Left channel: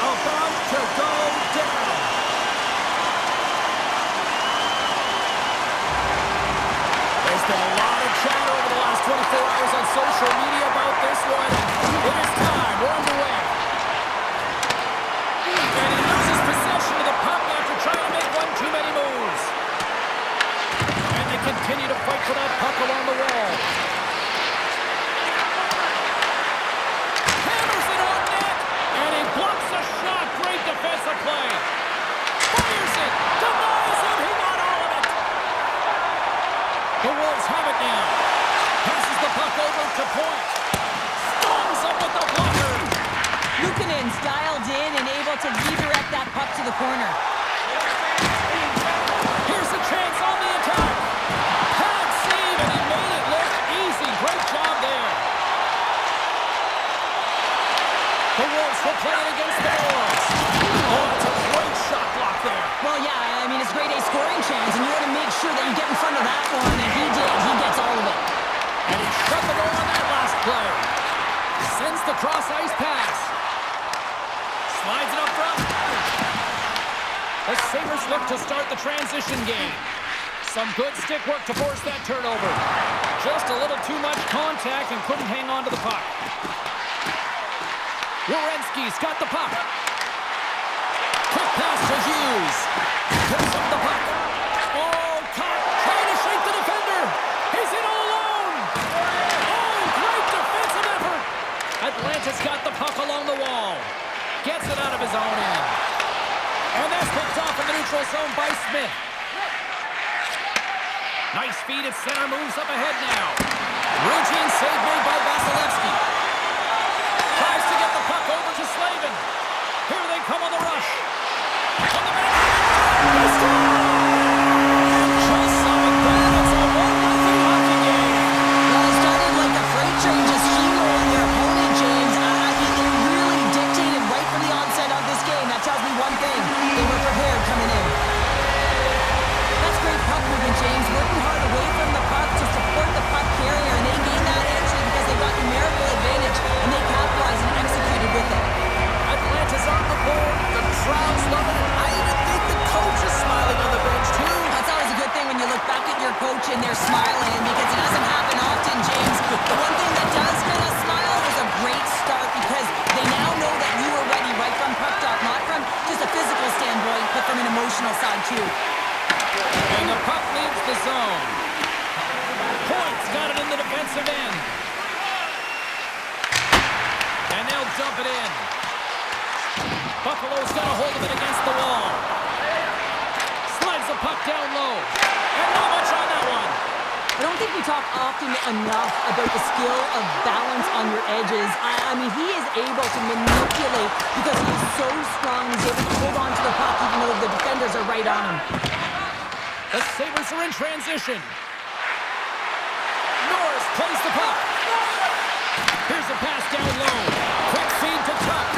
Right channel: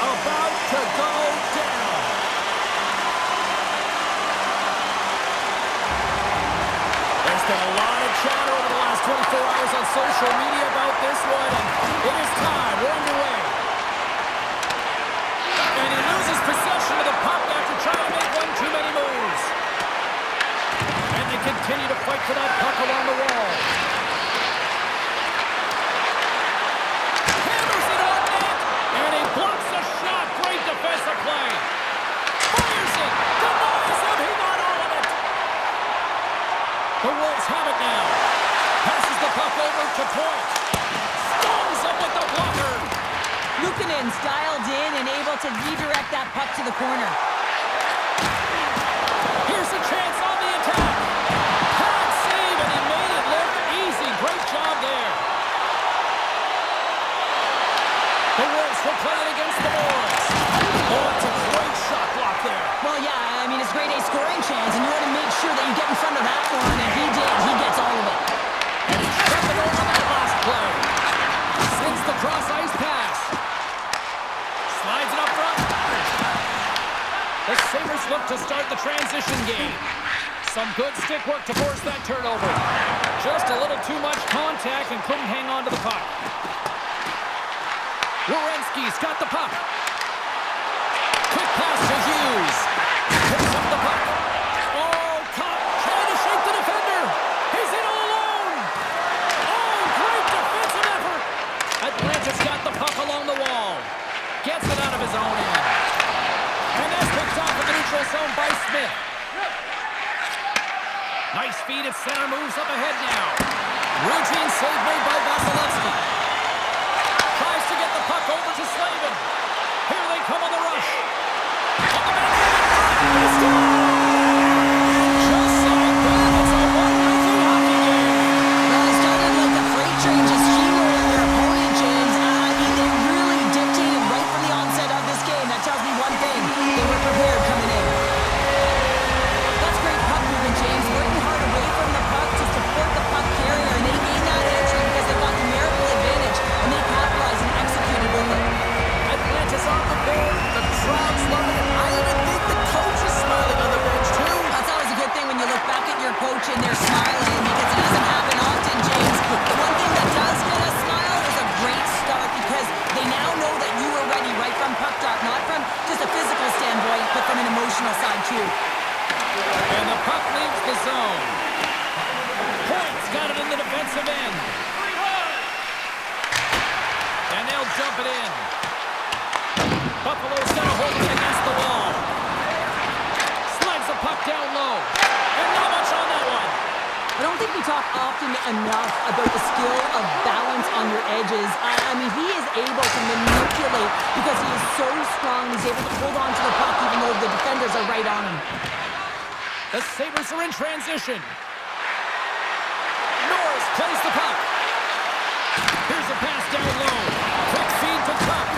About to go down. There's been a lot of chatter over the last 24 hours on social media about this one. It is time. We're underway. And he loses possession of the puck after trying to make one too many moves. And they continue to fight for that puck along the wall. Blocks the shot. Great defensive play. Fires it. Denies him. He got all of it. The Wolves have it now. Passes the puck over to Point. Stones him with the blocker. Luukkonen's dialed in and able to redirect that puck to the corner. Here's a chance on the attack. Pad save, and he made it look easy. Great job there. The Wolves will play it against the boards. Oh, that's a great shot block there. Well, yeah, I mean, it's grade A scoring chance, and you want to make sure that you get in front of that one, and he did. He gets all of it. And he shut the goal on that last play. Sends the cross-ice pass. Slides it up front. The Sabres look to start the transition game. Some good stick work to force that turnover. Just a little too much contact and couldn't hang on to the puck. Werenski's got the puck. Quick pass to Hughes. Picks up the puck. Oh, caught. Trying to shake the defender. He's in all alone. Oh, great defensive effort. Atlanta's got the puck along the wall. Gets it out of his own end. And that's picked off in the neutral zone by Smith. Nice feed at center. Moves up ahead now. Routine save made by Vasilevsky. Tries to get the puck over to Slavin. Here they come on the rush. On the back of the score! Just like that, it's a 1-0 hockey game. Well, it started like a freight train just steamrolling their opponent, James. I mean, they really dictated right from the onset of this game. That tells me one thing. They were prepared coming in. That's great puck movement, James. Working hard away from the puck to support the puck carrier, and they gained that entry because they got numerical advantage, and they capitalized and executed with it. Atlanta's on the board. The crowd's loving it. I even think the coach is smiling on the bench, too. That's always a good thing when you look back at your coach and they're smiling, because it doesn't happen often, James. The one thing that does get a smile is a great start, because they now know that you were ready right from puck drop, not from just a physical standpoint, but from an emotional side, too. And the puck leaves the zone. Point's got it in the defensive end. And they'll jump it in. Buffalo's got a hold of it against the wall. Slides the puck down low. And not much on that one. I don't think we talk often enough about the skill of balance on your edges. I mean, he is able to manipulate because he is so strong. He's able to hold on to the puck even though the defenders are right on him. The Sabres are in transition. Norris plays the puck. Here's a pass down low. Quick feed to Tuck.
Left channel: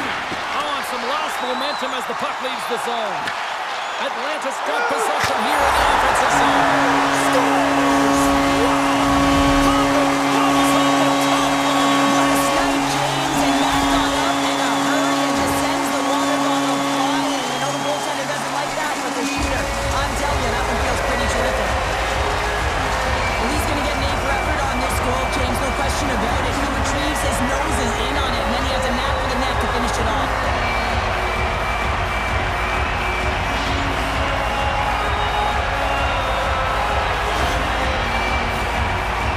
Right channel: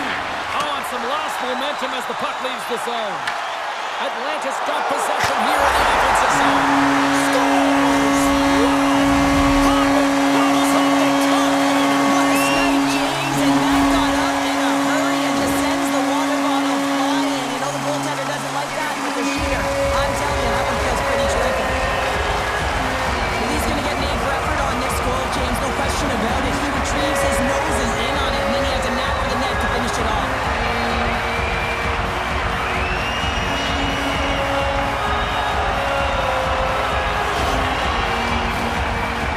Oh, and some lost momentum as the puck leaves the zone. Atlanta's got possession here in the offensive zone. Scores! Wow! Popping bottles off the top corner. What a snipe, James. And Matt got up in a hurry and just sends the water bottle flying. You know the goaltender doesn't like that, but the shooter, I'm telling you, that one feels pretty terrific. Well, he's going to get an A for effort on this goal, James. No question about it. He retrieves his noses in on it, and then he has a knack for the net to finish it off.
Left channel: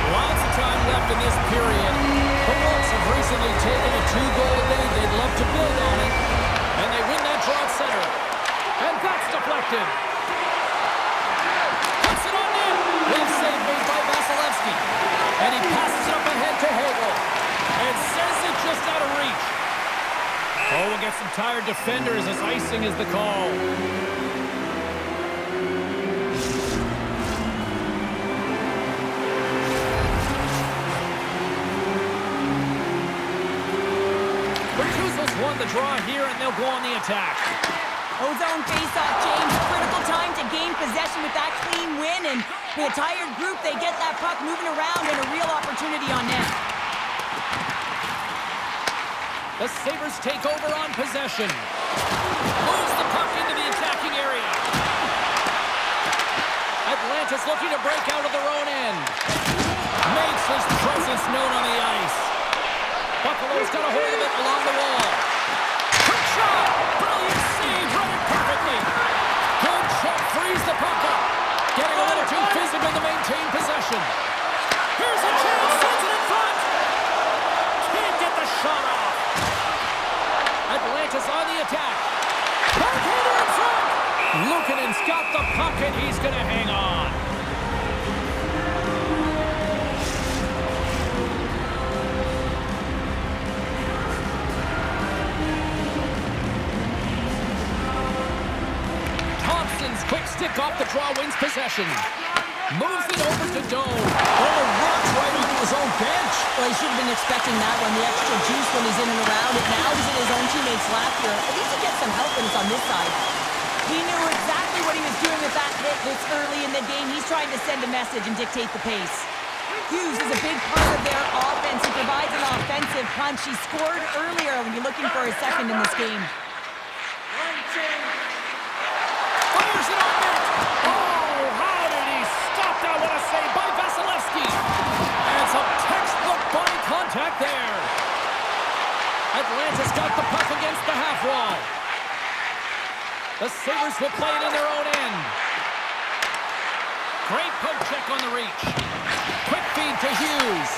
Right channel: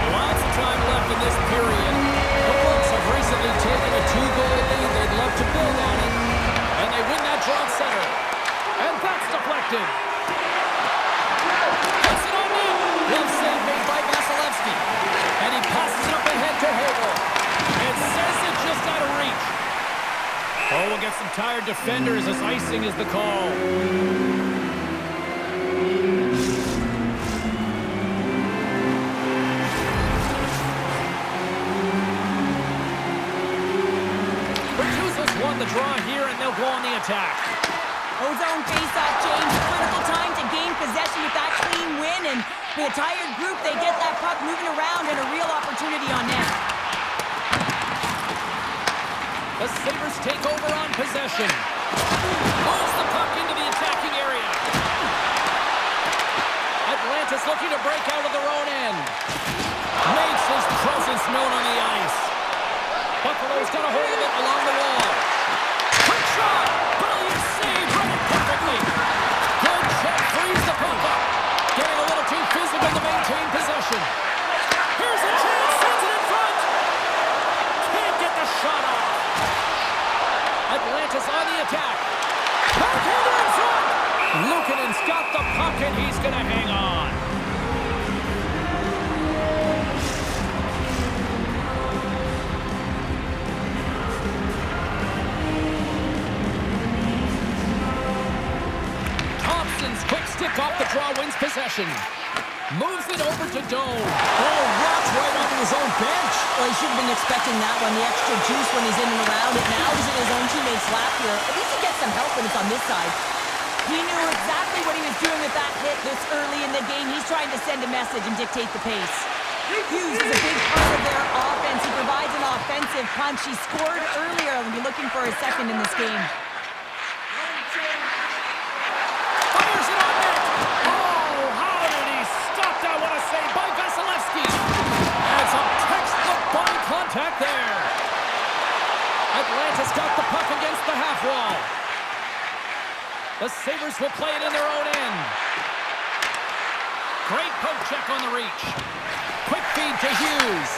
Lots of time left in this period. The Wolves have recently taken a 2-goal lead. They'd love to build on it. And they win that draw at center. And that's deflected. Puts it on net. Glove save made by Vasilevsky. And he passes it up ahead to Hagel. And sends it just out of reach. Oh, we'll get some tired defenders as icing is the call. won the draw here, and they'll go on the attack. Ozone face-off, James. Critical time to gain possession with that clean win, and with a tired group, they get that puck moving around and a real opportunity on net. The Sabres take over on possession. Moves the puck into the attacking area. Atlanta's looking to break out of their own end. Makes his presence known on the ice. Buffalo's got a hold of it along the wall. Quick shot! Brilliant save, read it perfectly. Good check, frees the puck up. Getting a little too physical to maintain possession. Here's a chance, sends it in front. Can't get the shot off. Atlanta's on the attack. Backhander in front. Luukkonen's got the puck, and he's going to hang on. Thompson's quick stick off the draw wins possession. Moves it over to Doe. Oh, rocks right onto his own bench. Well, he should have been expecting that one, the extra juice when he's in and around it. Now he's in his own teammate's lap here. At least he gets some help when it's on this side. He knew exactly what he was doing with that hit this early in the game. He's trying to send a message and dictate the pace. Hughes is a big part of their offense. He provides an offensive punch. He scored earlier when you're looking for his second in this game. Fires it on net. Oh, how did he stop that? What a save by Vasilevsky. And some textbook body contact there. Atlanta's got the puck against the half wall. The Sabres will play it in their own end. Great poke check on the reach. Quick feed to Hughes.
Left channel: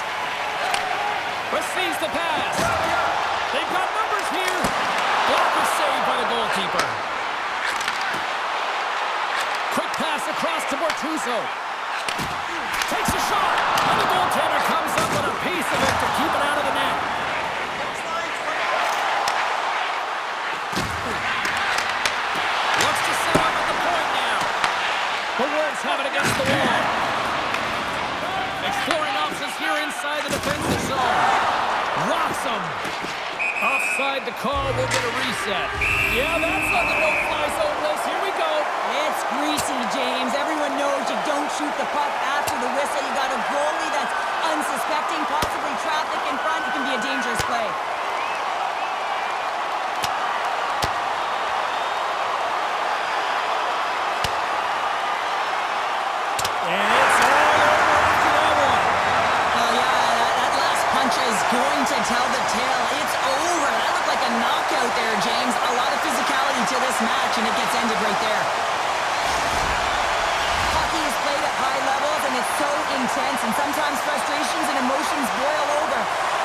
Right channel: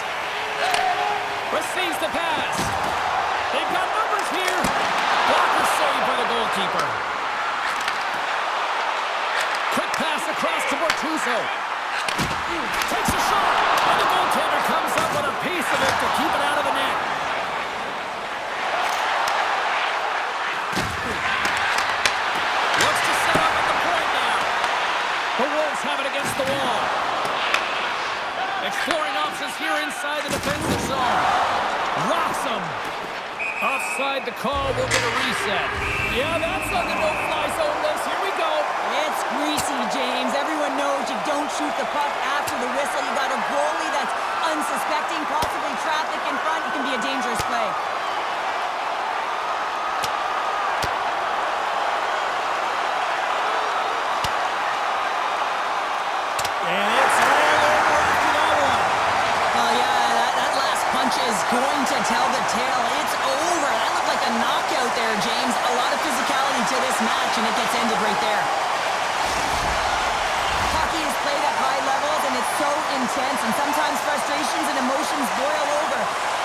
Receives the pass. They've got numbers here. Blocker saved by the goalkeeper. Quick pass across to Bortuzzo. Takes a shot. And the goaltender comes up with a piece of it to keep it out of the net. Looks to set up at the point now. The Wolves have it against the wall. Exploring options here inside the defensive zone. Rocks him. Offside the call, will get a reset. Yeah, that's on the no-fly zone list. Here we go. It's greasy, James. Everyone knows you don't shoot the puck after the whistle. You got a goalie that's unsuspecting, possibly traffic in front. It can be a dangerous play. And it's all over after that one. Oh, yeah, that last punch is going to tell the tale. It's over. That looked like a knockout there, James. A lot of physicality to this match, and it gets ended right there. Hockey is played at high levels, and it's so intense, and sometimes frustrations and emotions boil over.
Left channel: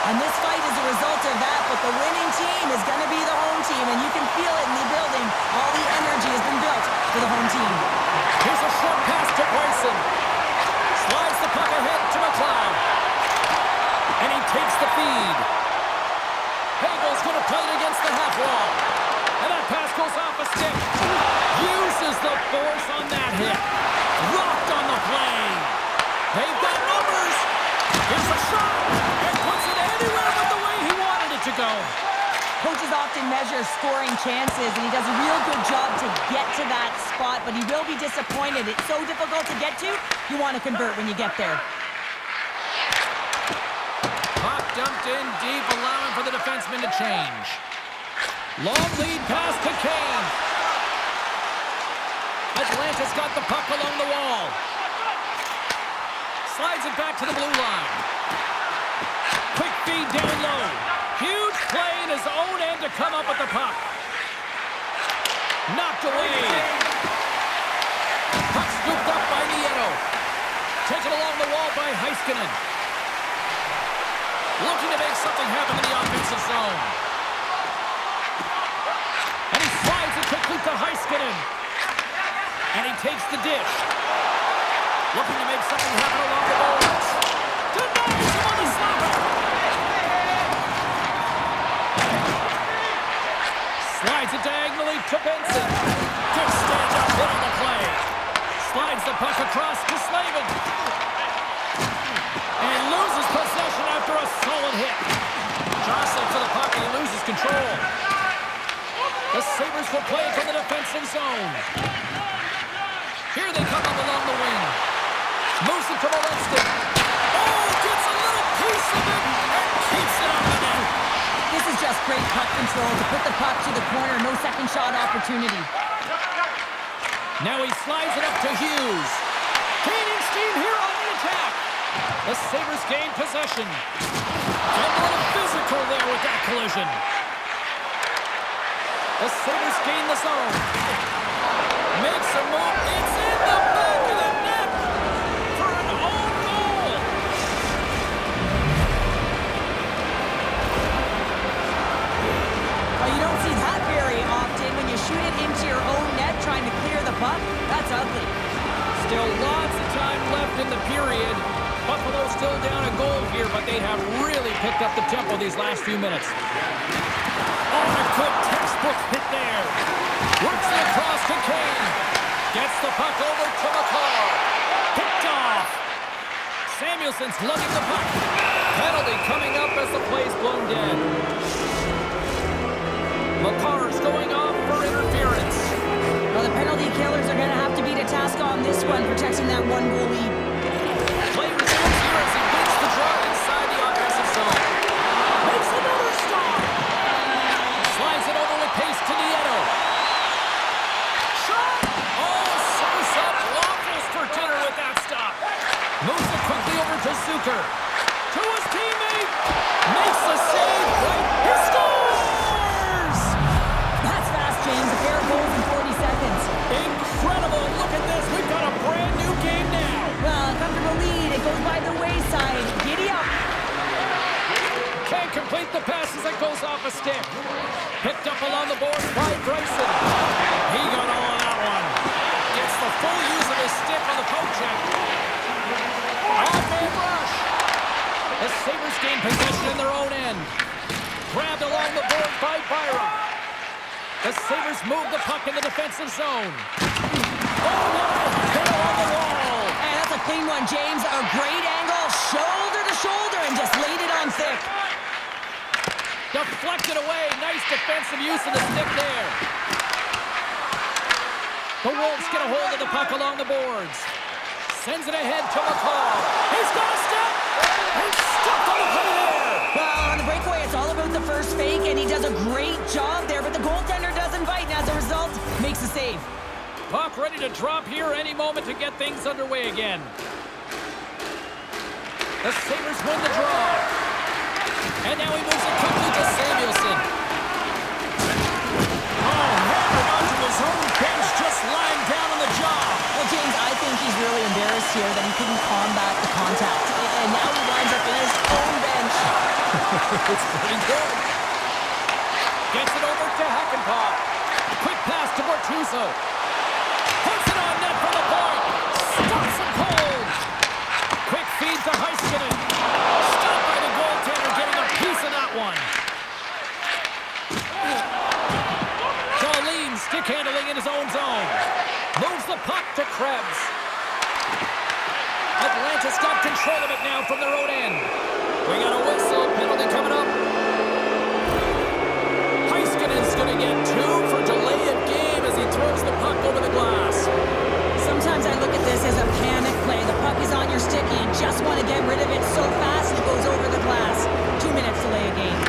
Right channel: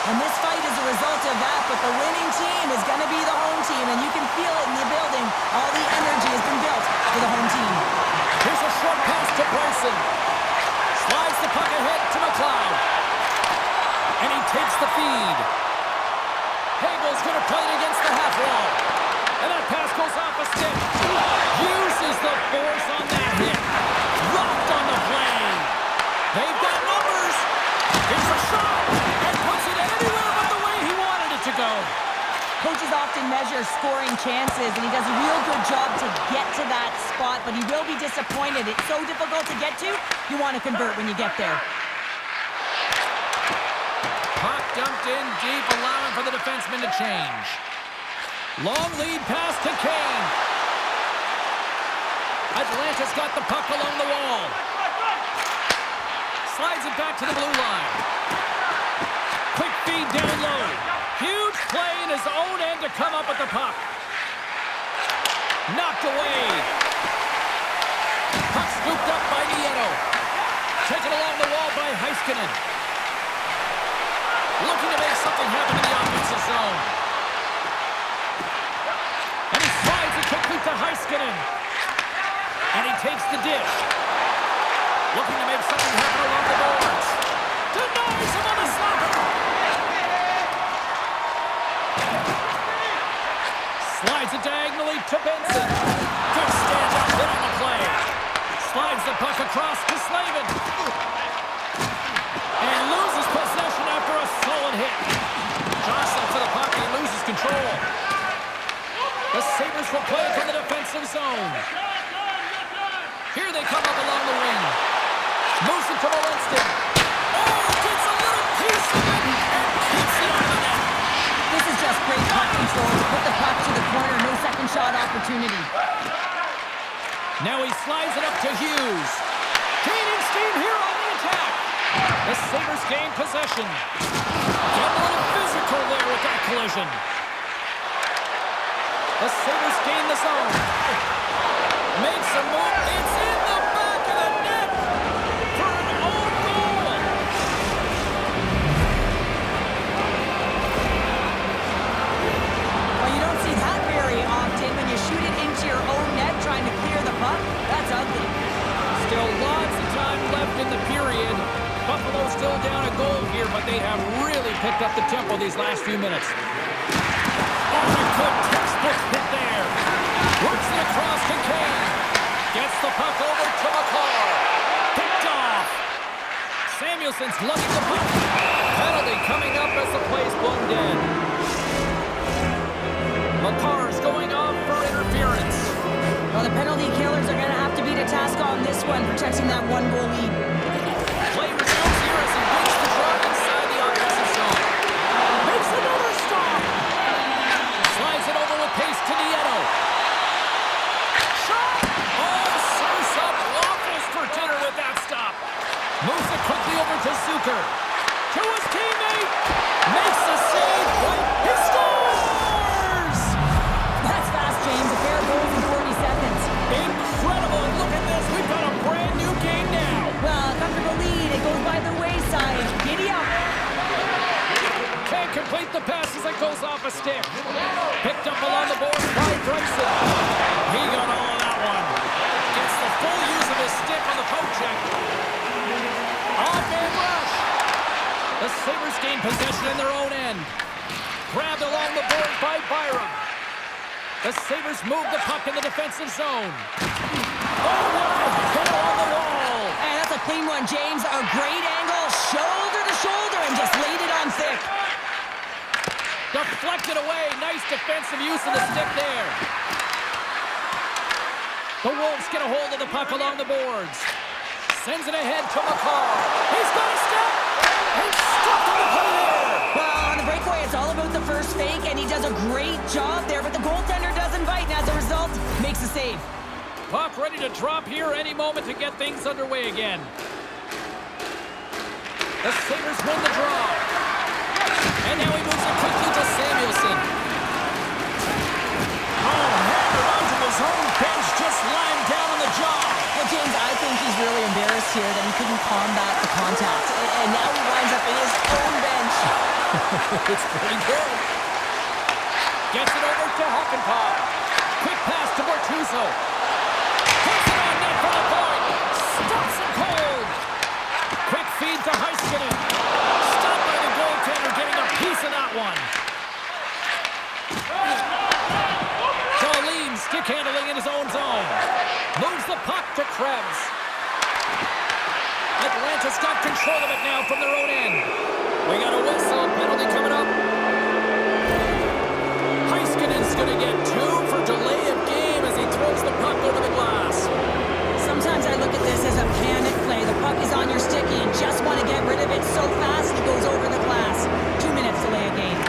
And this fight is a result of that, but the winning team is going to be the home team, and you can feel it in the building. All the energy has been built for the home team. Here's a short pass to Bryson. Slides the puck ahead to McLeod. And he takes the feed. Hagel's going to play it against the half wall. And that pass goes off a stick. Uses the force on that hit. Rocked on the play. They've got numbers. Here's a shot. And puts it anywhere but the way he wanted it to go. Coaches often measure scoring chances, and he does a real good job to get to that spot, but he will be disappointed. It's so difficult to get to, you want to convert when you get there. Puck dumped in deep, allowing for the defenseman to change. Long lead pass to Kane. Atlanta's got the puck along the wall. Slides it back to the blue line. Quick feed down low. Huge play in his own end to come up with the puck. Knocked away. Puck scooped up by Nieto. Taken along the wall by Heiskanen. Looking to make something happen in the offensive zone. And he slides it quickly to Heiskanen. And he takes the dish. Looking to make something happen along the boards. Denies him on the slapper. Slides it diagonally to Benson. Good stand-up hit on the play. Slides the puck across to Slavin. And loses possession after a solid hit. Jostling for the puck, and he loses control. The Sabres will play it from the defensive zone. Here they come up along the wing. Moves it to Molestin. Oh, gets a little piece of it and keeps it out of the net. This is just great puck control to put the puck to the corner. No second shot opportunity. Now he slides it up to Hughes. Gaining steam here on the attack. The Sabres gain possession. Getting a little physical there with that collision. The Sabres gain the zone. Makes a move. It's in the back of the net for an own goal. Well, you don't see that very often when you shoot it into your own net trying to clear the puck. That's ugly. Still lots of time left in the period. Buffalo still down a goal here, but they have really picked up the tempo these last few minutes. Oh, a good textbook hit there. Works it across to Kane. Gets the puck over to McCarr. Picked off. Samuelson's lugging the puck. Penalty coming up as the play's blown dead. McCarr's going off for interference. Well, the penalty killers are going to have to beat a task on this one, protecting that one-goal lead. Play resumes here as he wins the draw inside the offensive zone. Makes another stop. Slides it over with pace to Nieto. Shot! Oh, serves up waffles for dinner with that stop. Moves it quickly over to Zucker. To his teammate. Makes the save right. He scores! That's fast, James. A pair of goals in 40 seconds. Incredible. And look at this. We've got a brand new game now. Well, a comfortable lead. It goes by the wayside. Giddy up. Can't complete the pass as it goes off a stick. Picked up along the board by Bryson. He got all of that one. Gets the full use of his stick on the poke check. Off-man rush. The Sabres gain possession in their own end. Grabbed along the board by Byram. The Sabres move the puck in the defensive zone. Oh, what a hit on the wall. And that's a clean one, James. A great angle, shoulder to shoulder, and just laid it on thick. Deflected away. Nice defensive use of the stick there. The Wolves get a hold of the puck along the boards. Sends it ahead to McCarr. He's got a step. He's stuck on the play there. Well, on the breakaway, it's all about the first fake, and he does a great job there, but the goaltender doesn't bite, and as a result, makes a save. Puck ready to drop here any moment to get things underway again. The Sabres win the draw. And now he moves it quickly to Samuelson. Oh, hammered onto his own bench, just lying down on the jaw. Well, James, I think he's really embarrassed here that he couldn't combat the contact, and now he winds up in his own bench. It's pretty good. Gets it over to Hakanpää. Quick pass to Bortuzzo. Puts it on net from the point. Stops him cold. Quick feed to Heiskanen. Stopped by the goaltender, getting a piece of that one. Jolene stick handling in his own zone. Moves the puck to Krebs. Atlanta's got control of it now from their own end. We got a whistle. Penalty coming up. Heiskanen's going to get 2 for delay of game as he throws the puck over the glass. Sometimes I look at this as a panic play. The puck is on your stick, and you just want to get rid of it so fast it goes over the glass. 2 minutes delay of game.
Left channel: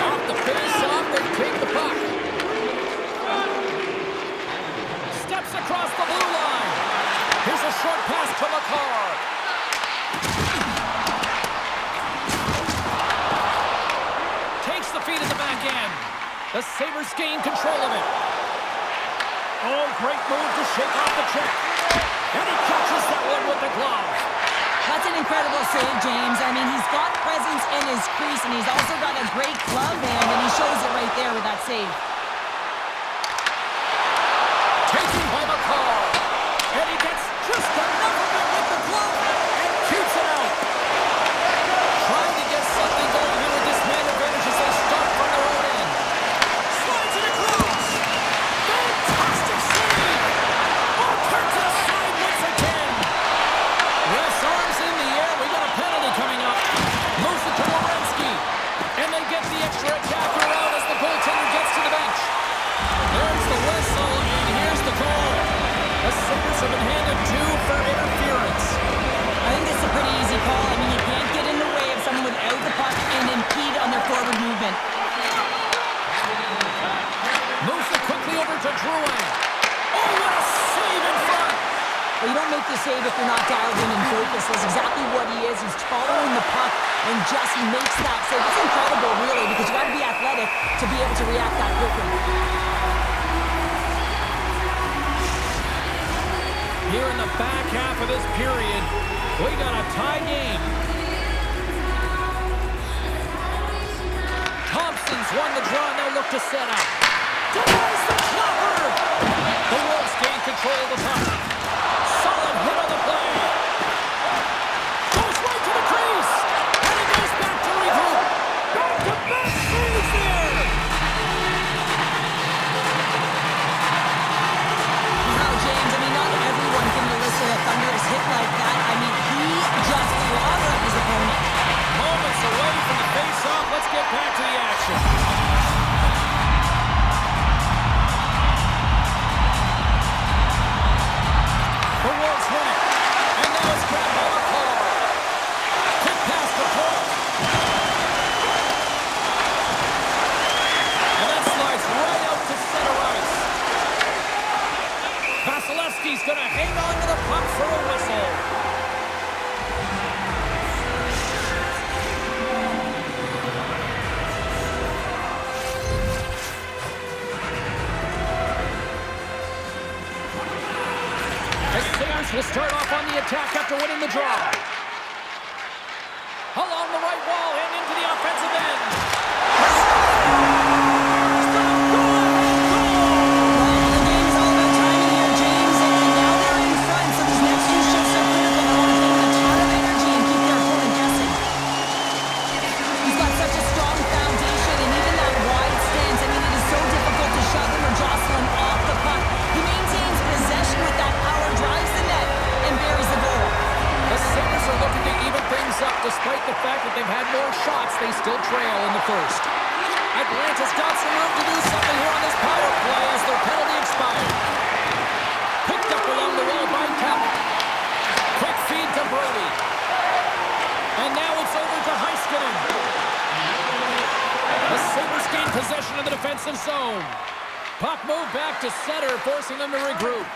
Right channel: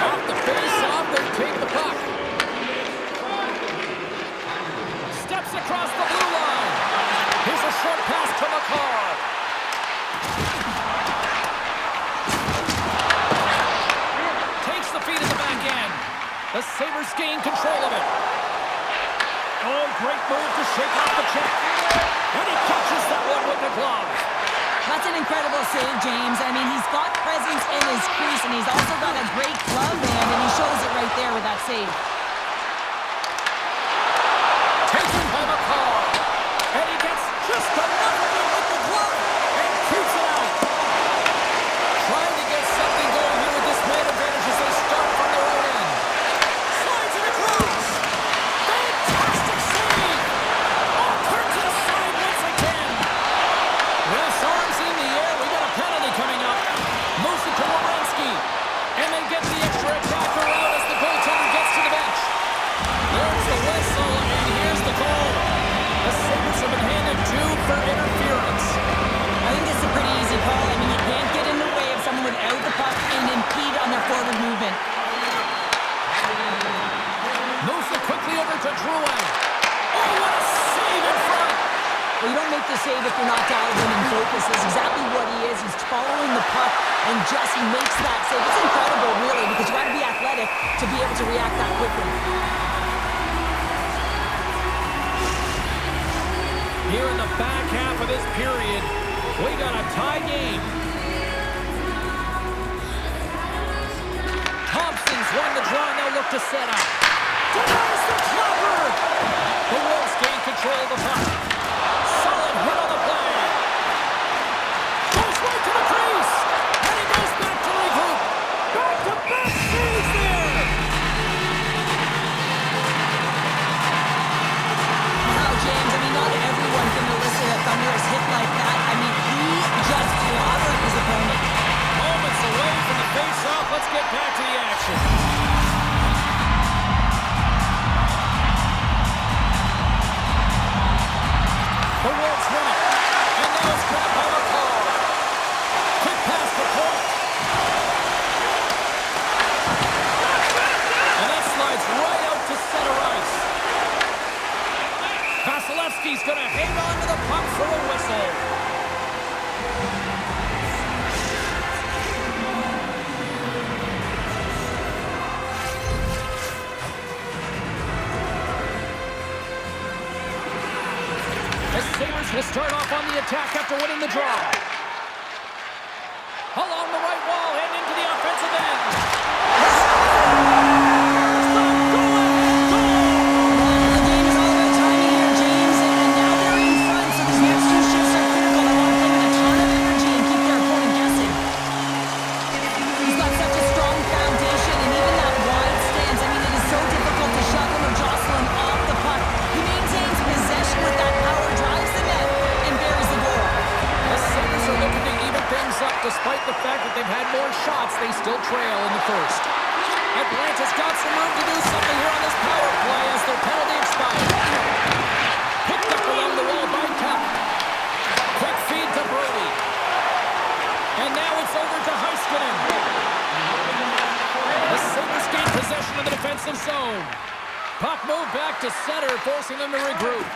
Off the face-off, they take the puck. Steps across the blue line. Here's a short pass to McCarr. Takes the feed at the back end. The Sabres gain control of it. Oh, great move to shake off the check. And he catches that one with the glove. That's an incredible save, James. I mean, he's got presence in his crease, and he's also got a great glove hand, and he shows it right there with that save. Taken by McCarr. And he gets just enough of it with the glove and keeps it out. Trying to get something going here with this man advantage as they start from their own end. Slides it across. Fantastic save. Oh, turns to the side once again. Ref's arms in the air. We got a penalty coming up. Moves it to Werenski. And they get the extra attacker out as the goal easy call. I mean, you can't get in the way of someone without the puck and impede on their forward movement. Moves it quickly over to Drouin. Oh, what a save in front! Well, you don't make the save if you're not dialed in and focused. That's exactly what he is. He's following the puck and just makes that save. It's incredible, really, because you got to be athletic to be able to react that quickly. Here in the back half of this period, we got a tie game. Thompson's won the draw, and they'll look to set up. Denies the clobber! The Wolves gain control of the puck. Solid hit on the play. Goes right to the crease. And he goes back to regroup. Back-to-back saves there. Wow, James, I mean, not everyone can elicit a thunderous hit like that. I mean, he just clobbered his opponent. Moments away from the face-off. Let's get back to the action. The Wolves win it. And now it's grabbed by McCall. Quick pass to Point. And that slides right out to center ice. Vasilevsky's going to hang on to the puck for a whistle. The Sabres will start off on the attack after winning the draw. Along the right wall and into the offensive end. Well, the game is all about timing here, James, and now they're in front, so these next two shifts are critical. They want to play with a ton of energy and keep their opponent guessing. He's got such a strong foundation, and even that wide stance, I mean, it is so difficult to shove him or jostle him off the puck. He maintains possession with that power, drives the net, and buries the goal. The Sabres are looking to even things up. Despite the fact that they've had more shots, they still trail in the first. Atlanta's got some room to do something here on this power play as their penalty expired. Picked up along the wall by Cup. Quick feed to Brody. And now it's over to Heiskanen. The Sabres gain possession of the defensive zone. Puck moved back to center, forcing them to regroup.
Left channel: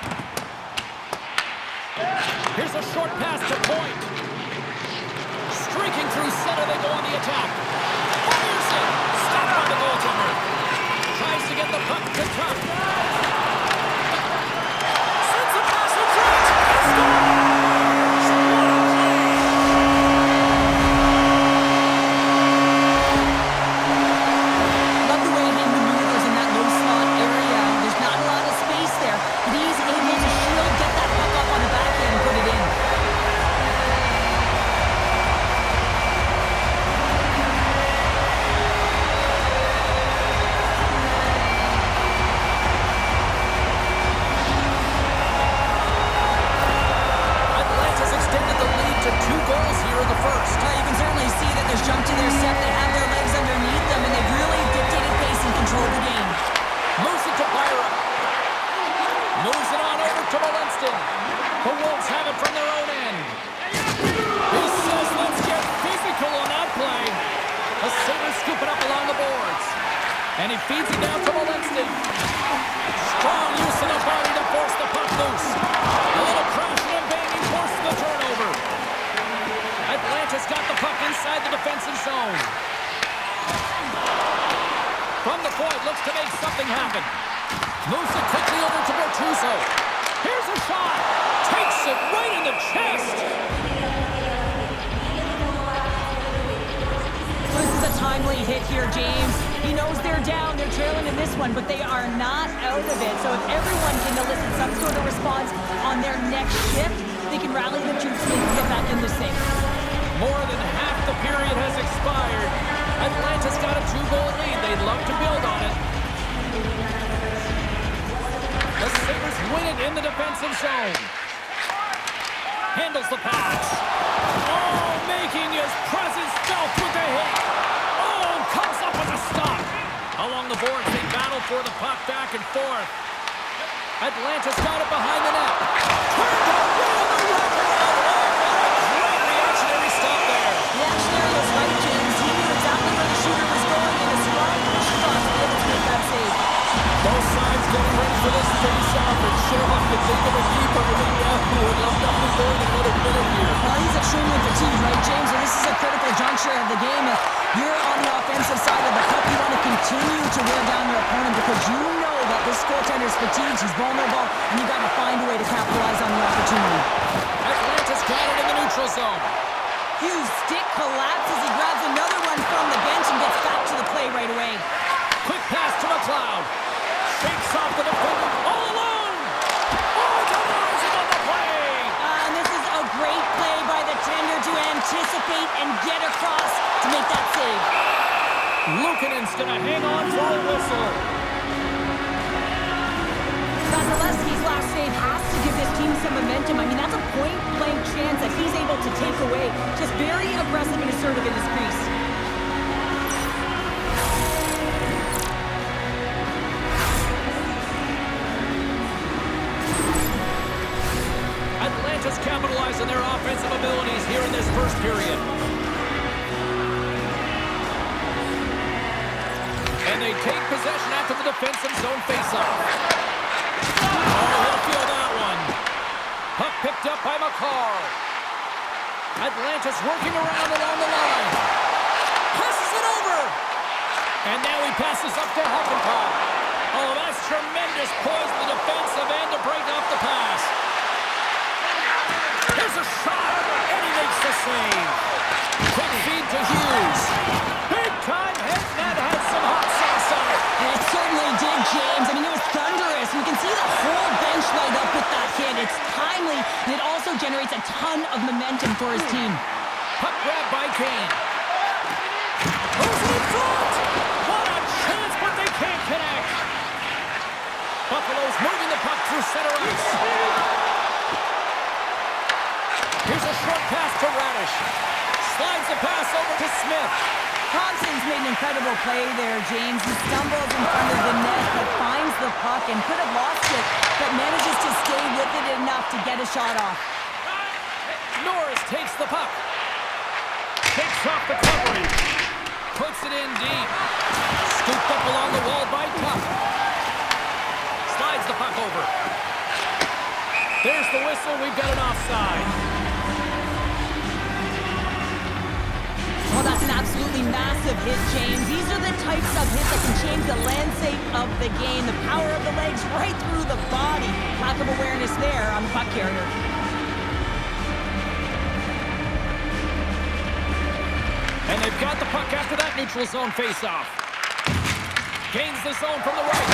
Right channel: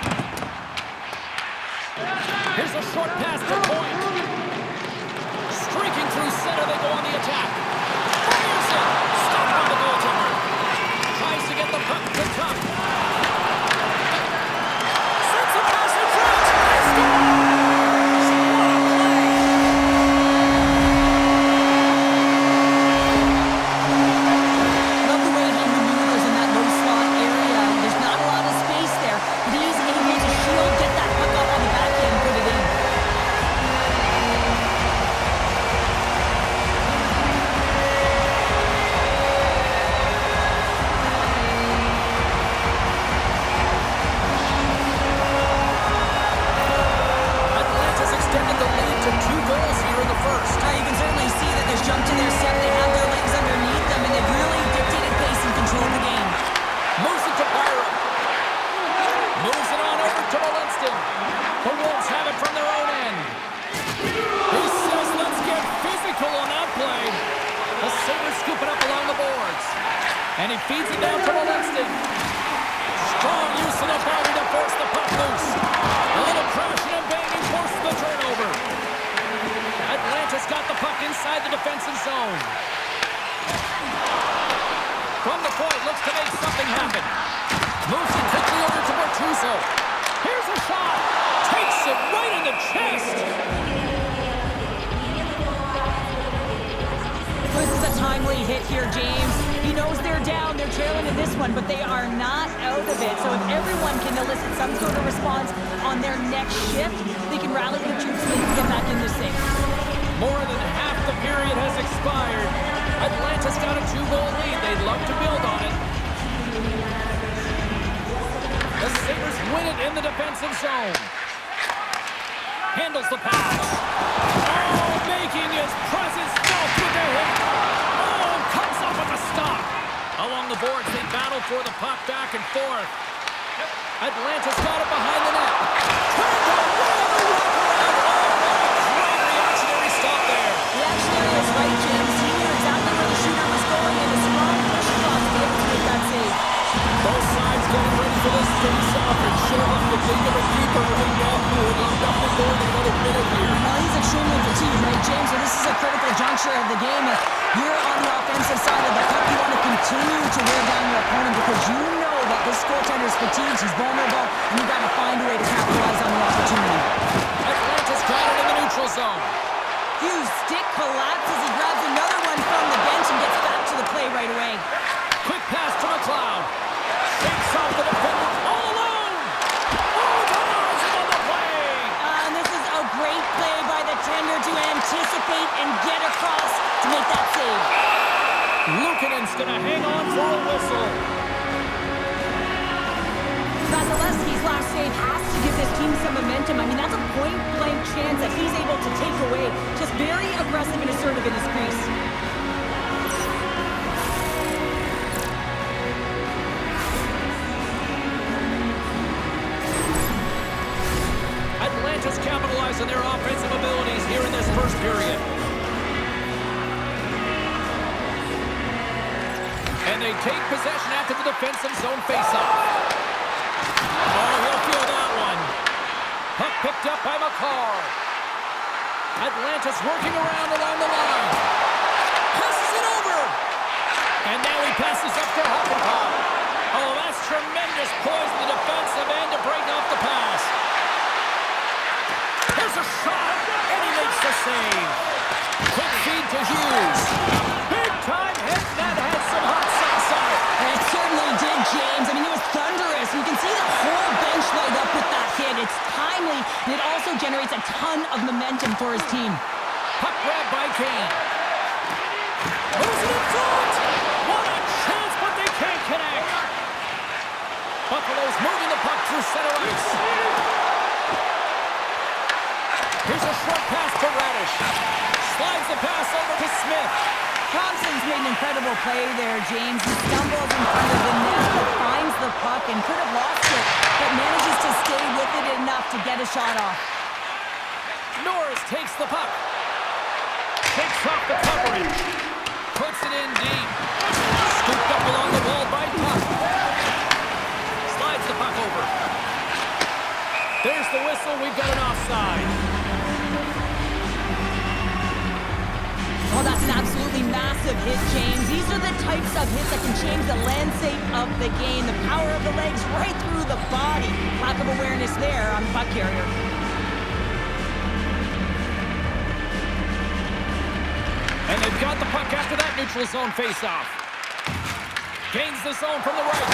Here's a short pass to Point. Streaking through center, they go on the attack. Fires it! Stopped by the goaltender. Tries to get the puck to Cup. Sends a pass in front! And scores! What a play! Love the way he maneuvers in that low slot area. There's not a lot of space there, but he's able to shield, get that puck up on the backhand, and put it in. Atlanta's extended the lead to 2 goals here in the first. You can certainly see that there's jump to their step. They have their legs underneath them, and they've really dictated pace and controlled the game. Moves it to Byram. Moves it on over to Molinston. The Wolves have it from their own end. He says, let's get physical on that play. The Sabres scoop it up along the boards. And he feeds it down to Molinston. Strong use of the body to force the puck loose. A little crashing and banging forces the turnover. Atlanta's got the puck inside the defensive zone. From the point, looks to make something happen. Moves it quickly over to Bortuzzo. Here's a shot. Takes it right in the chest. This is a timely hit here, James. He knows they're down, they're trailing in this one, but they are not out of it. So if everyone can elicit some sort of response on their next shift, they can rally the troops and they can get back in this thing. More than half the period has expired. Atlanta's got a 2-goal lead. They'd love to build on it. The Sabres win it in the defensive zone. Handles the pass. Oh, making his presence felt with the hit. Oh, comes up with a stop. Along the boards, they battle for the puck back and forth. Atlanta's got it behind the net. Turned away on the wraparound. Oh, what a great reactionary stop there. The action area is right, James. He knew exactly where the shooter was going, and a strong push across to be able to make that save. Both sides getting ready for this face-off, and Sherlock can think of a keeper right now who would love nothing more than another minute here. Well, he's extremely fatigued, right, James? So this is a critical juncture of the game. If you're on the offensive side of the puck, you want to continue to wear down your opponent because you know that this goaltender's fatigued, he's vulnerable, and you got to find a way to capitalize on the opportunity. Atlanta's got it in the neutral zone. Hughes' stick collapses. He grabs another one from the bench and gets back to the play right away. Quick pass to McLeod. Shakes off the defender all alone. Oh, denies him on the play. And this is a great play by the tender to anticipate and get across to make that save. Luukkonen's going to hang on for a whistle. Vasilevsky's last save has to give this team some momentum. I mean, that's a point-blank chance that he's able to take away. Just very aggressive and assertive in his crease. Atlanta's capitalized on their offensive abilities here in this first period. And they take possession after the defensive zone faceoff. Oh, he'll feel that one. Puck picked up by McCarr. Atlanta's working around along the line. Passes it over. And now he passes up to Hakanpää. Oh, that's tremendous poise in the defensive end to break off the pass. Here's a shot, and he makes the save. Quick feed to Hughes. Big time hit, that had some hot sauce on it. It certainly did, James. I mean, it was thunderous. You can see the whole bench light up with that hit. It's timely, and it also generates a ton of momentum for his team. Puck grab by Kane. Moves it in front. What a chance, but they can't connect. Buffalo's moving the puck through center ice. Here's a short pass to Radish. Slides the pass over to Smith. Thompson's made an incredible play there, James. He stumbles in front of the net, but finds the puck and could have lost it, but manages to stay with it enough to get a shot off. Norris takes the puck. Takes off the coverage. Puts it in deep. Scooped up along the wall by Tuck. Slides the puck over. There's the whistle. We've got an offside. Oh, that's an absolutely massive hit, James. These are the types of hits that can change the landscape of the game. The power of the legs right through the body. Lack of awareness there on the puck carrier. And they've got the puck after that neutral zone faceoff. Gains the zone from the right.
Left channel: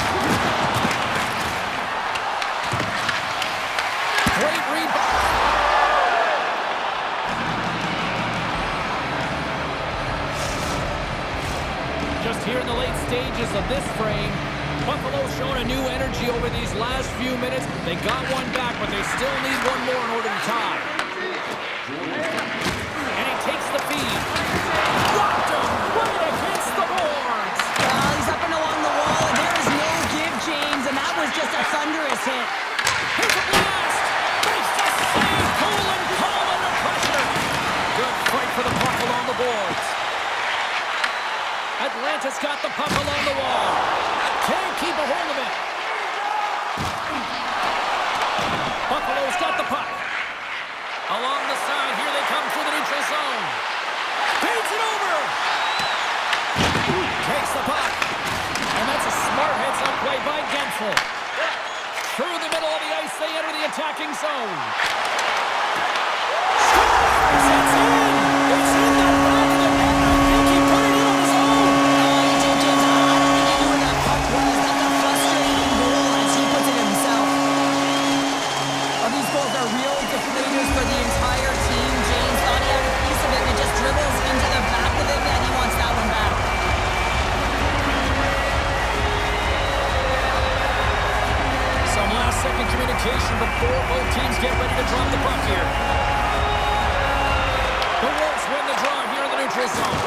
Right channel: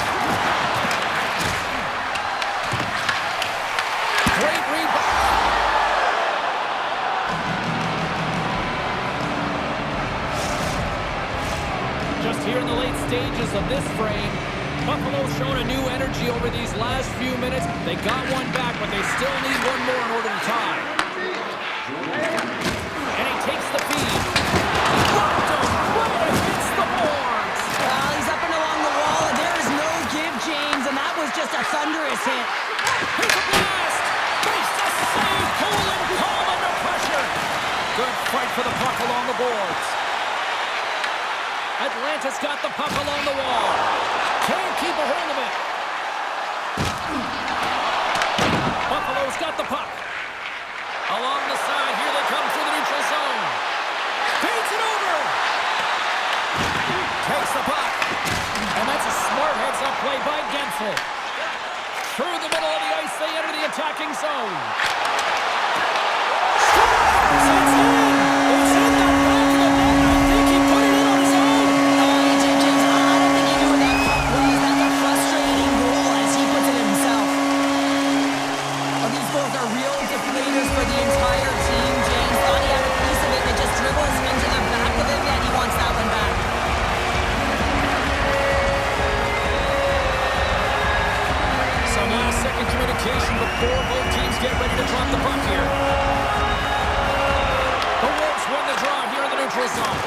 Great rebound. Just here in the late stages of this frame, Buffalo's shown a new energy over these last few minutes. They got one back, but they still need one more in order to tie. And he takes the feed. Rocked him right against the boards. Well, he's up and along the wall, and there is no give, James, and that was just a thunderous hit. Here's a blast. Makes the save. Cool and calm under pressure. Good fight for the puck along the boards. Atlanta's got the puck along the wall. Can't keep a hold of it. Buffalo's got the puck. Along the side, here they come through the neutral zone. Feeds it over. Takes the puck. And that's a smart heads-up play by Gensel. Through the middle of the ice, they enter the attacking zone. Scores! It's in! It's in the back of the net. I think he put it in on his own. Oh, he did, James. I don't think he knew where that puck was. That's a frustrating goal as he puts it himself. Oh, these goals are real deflators for the entire team, James. Thought he had a piece of it, and it just dribbles into the back of the net. He wants that one back. Some last-second communication before both teams get ready to drop the puck here. The Wolves win the draw here in the neutral zone.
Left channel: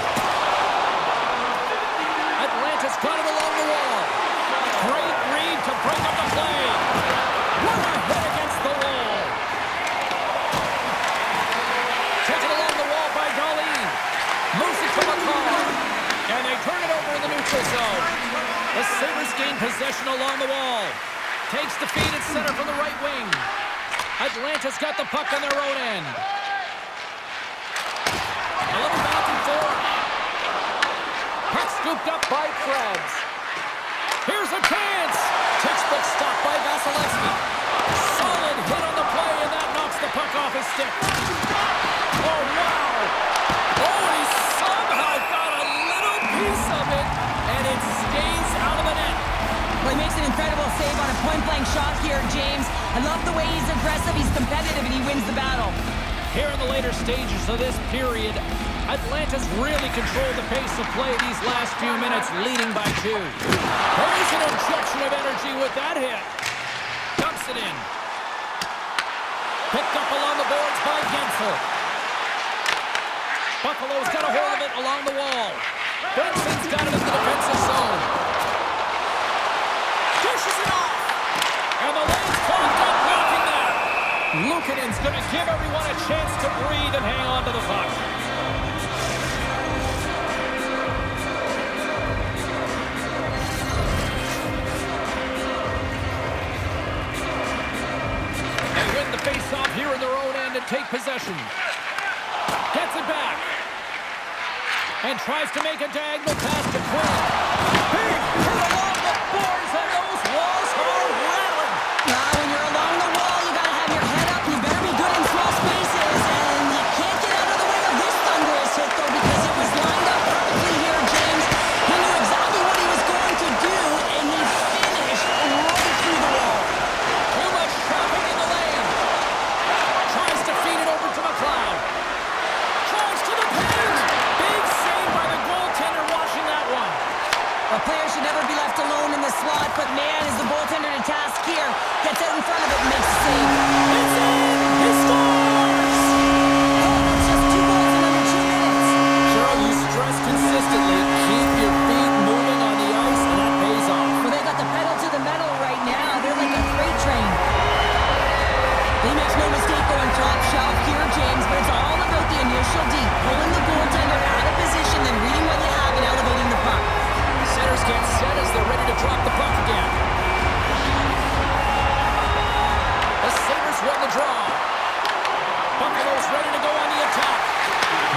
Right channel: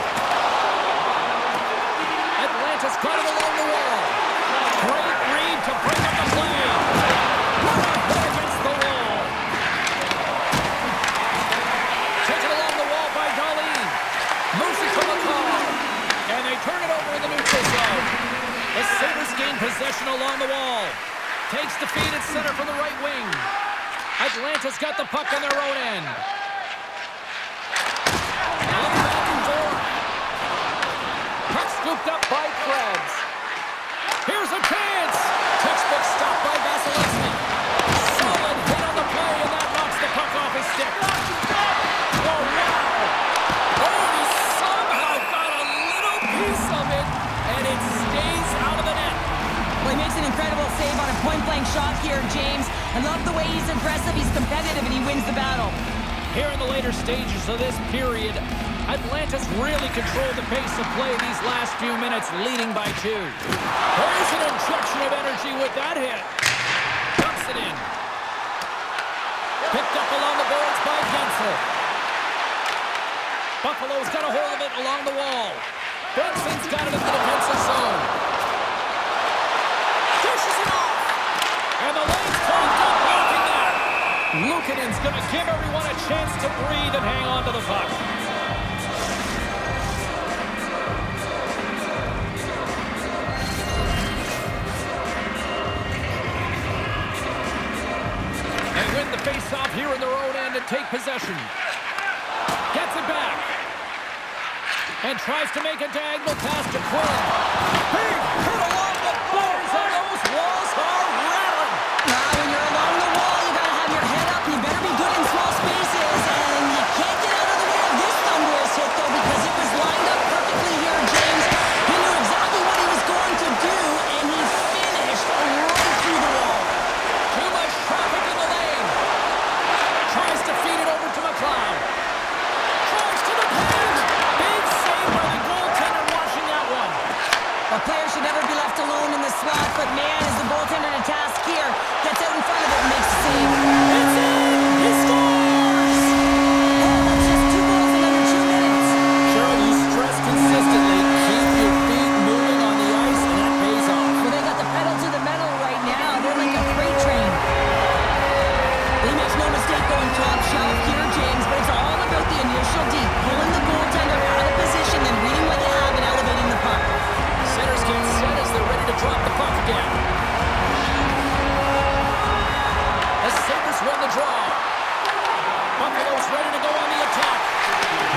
Atlanta's got it along the wall. Great read to break up the play. What a hit against the wall. Taken along the wall by The Sabres gain possession along the wall. Takes the feed at center from the right wing. Atlanta's got the puck on their own end. A little back and forth. Puck scooped up by Krebs. Here's a chance. Textbook stop by Vasilevsky. Solid hit on the play, and that knocks the puck off his stick. Oh, wow. Oh, and he somehow got a little piece of it, and it stays out of the net. Well, he makes an incredible save on a point-blank shot here, James. I love the way he's aggressive, he's competitive, and he wins the battle. Here in the later stages of this period, Atlanta's really controlled the pace of play these last few minutes, leading by 2. There's an injection of energy with that hit. Dumps it in. Picked up along the boards by Gensel. Buffalo's got a hold of it along the wall. Benson's got it in the defensive zone. Dishes it off. And the lane's clogged up, blocking that. Luukkonen's going to give everyone a chance to breathe and hang on to the puck. They win the face-off here in their own end and take possession. Gets it back. And tries to make a diagonal pass to Quinn. Big hit along the boards, and those walls are rattling. When you're along the wall, you got to have your head up. You better be good in small spaces. And you can't get out of the way of this thunderous hit, though, because it was lined up perfectly here, James. He knew exactly what he was going to do, and he finished right through the wall. Too much traffic in the lane. Tries to feed it over to McLeod. Tries to the paint. Big save by the goaltender watching that one. A player should never be left alone in the slot, but man, is the goaltender to task here. Gets out in front of it and makes a save. It's in! He scores! Oh, that's just 2 goals in under 2 minutes. Cheryl, you stress consistently. Keep your feet moving on the ice, and that pays off. Well, they got the pedal to the metal right now. They're like a freight train. He makes no mistake going top shelf here, James, but it's all about the initial D, pulling the goaltender out of position, then reading what you have and elevating the puck. Centers get set as they're ready to drop the puck again. The Sabres win the draw. Buffalo's ready to go on the attack.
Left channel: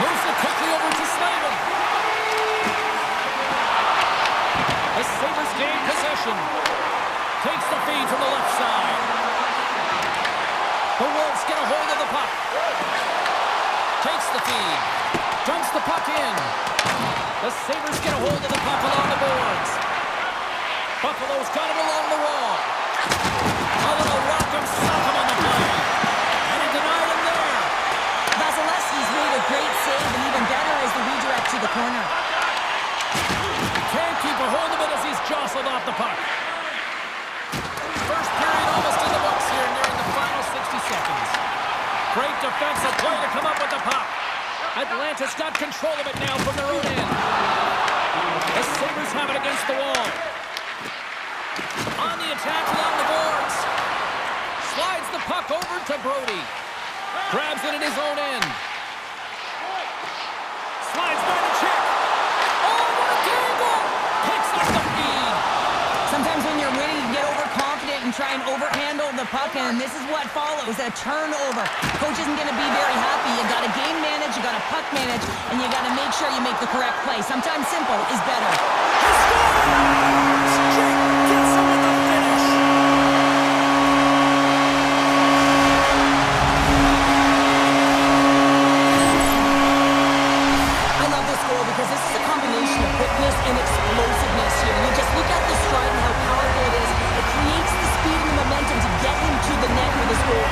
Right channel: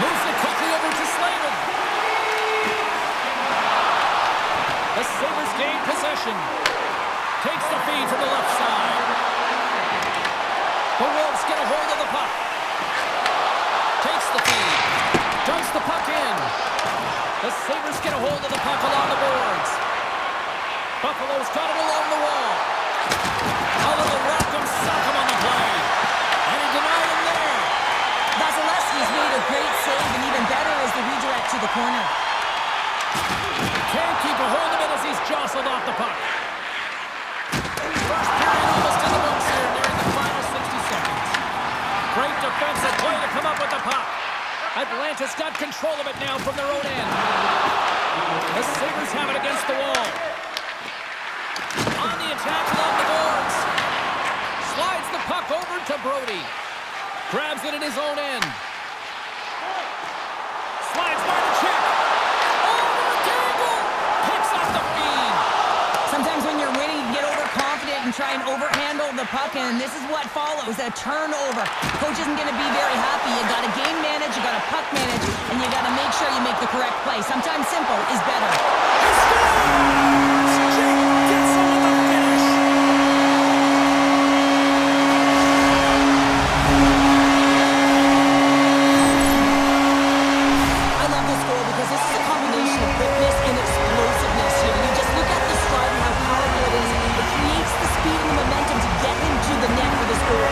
Moves it quickly over to Slavin. The Sabres gain possession. Takes the feed from the left side. The Wolves get a hold of the puck. Takes the feed. Dumps the puck in. The Sabres get a hold of the puck along the boards. Buffalo's got it along the wall. A little rock'em sock'em on the play. And he denied him there. Vasilevsky's made a great save, and even better is the redirect to the corner. Can't keep a hold of it as he's jostled off the puck. First period almost in the books here, nearing the final 60 seconds. Great defensive play to come up with the puck. Atlanta's got control of it now from their own end. The Sabres have it against the wall. On the attack along the boards. Slides the puck over to Brody. Grabs it in his own end. Slides by the check. Oh, what a dangle! Picks up the feed. Sometimes when you're winning, you get overconfident and try and overhandle the puck, and this is what follows, a turnover. Coach isn't going to be very happy. You got to game manage, you got to puck manage, and you got to make sure you make the correct play. Sometimes simple is better. He scores! Jake gets him with the finish. I love this goal because this is a combination of quickness and explosiveness here. You just look at the stride and how powerful it is. It creates the speed and the momentum to get him to the net for this goal.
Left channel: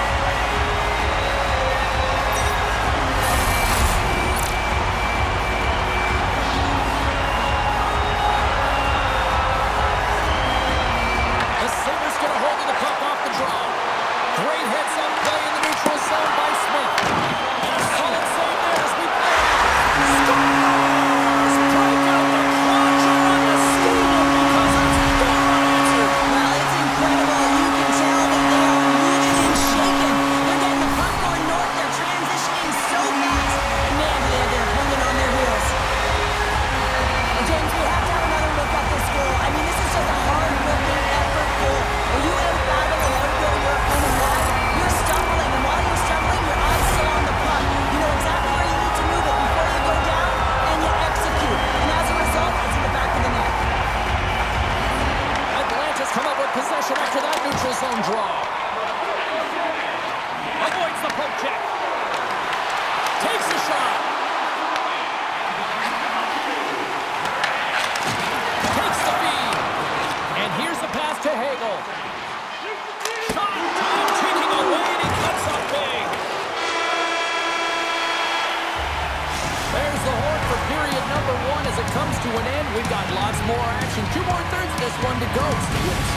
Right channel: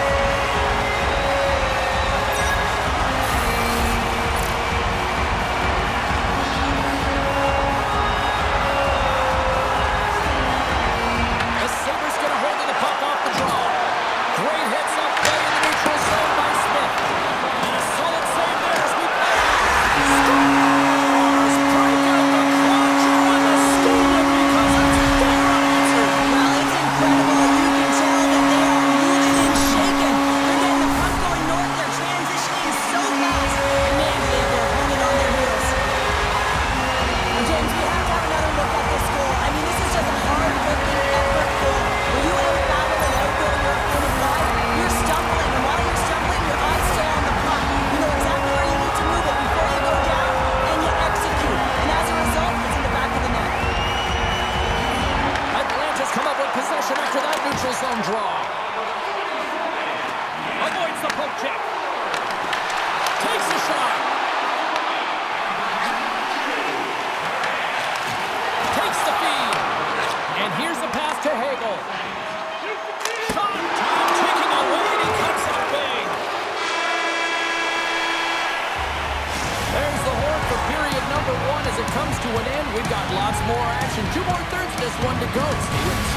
we have to have another look at this goal. I mean, this is just a hard-looking effort goal where you out-battle and outwill your opponent. Why? You're stumbling, and while you're stumbling, your eye's still on the puck. You know exactly where you need to move it before you go down, and you execute. And as a result, it's in the back of the net. Atlanta's come up with possession after that neutral zone draw. Avoids the poke check. Takes a shot. Takes the feed. And here's the pass to Hagel. Shot. Time ticking away, and he cuts up big. There's the horn for period number 1 as it comes to an end. We've got lots more action. 2 more thirds of this one to go. Stay with us.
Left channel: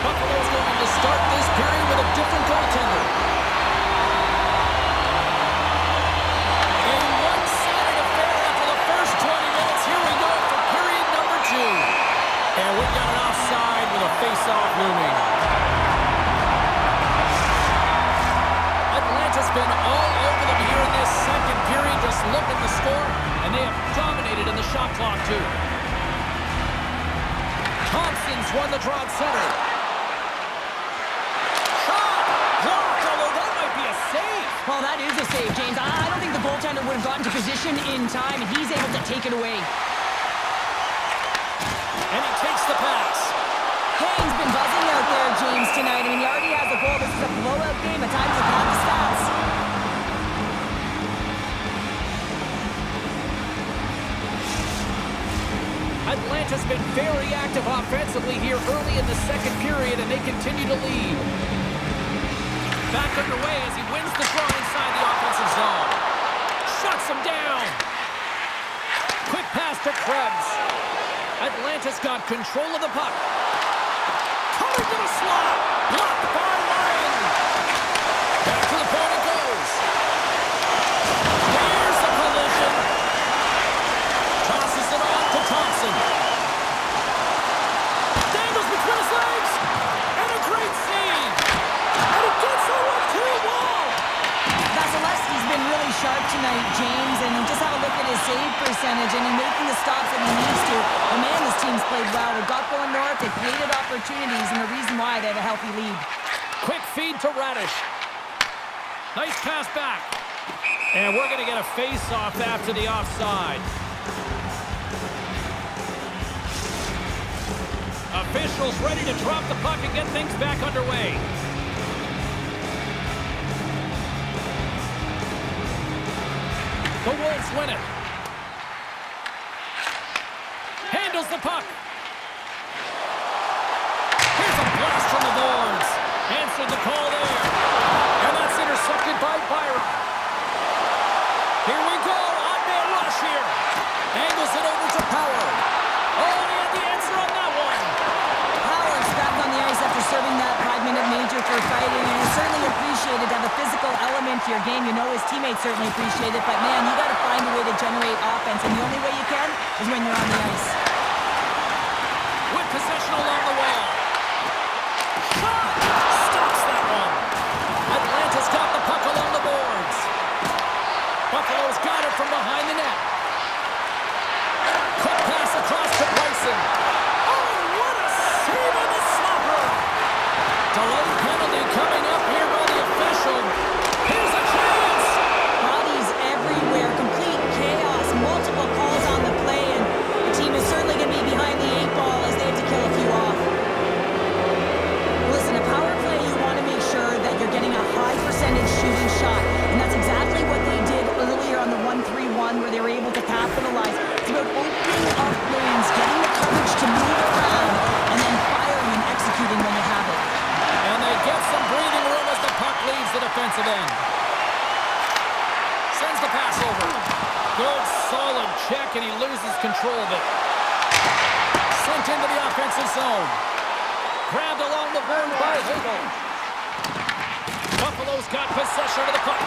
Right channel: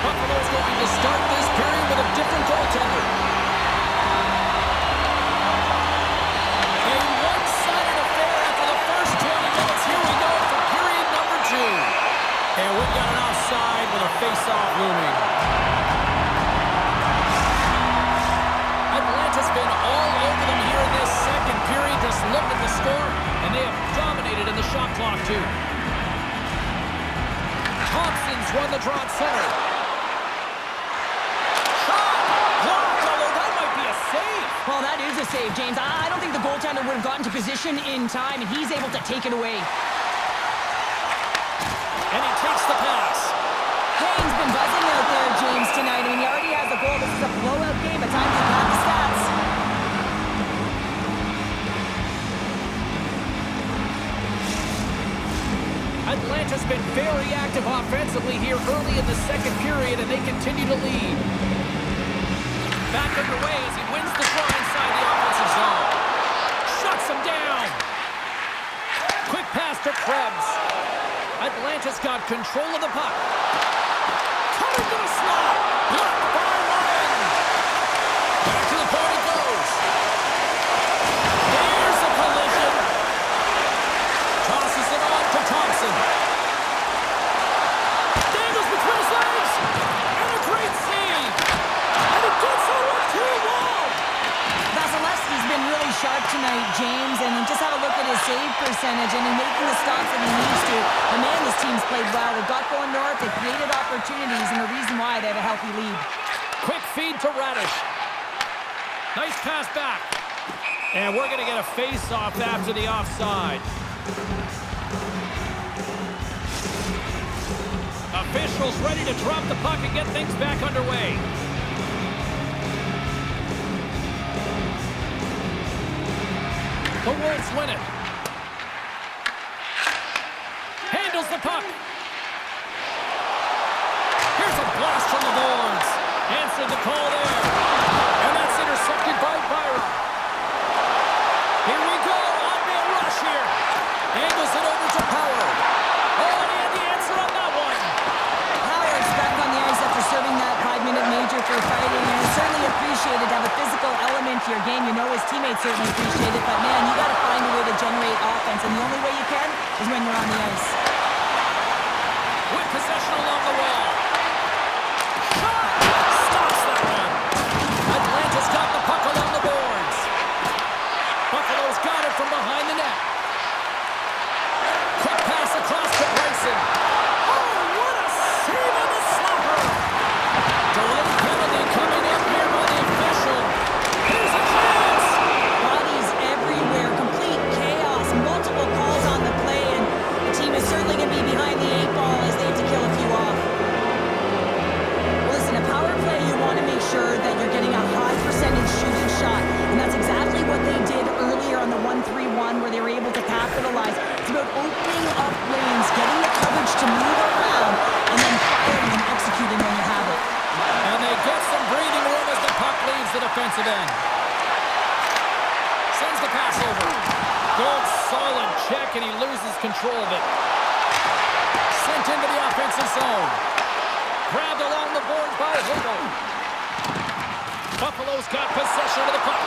Buffalo's going to start this period with a different goaltender. A one-sided affair after the first 20 minutes. Here we go for period number 2. And we've got an offside with a face-off looming. Atlanta's been all over them here in this second period. Just look at the score, and they have dominated in the shot clock, too. Thompson's won the draw at center. Shot! Blocked, although that might be a save. Well, that is a save, James. I don't think the goaltender would have gotten to position in time, and he's able to take it away. And he takes the pass. Kane's been buzzing out there, James, tonight. I mean, he already has a goal. This is a blowout game. At times, he'll have the stats. Atlanta's been very active offensively here early in the second period, and they continue to lead. Back underway as he wins the draw inside the offensive zone. Shuts him down. Quick pass to Krebs. Atlanta's got control of the puck. Coming to the slot. Blocked by Ryan. Back to the point it goes. There's the collision. Tosses it on to Thompson. Dangles between his legs. And a great save. And it gets over 2-1. Vasilevsky's been really sharp tonight, James, and just have a look at his save percentage and in making the stops that he needs to. But man, this team's played well. They've got going north, they've created opportunities, and the reason why they have a healthy lead. Quick feed to Radish. Nice pass back. And we're going to get a face-off after the offside. Officials ready to drop the puck and get things back underway. The Wolves win it. Handles the puck. Here's a blast from the boards. Answered the call there. And that's intercepted by Byron. Here we go. On-man rush here. Angles it over to Power. Oh, and he had the answer on that one. Howard's back on the ice after serving that 5-minute major for fighting, and it's certainly appreciated to have a physical element to your game. You know his teammates certainly appreciate it, but man, you got to find a way to generate offense, and the only way you can is when you're on the ice. With possession along the wall. Shot! Stops that one. Atlanta's got the puck along the boards. Buffalo's got it from behind the net. Quick pass across to Bryson. Oh, what a save on the slapper! Delayed penalty coming up here by the official. Here's a chance! Bodies everywhere, complete chaos, multiple calls on the play, and the team is certainly going to be behind the 8 ball as they have to kill a few off. Well, listen, a power play, you want to make sure that you're getting a high percentage shooting shot, and that's exactly what they did earlier on the 1-3-1 where they were able to capitalize. It's about opening up lanes, getting the coverage to move around, and then firing and executing when you have it. And they get some breathing room as the puck leaves the defensive end. Sends the pass over. Good, solid check, and he loses control of it. Sent into the offensive zone. Grabbed along the board by Hagel. Buffalo's got possession of the puck.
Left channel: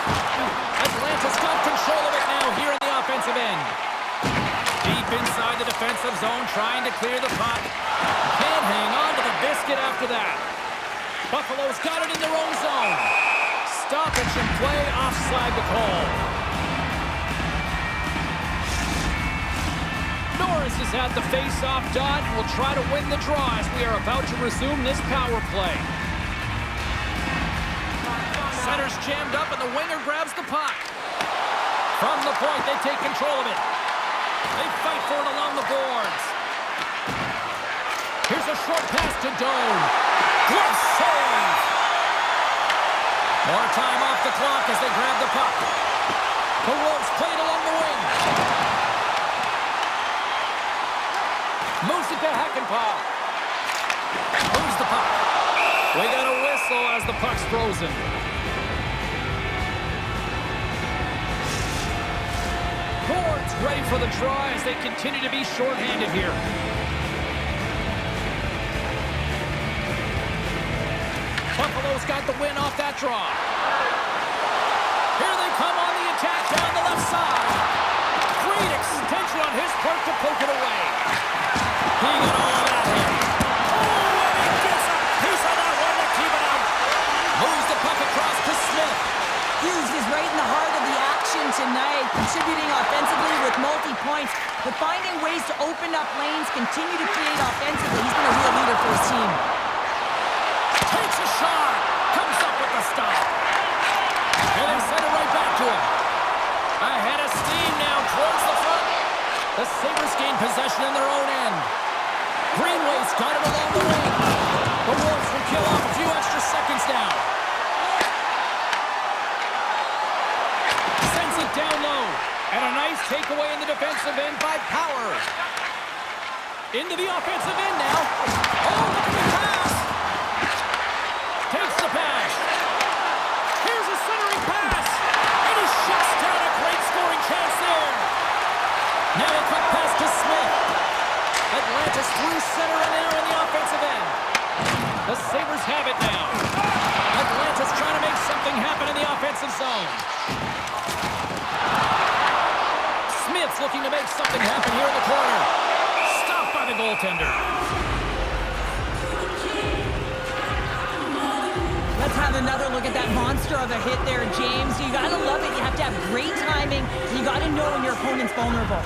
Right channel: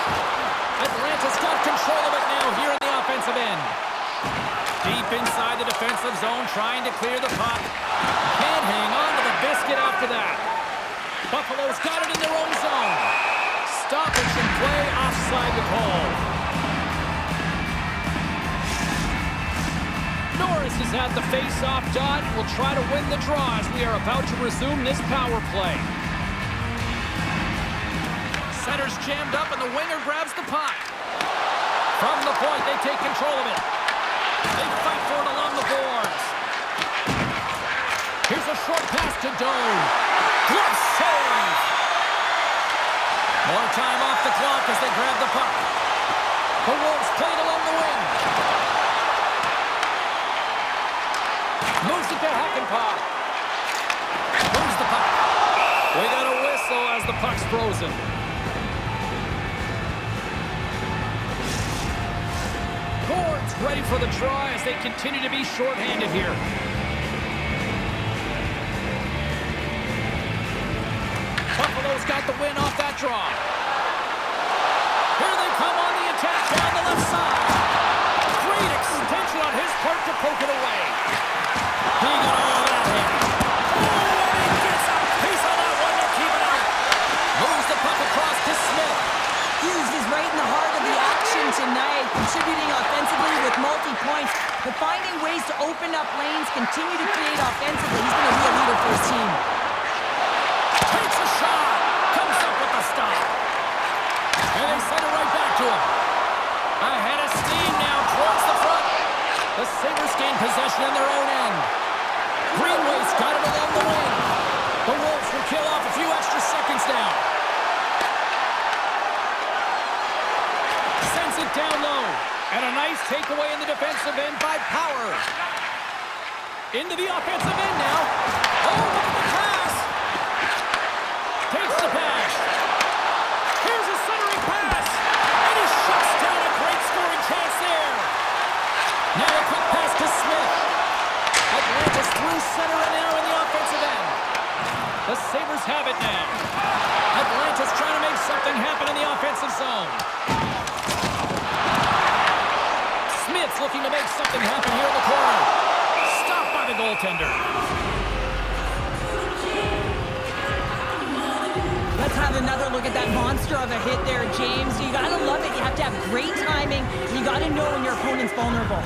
Atlanta's got control of it now here in the offensive end. Deep inside the defensive zone, trying to clear the puck. Can't hang on to the biscuit after that. Buffalo's got it in their own zone. Stoppage and play, offside the call. Norris has had the face-off dot and will try to win the draw as we are about to resume this power play. Center's jammed up and the winger grabs the puck. From the point, they take control of it. They fight for it along the boards. Here's a short pass to Doan. Glove save. More time off the clock as they grab the puck. The Wolves play it along the wing. Moves it to Hakanpää. Moves the puck. We got a whistle as the puck's frozen. Gord's ready for the draw as they continue to be shorthanded here. Buffalo's got the win off that draw. Here they come on the attack down the left side. Great extension on his part to poke it away. He got all of that in. Oh, and he gets a piece of that one to keep it out. Moves the puck across to Smith. Hughes is right in the heart of the action tonight, contributing offensively with multi-points, but finding ways to open up lanes, continue to create offensively. He's been a real leader for his team. Takes a shot. Comes up with the stop. And they send it right back to him. Ahead of steam now towards the front. The Sabres gain possession in their own end. Greenway's got it along the wing. The Wolves will kill off a few extra seconds now. Sends it down low. And a nice takeaway in the defensive end by Power. Into the offensive end now. Oh, look at the pass. Takes the pass. Here's a centering pass. And he shuts down a great scoring chance there. Now a quick pass to Smith. Atlanta's through center and now in the offensive end. The Sabres have it now. Atlanta's trying to make something happen in the offensive zone. Smith's looking to make something happen here in the corner. Stopped by the goaltender. Let's have another look at that monster of a hit there, James. You gotta love it. You have to have great timing. You gotta know when your opponent's vulnerable.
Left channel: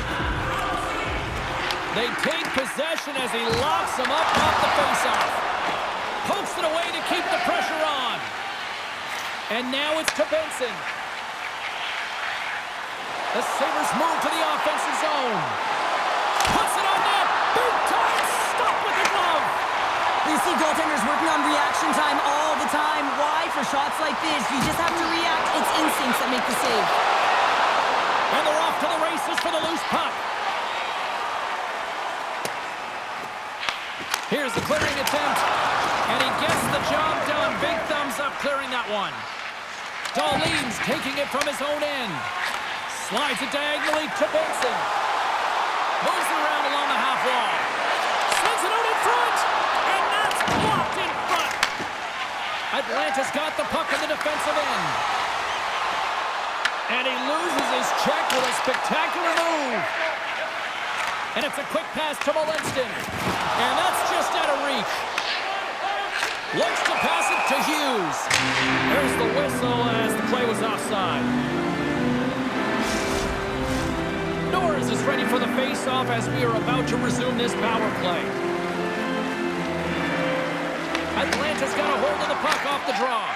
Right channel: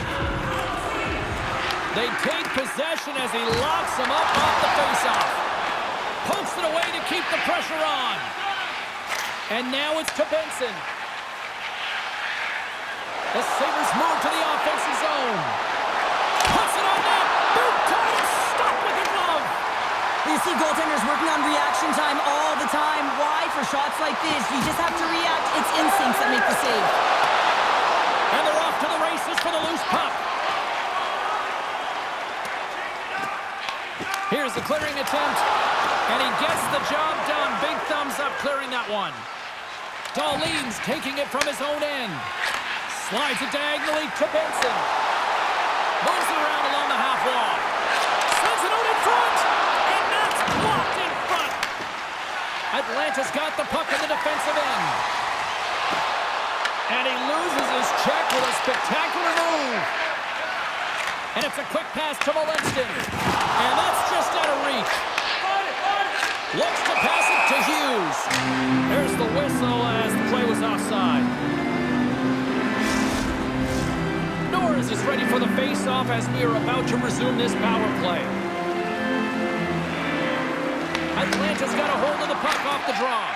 They take possession as he locks him up off the faceoff. Pokes it away to keep the pressure on. And now it's to Benson. The Sabres move to the offensive zone. Puts it on net. Big time. Stop with the glove. You see goaltenders working on reaction time all the time. Why? For shots like this, you just have to react. It's instincts that make the save. And they're off to the races for the loose puck. Here's the clearing attempt. And he gets the job done. Big thumbs up clearing that one. Dahlin's taking it from his own end. Slides it diagonally to Benson. Moves it around along the half wall. Sends it out in front. And that's blocked in front. Atlanta's got the puck in the defensive end. And he loses his check with a spectacular move. And it's a quick pass to Molenston. And that's just out of reach. Looks to pass it to Hughes. There's the whistle as the play was offside. Norris is ready for the face-off as we are about to resume this power play. Atlanta's got a hold of the puck off the draw.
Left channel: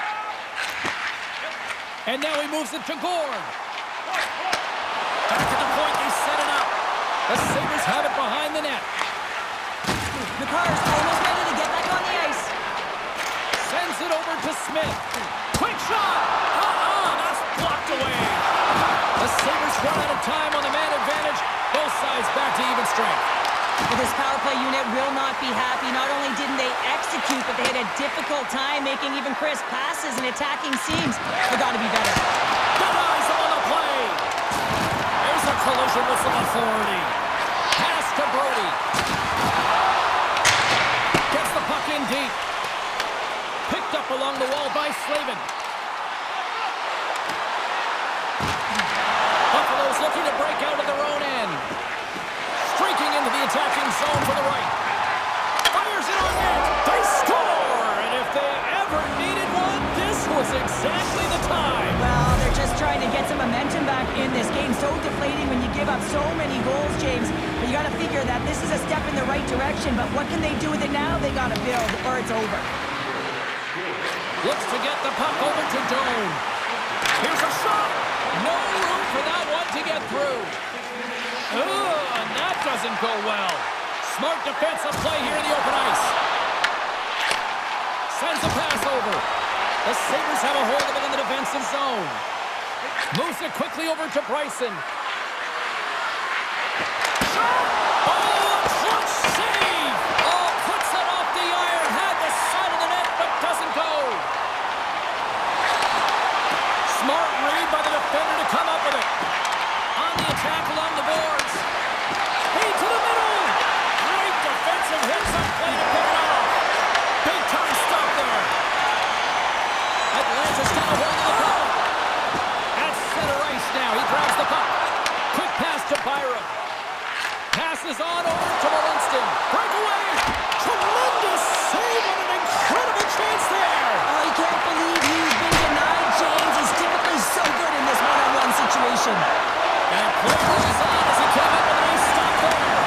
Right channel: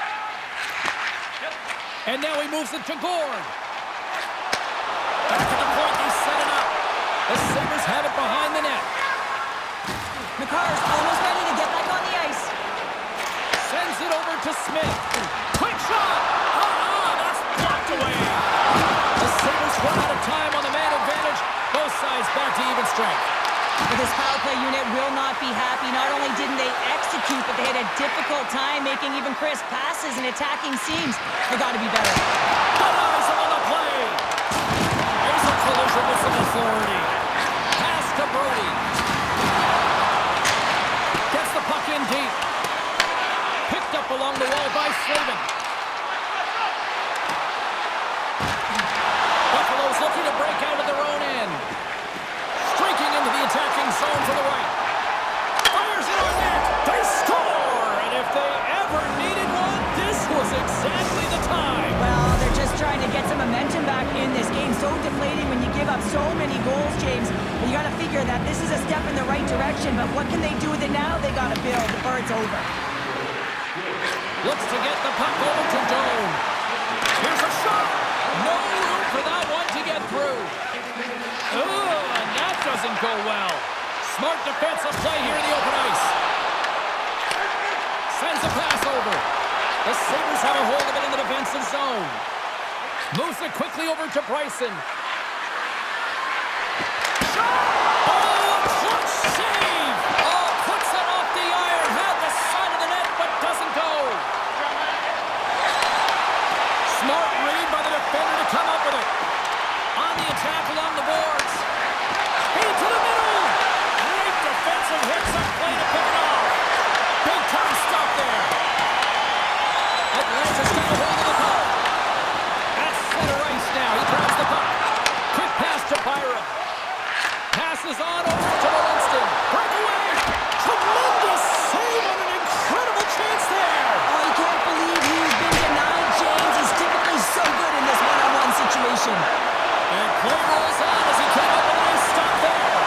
And now he moves it to Gord. Back at the point, they set it up. The Sabres have it behind the net. McCarr's almost ready to get back on the ice. Sends it over to Smith. Quick shot! That's blocked away. The Sabres run out of time on the man advantage. Both sides back to even strength. But this power play unit will not be happy. Not only didn't they execute, but they had a difficult time making even crisp passes and attacking seams. They got to be better. Denies him on the play. There's a collision with some authority. Pass to Brody. Gets the puck in deep. Picked up along the wall by Slavin. Buffalo's looking to break out of their own end. Moving into the attacking zone for the right. Fires it on net. They score! And if they ever needed one, this was exactly the time. Well, they're just trying to get some momentum back in this game. So deflating when you give up so many goals, James. But you got to figure that this is a step in the right direction. But what can they do with it now? They got to build or it's over. Looks to get the puck over to Doan. Here's a shot. No room for that one to get through. Oh, and that doesn't go well. Smart defensive play here in the open ice. Sends a pass over. The Sabres have a hold of it in the defensive zone. Moves it quickly over to Bryson. Shot! Oh, a clutch save! Oh, puts it off the iron. Had the side of the net, but doesn't go. Smart read by the defender to come up with it. On the attack along the boards. Feed to the middle. Great defensive hits up play to pick it off. Big time stop there. Atlanta's got a hold of the puck. At center ice now. He grabs the puck. Quick pass to Byram. Passes on over to Molinston. Breakaway. Tremendous save on an incredible chance there. Oh, you can't believe he's been denied, James. He's typically so good in this one-on-one situation. And play rolls on as he came up with a nice stop there.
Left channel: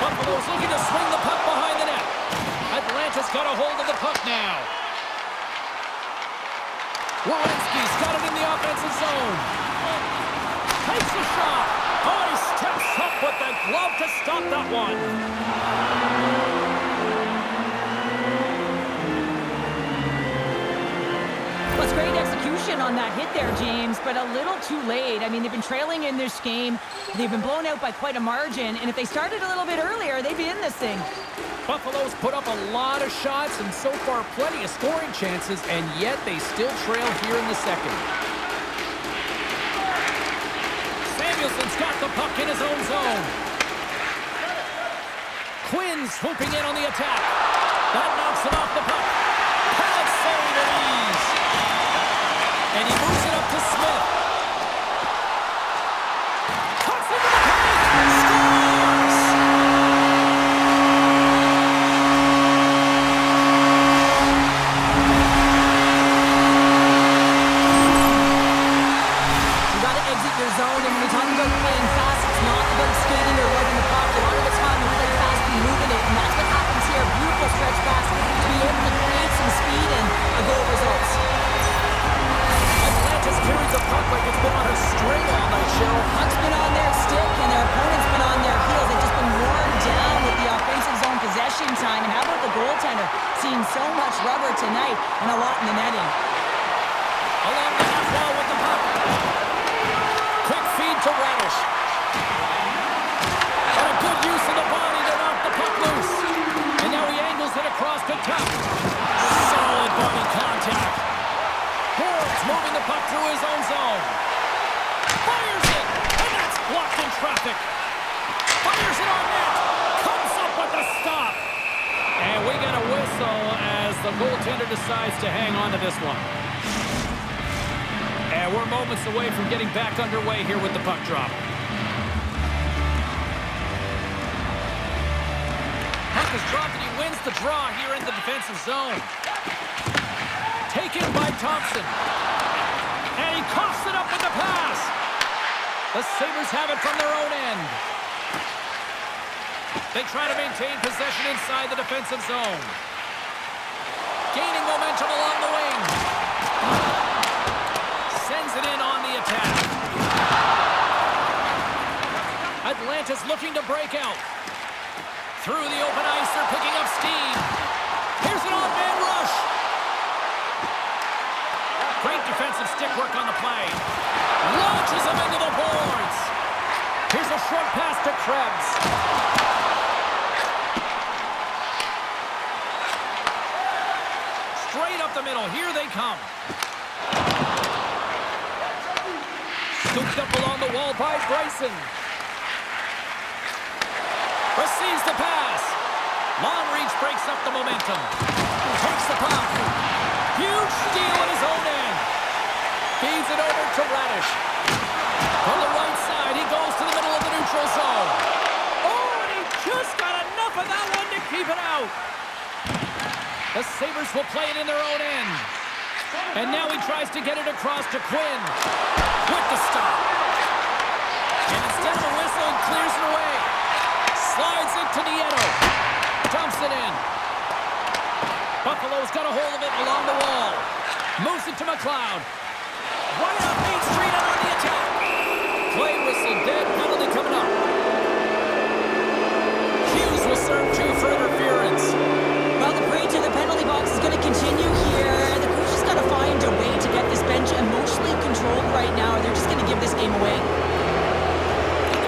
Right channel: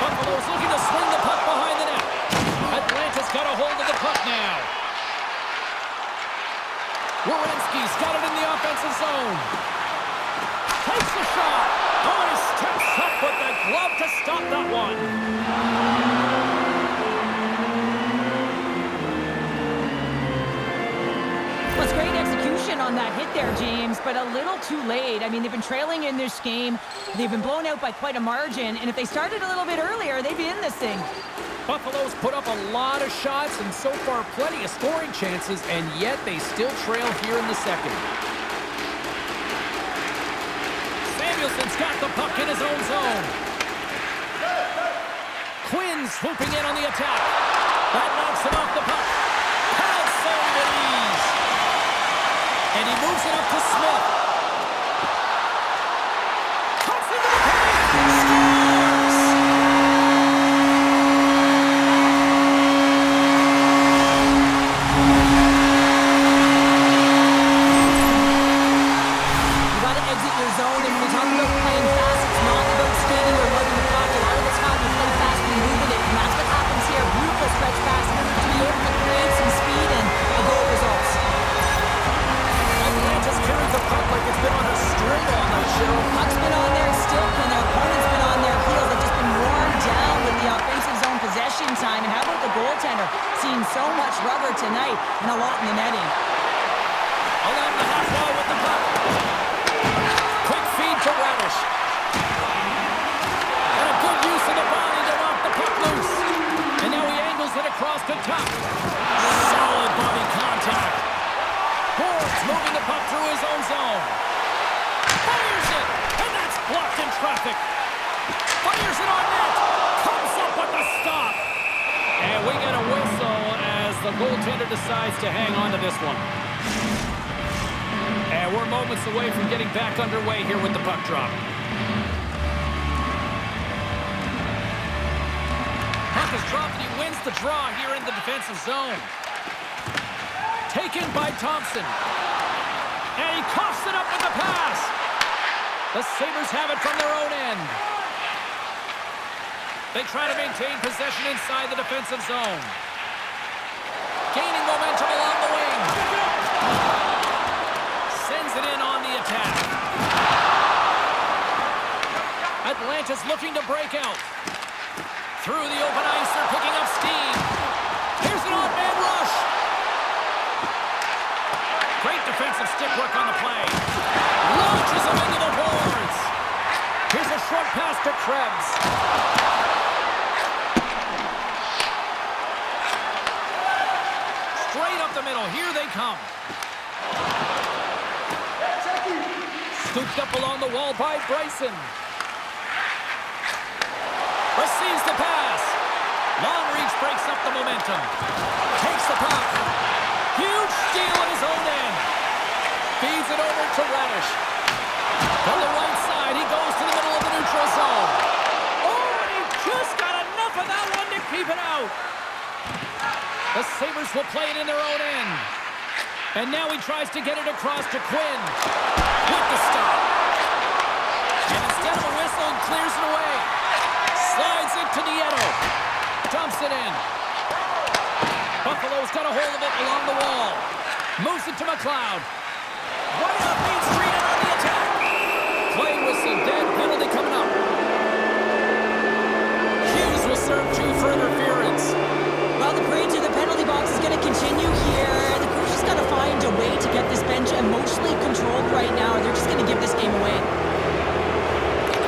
Buffalo's looking to swing the puck behind the net. Atlanta's got a hold of the puck now. Werenski's got it in the offensive zone. Takes the shot. Oh, he steps up with the glove to stop that one. Well, it's great execution on that hit there, James, but a little too late. I mean, they've been trailing in this game. They've been blown out by quite a margin, and if they started a little bit earlier, they'd be in this thing. Buffalo's put up a lot of shots and so far plenty of scoring chances, and yet they still trail here in the second. Samuelson's got the puck in his own zone. Quinn's swooping in on the attack. That knocks him off the puck. Pad save at ease. And he moves it up to Smith. Cuts into the paint. Scores! You got to exit your zone, and when we talk about playing fast, it's not about skating or lugging the puck. A lot of the time, you play fast and moving it, and that's what happens here. Beautiful stretch pass to be able to create some speed and a goal results. Atlanta's carried the puck like it's been on a string all night, Cheryl. Puck's been on their stick, and their opponent's been on their heels. They've just been worn down with the offensive zone possession time. And how about the goaltender? Seeing so much rubber tonight and a lot in the netting. Along the half wall with the puck. Quick feed to Radish. And a good use of the body to knock the puck loose. And now he angles it across the top. Solid body contact. Boards moving the puck through his own zone. Fires it, and that's blocked in traffic. Fires it on net. Comes up with the stop. And we get a whistle as the goaltender decides to hang on to this one. And we're moments away from getting back underway here with the puck drop. Puck is dropped and he wins the draw here in the defensive zone. Taken by Thompson. And he coughs it up with the pass. The Sabres have it from their own end. They try to maintain possession inside the defensive zone. Gaining momentum along the wing. Sends it in on the attack. Atlanta's looking to break out. Through the open ice, they're picking up steam. Here's an odd-man rush. Great defensive stick work on the play. Launches him into the boards. Here's a short pass to Krebs. Straight up the middle. Here they come. Scooped up along the wall by Bryson. Receives the pass. Long reach breaks up the momentum. Takes the puck. Huge steal at his own end. Feeds it over to Radish. From the right side, he goes to the middle of the neutral zone. Oh, and he just got enough of that one to keep it out. The Sabres will play it in their own end. And now he tries to get it across to Quinn with the stop. And instead of a whistle, he clears it away. Slides it to Nieto. Dumps it in. Buffalo's got a hold of it along the wall. Moves it to McLeod. Right up Main Street and on the attack. Play whistle, dead, penalty coming up. Hughes will serve 2 for interference. Well, the parade to the penalty box is going to continue here. The coach has got to find a way to get this bench emotionally controlled right now, or they're just going to give this game away.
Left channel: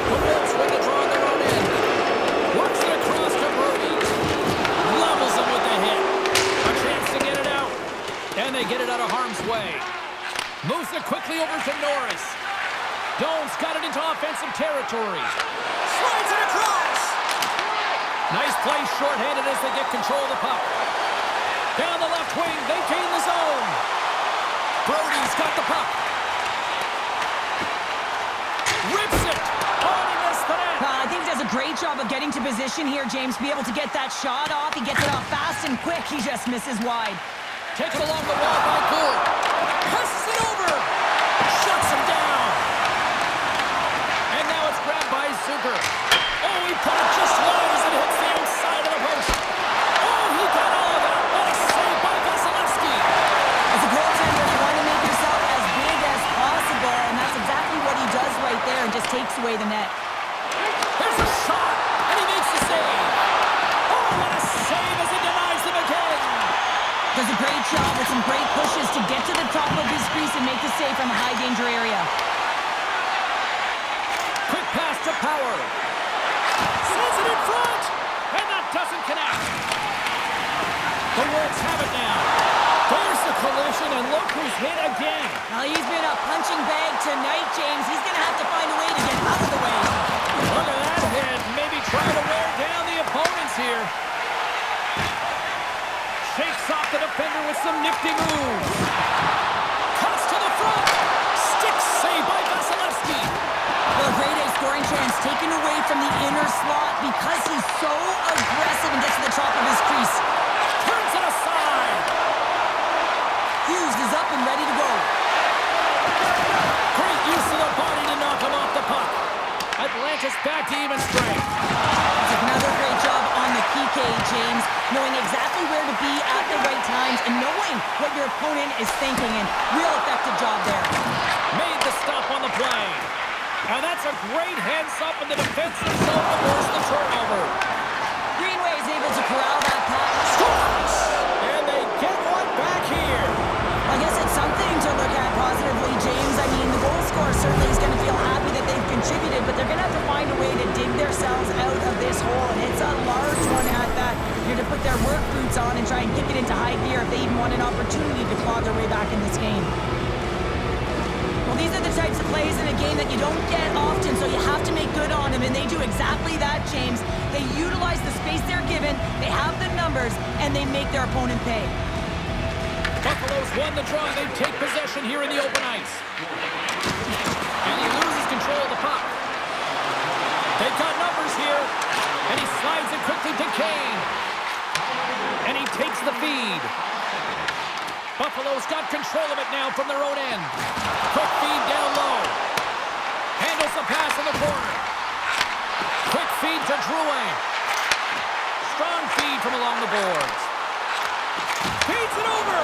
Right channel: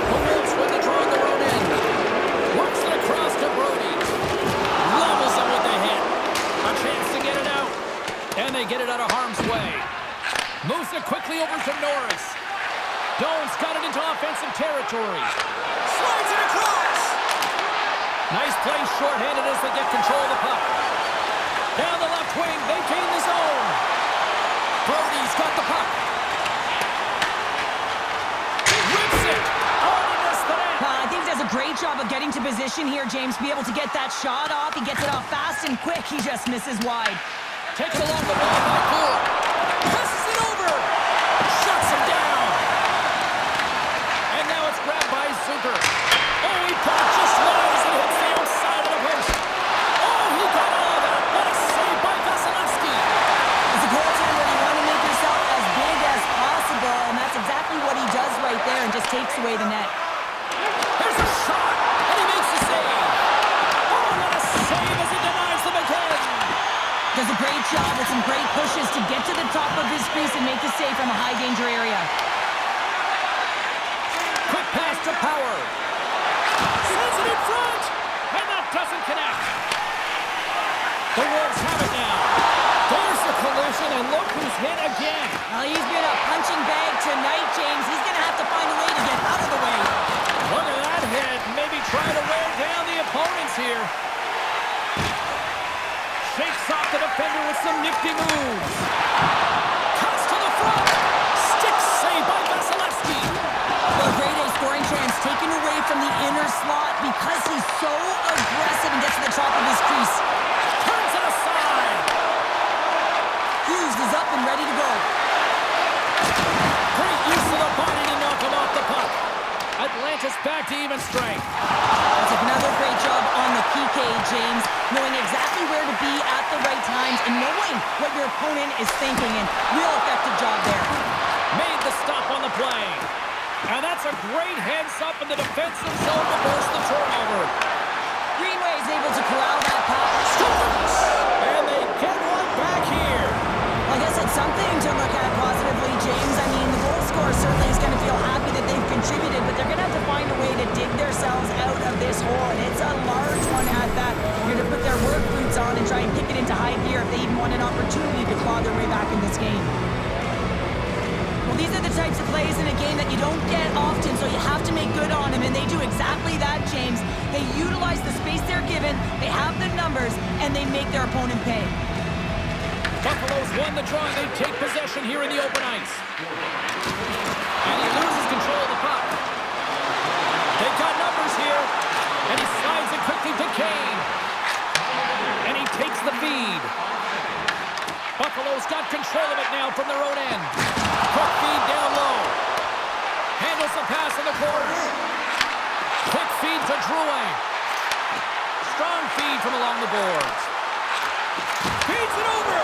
The Wolves win the draw on their own end. Works it across to Brody. Levels him with the hit. A chance to get it out. And they get it out of harm's way. Moves it quickly over to Norris. Doan's got it into offensive territory. Slides it across. Nice play shorthanded as they get control of the puck. Down the left wing, they gain the zone. Brody's got the puck. Rips it. Oh, he missed the net. I think he does a great job of getting to position here, James. Be able to get that shot off. He gets it off fast and quick. He just misses wide. Taken along the wall by Gould. Passes it over. Shuts him down. And now it's grabbed by Zucker. Oh, he put it just wide as it hits the outside of the post. Oh, he got all of that. What a save by Vasilevsky. As a goaltender, you want to make yourself as big as possible, and that's exactly what he does right there and just takes away the net. Here's a shot, and he makes the save. Oh, what a save as he denies them again. Does a great job with some great pushes to get to the top of his crease and make the save from a high-danger area. Quick pass to Power. Sends it in front, and that doesn't connect. The Wolves have it now. There's the collision, and look who's hit again. Well, he's been a punching bag tonight, James. He's going to have to find a way to get out of the way. Look at that hit. Maybe try to wear down the opponents here. Shakes off the defender with some nifty moves. Cuts to the front. Stick save by Vasilevsky. Well, a grade A scoring chance taken away from the inner slot because he's so aggressive and gets to the top of his crease. Turns it aside. Hughes is up and ready to go. Great use of the body to knock him off the puck. Atlanta's back to even strength. That's another great job on the PK, James. Knowing exactly where to be at the right times and knowing what your opponent is thinking. And real effective job there. Made the stop on the play. And that's a great heads-up in the defensive zone to force the turnover. Greenway is able to corral that puck. Scores! And they get one back here. Well, I guess it's something to look at positively, James. I mean, the goal scorer certainly is going to feel happy that they've contributed, but they're going to have to find a way to dig themselves out of this hole, and it's a large one at that. You're to put their work boots on and try and kick it into high gear if they even want an opportunity to claw their way back in this game. Well, these are the types of plays in a game that you don't get often, so you have to make good on them, and they do exactly that, James. They utilize the space they're given, they have the numbers, and they make their opponent pay. Buffalo's won the draw. They take possession here in the open ice. And he loses control of the puck. They've got numbers here, and he slides it quickly to Kane. And he takes the feed. Buffalo's got control of it now from their own end. Quick feed down low. Handles the pass in the corner. Quick feed to Drouin. Strong feed from along the boards. Feeds it over.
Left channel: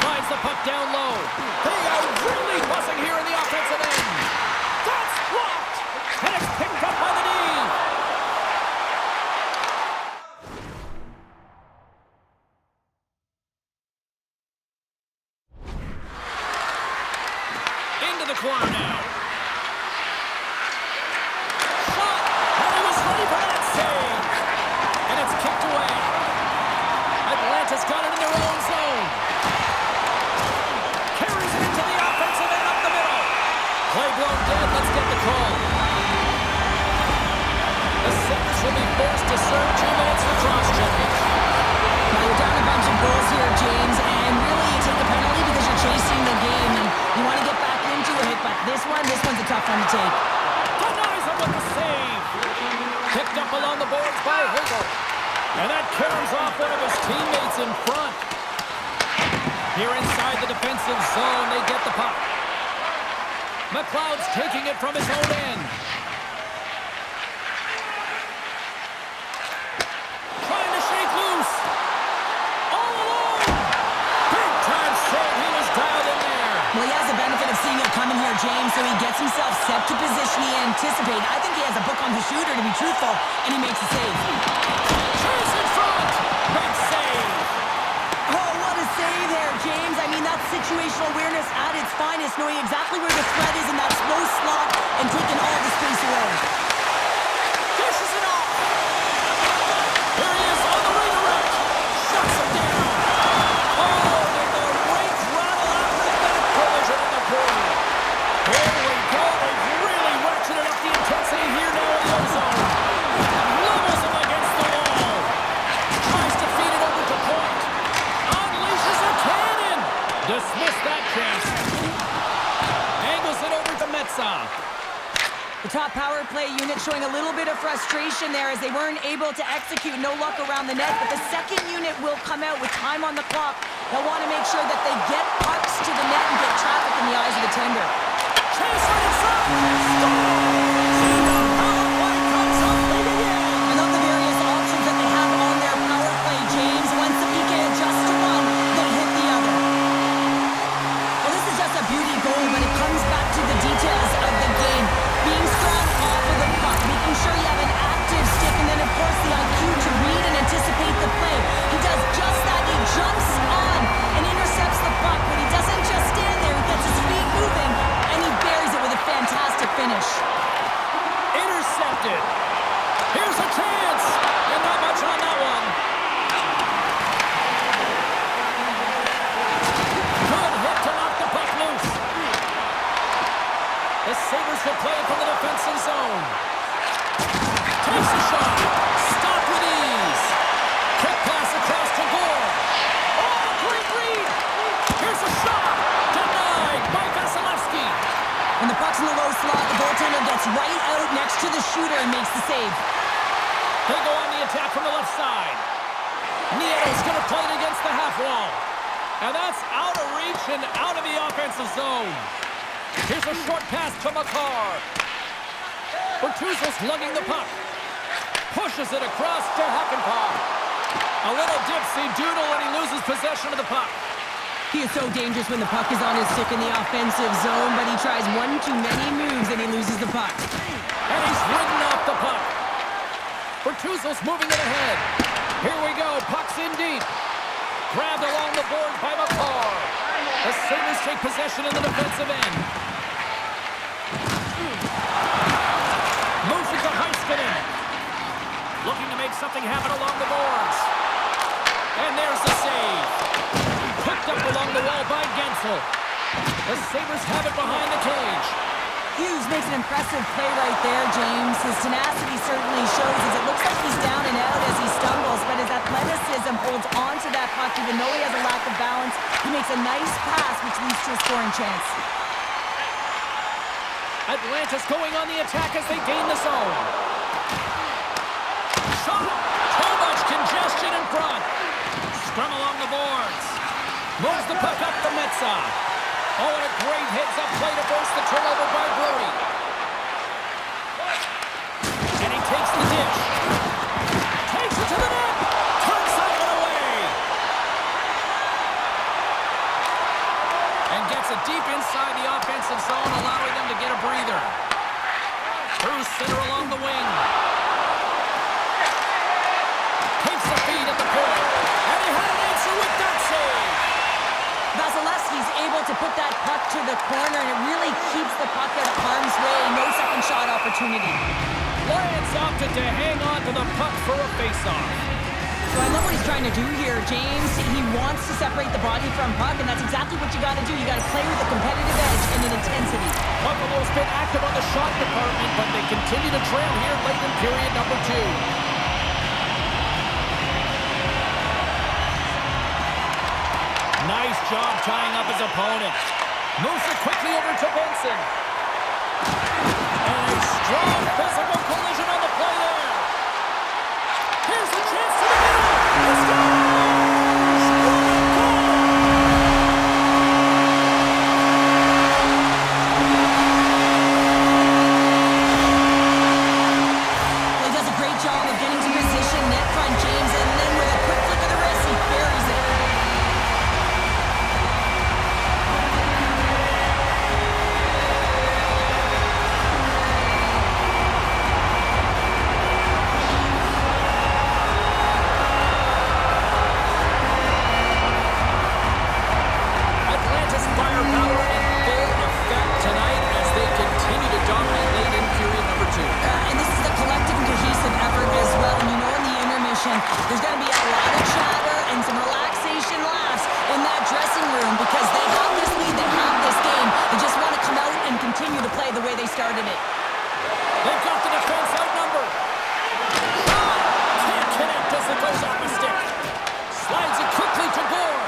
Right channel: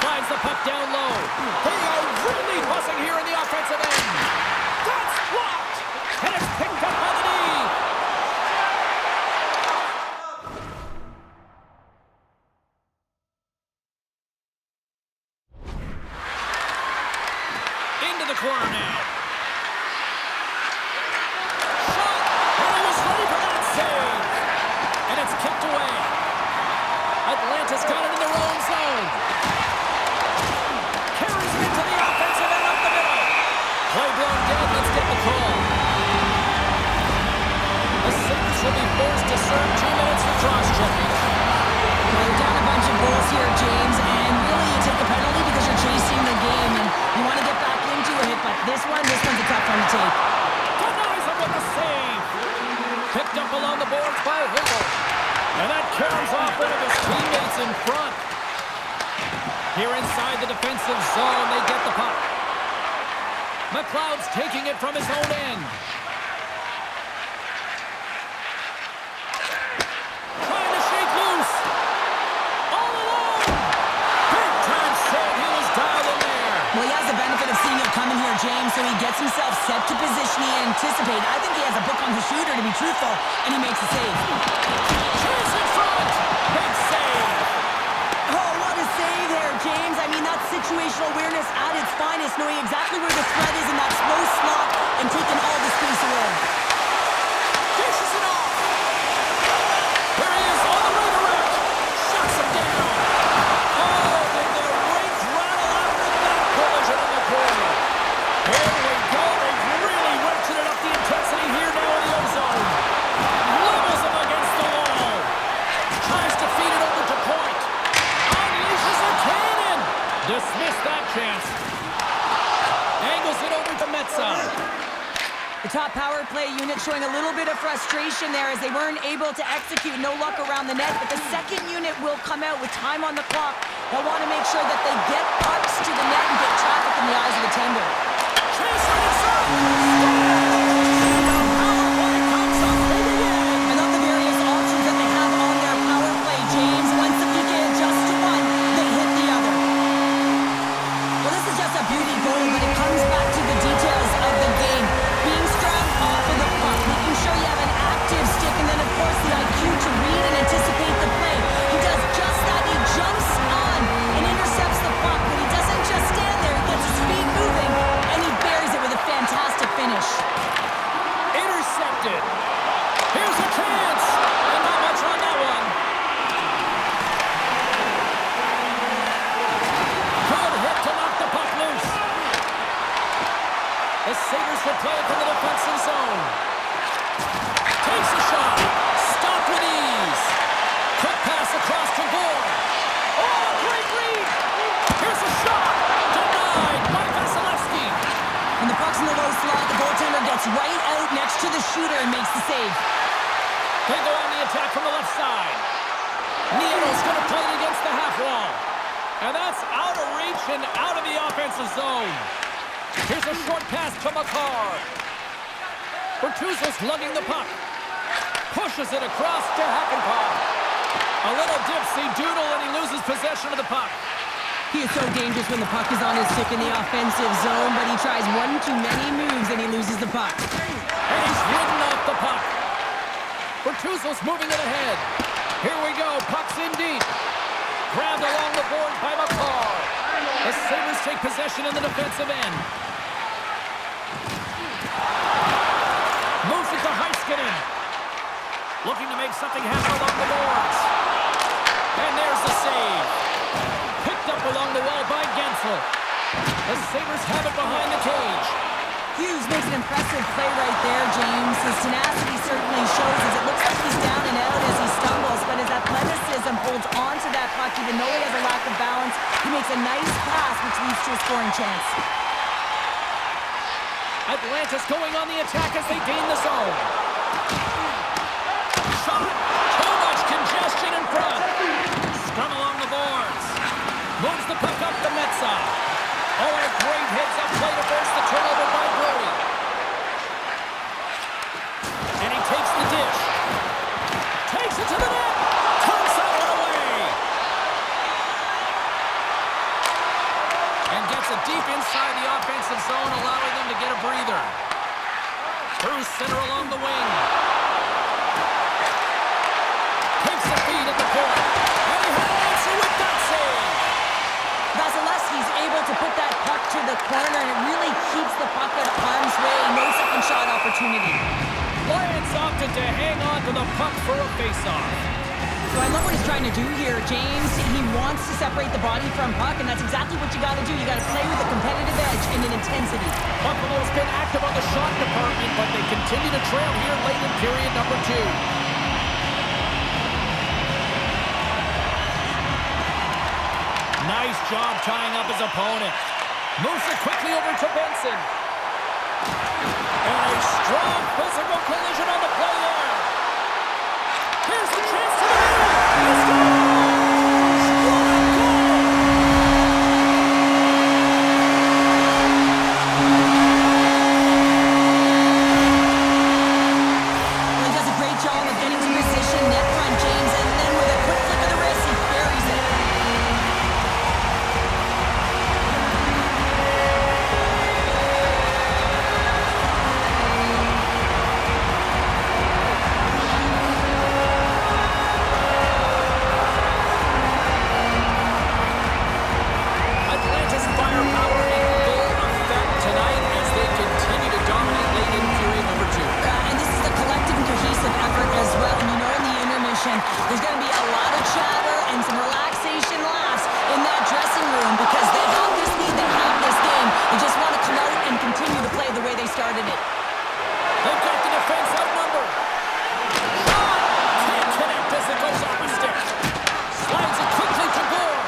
Slides the puck down low. They are really buzzing here in the offensive end. That's blocked. And it's picked up by the knee. Into the corner now. Shot. And he was ready for that save. And it's kicked away. Atlanta's got it in their own zone. Carries it into the offensive end up the middle. Play blown dead. Let's get the call. The Sabres will be forced to serve 2 minutes for cross-checking. Well, you're down a bunch of goals here, James, and really you take a penalty because you're chasing the game and you want to get back into it, but this one's a tough one to take. Denies him with a save. Picked up along the boards by Hagel. And that caroms off one of his teammates in front. Here inside the defensive zone, they get the puck. McLeod's taking it from his own end. Trying to shake loose. All alone. Big time save. He was dialed in there. Well, he has the benefit of seeing it coming here, James, so he gets himself set to position he anticipated. I think he has a book on the shooter, to be truthful, and he makes a save. Chase in front. Big save. Oh, what a save there, James. I mean, that's situational awareness at its finest, knowing exactly where the threat is in that slow slot and taking all the space away. Dishes it off. Here he is on the redirect. Shuts him down. Oh, did the rakes rattle after that collision in the corner. Here we go. They've really ratcheted up the intensity here now in the ozone. Levels him against the wall. Tries to feed it over to point. Unleashes a cannon. Dismissed that chance. Angles it over to Metza. The top power play unit showing a little bit of frustration there as they weren't able to execute. No luck around the net, but the second unit will come out with time on the clock. They'll want to make sure that they get pucks to the net and get traffic in the eyes of the tender. Chance right in front. And the power play comes up big again. I love the various options that they have on their power play, James. Once the PK adjusts to one, they hit the other. Well, this is just a beauty goal, but it comes back to the details of the game. Being strong off of the puck, making sure you have an active stick, and then, of course, the IQ to read and anticipate the play. He does just that. He jumps on and intercepts the puck, but he doesn't just stand there. He gets his feet moving, and he buries it with a fantastic finish. Intercepted. Here's a chance. And not much on that one. Good hit to knock the puck loose. The Sabres will play it from the defensive zone. Takes a shot. Stopped with ease. Quick pass across to Gore. Oh, great read. Here's a shot. Denied by Vasilevsky. When the puck's in the low slot, the goaltender gets right out next to the shooter and makes the save. They go on the attack from the left side. Nieto's going to play it against the half wall. And that's out of reach and out of the offensive zone. Here's a short pass to Makar. Bertuzzo's lugging the puck. Pushes it across to Hakanpää. A little dipsy doodle and he loses possession of the puck. He is so dangerous when the puck is on his stick in the offensive zone, but he tries one too many moves and he loses the puck. And he's ridden off the puck. Bertuzzo's moving it ahead. Here we go. Puck's in deep. Grabbed along the boards by Makar. The Sabres take possession in the defensive end. Moves it to Heiskanen. Looking to make something happen along the boards. And there's the save. Picked up along the wall by Gensel. The Sabres have it behind the cage. Hughes makes an impressive play right there, James. His tenacity certainly shows as it looks like he's down and out as he stumbles, but his athleticism holds on to that puck even though he has a lack of balance. He makes a nice pass, which leads to a scoring chance. Atlanta's going on the attack as they gain the zone. Shot! Too much congestion in front. Scrum along the boards. Moves the puck up to Metza. Oh, and a great heads-up play to force the turnover by Brody. And he takes the dish. Takes it to the net. Turns that one away. And gets it deep inside the offensive zone, allowing them to get a breather. Through center along the wing. Takes the feed at the point. And he had an answer with that save. Vasilevsky's able to put that puck to the corner, and it really keeps the puck out of harm's way. No second shot opportunity. Lions opted to hang on to the puck for a face-off. So I love what he's trying to do here, James. He wants to separate the body from puck, and that's exactly what you got to do. You got to play with a competitive edge and an intensity. Buffalo's been active on the shot department, but they continue to trail here late in period number 2. Nice job tying up his opponent. Moves it quickly over to Benson. And a strong physical collision on the play there. Here's the chance to the middle. He scores! What a goal! Well, he does a great job of getting to position, net front, James, and then with a quick flick of the wrist, he buries it. Atlanta's firepower in full effect tonight as they continue to dominate late in period number 2. And this is a collective and cohesive effort as well. And you know in the intermission, there's going to be a lot of chatter and some relaxation laughs in that dressing room because they have this lead, they have this game. They just want to come out and continue to play the way they started it. They've got the defense outnumbered. Shot! Can't connect as it goes off a stick. Slides it quickly to Gore.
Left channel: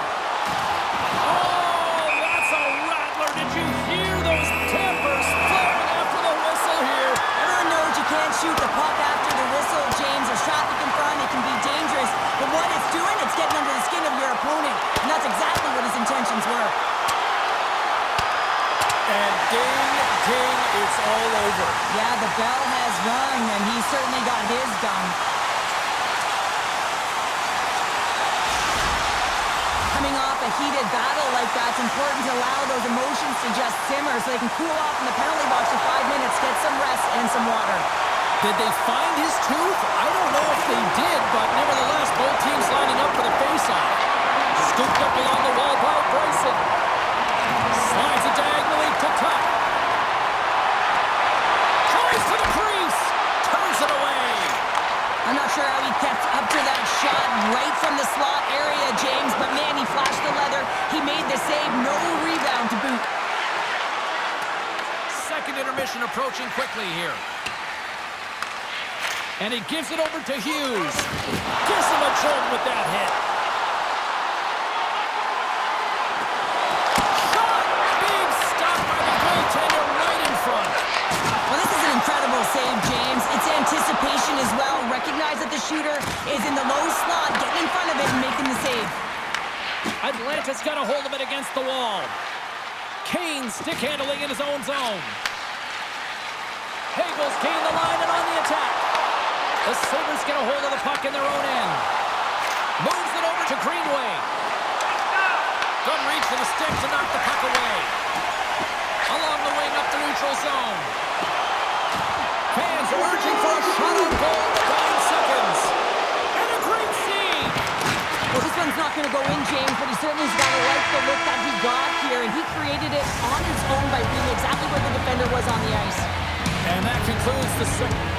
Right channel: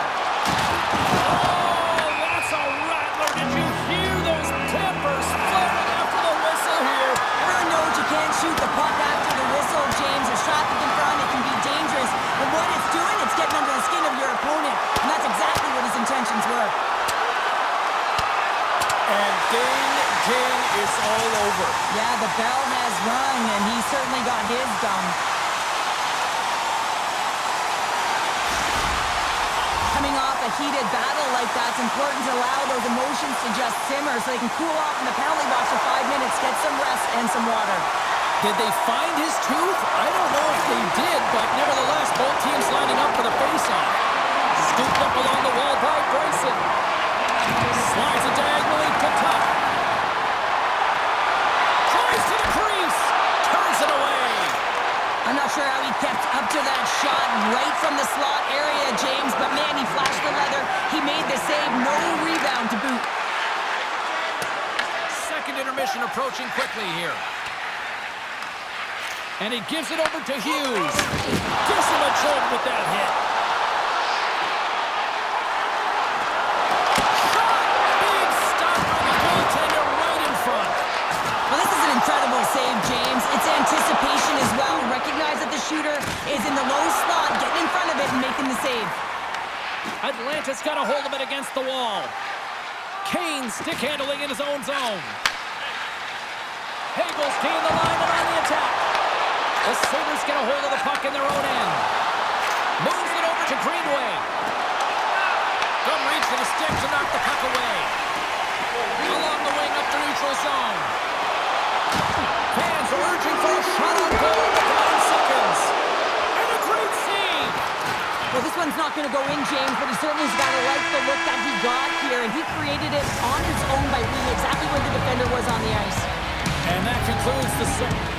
Oh, that's a rattler. Did you hear those tempers flaring after the whistle here? Everyone knows you can't shoot the puck after the whistle, James. There's traffic in front. It can be dangerous. But what it's doing, it's getting under the skin of your opponent. And that's exactly what his intentions were. And ding, ding, it's all over. Yeah, the bell has rung, and he certainly got his done. Coming off a heated battle like that, it's important to allow those emotions to just simmer so they can cool off in the penalty box for 5 minutes, get some rest and some water. Did they find his tooth? I don't know if they did, but nevertheless, both teams lining up for the face-off. Scooped up along the wall by Bryson. Slides it diagonally to Tuck. Tries to the crease. Turns it away. I'm not sure how he kept up to that shot right from the slot area, James, but man, he flashed the leather. He made the save, no rebound to boot. Second intermission approaching quickly here. And he gives it over to Hughes. Gives him a jolt with that hit. Shot! Big stop by the goaltender right in front. Well, this is an incredible save, James. It's anticipation as well. Recognize that the shooter is in the low slot, getting in front of it and making the save. Atlanta's got a hold of it against the wall. Kane stick handling in his own zone. Hagel's gained the line and on the attack. The Sabres get a hold of the puck in their own end. Moves it over to Greenway. Good reach to the stick to knock the puck away. Along the wing up the neutral zone. Fans are urging for a shot on goal with 9 seconds. And a great save. Well, this one's not going to go in, James, but he certainly has got to like the look that he got here, and he created it on his own by reading exactly where the defender was on the ice. And that concludes the second.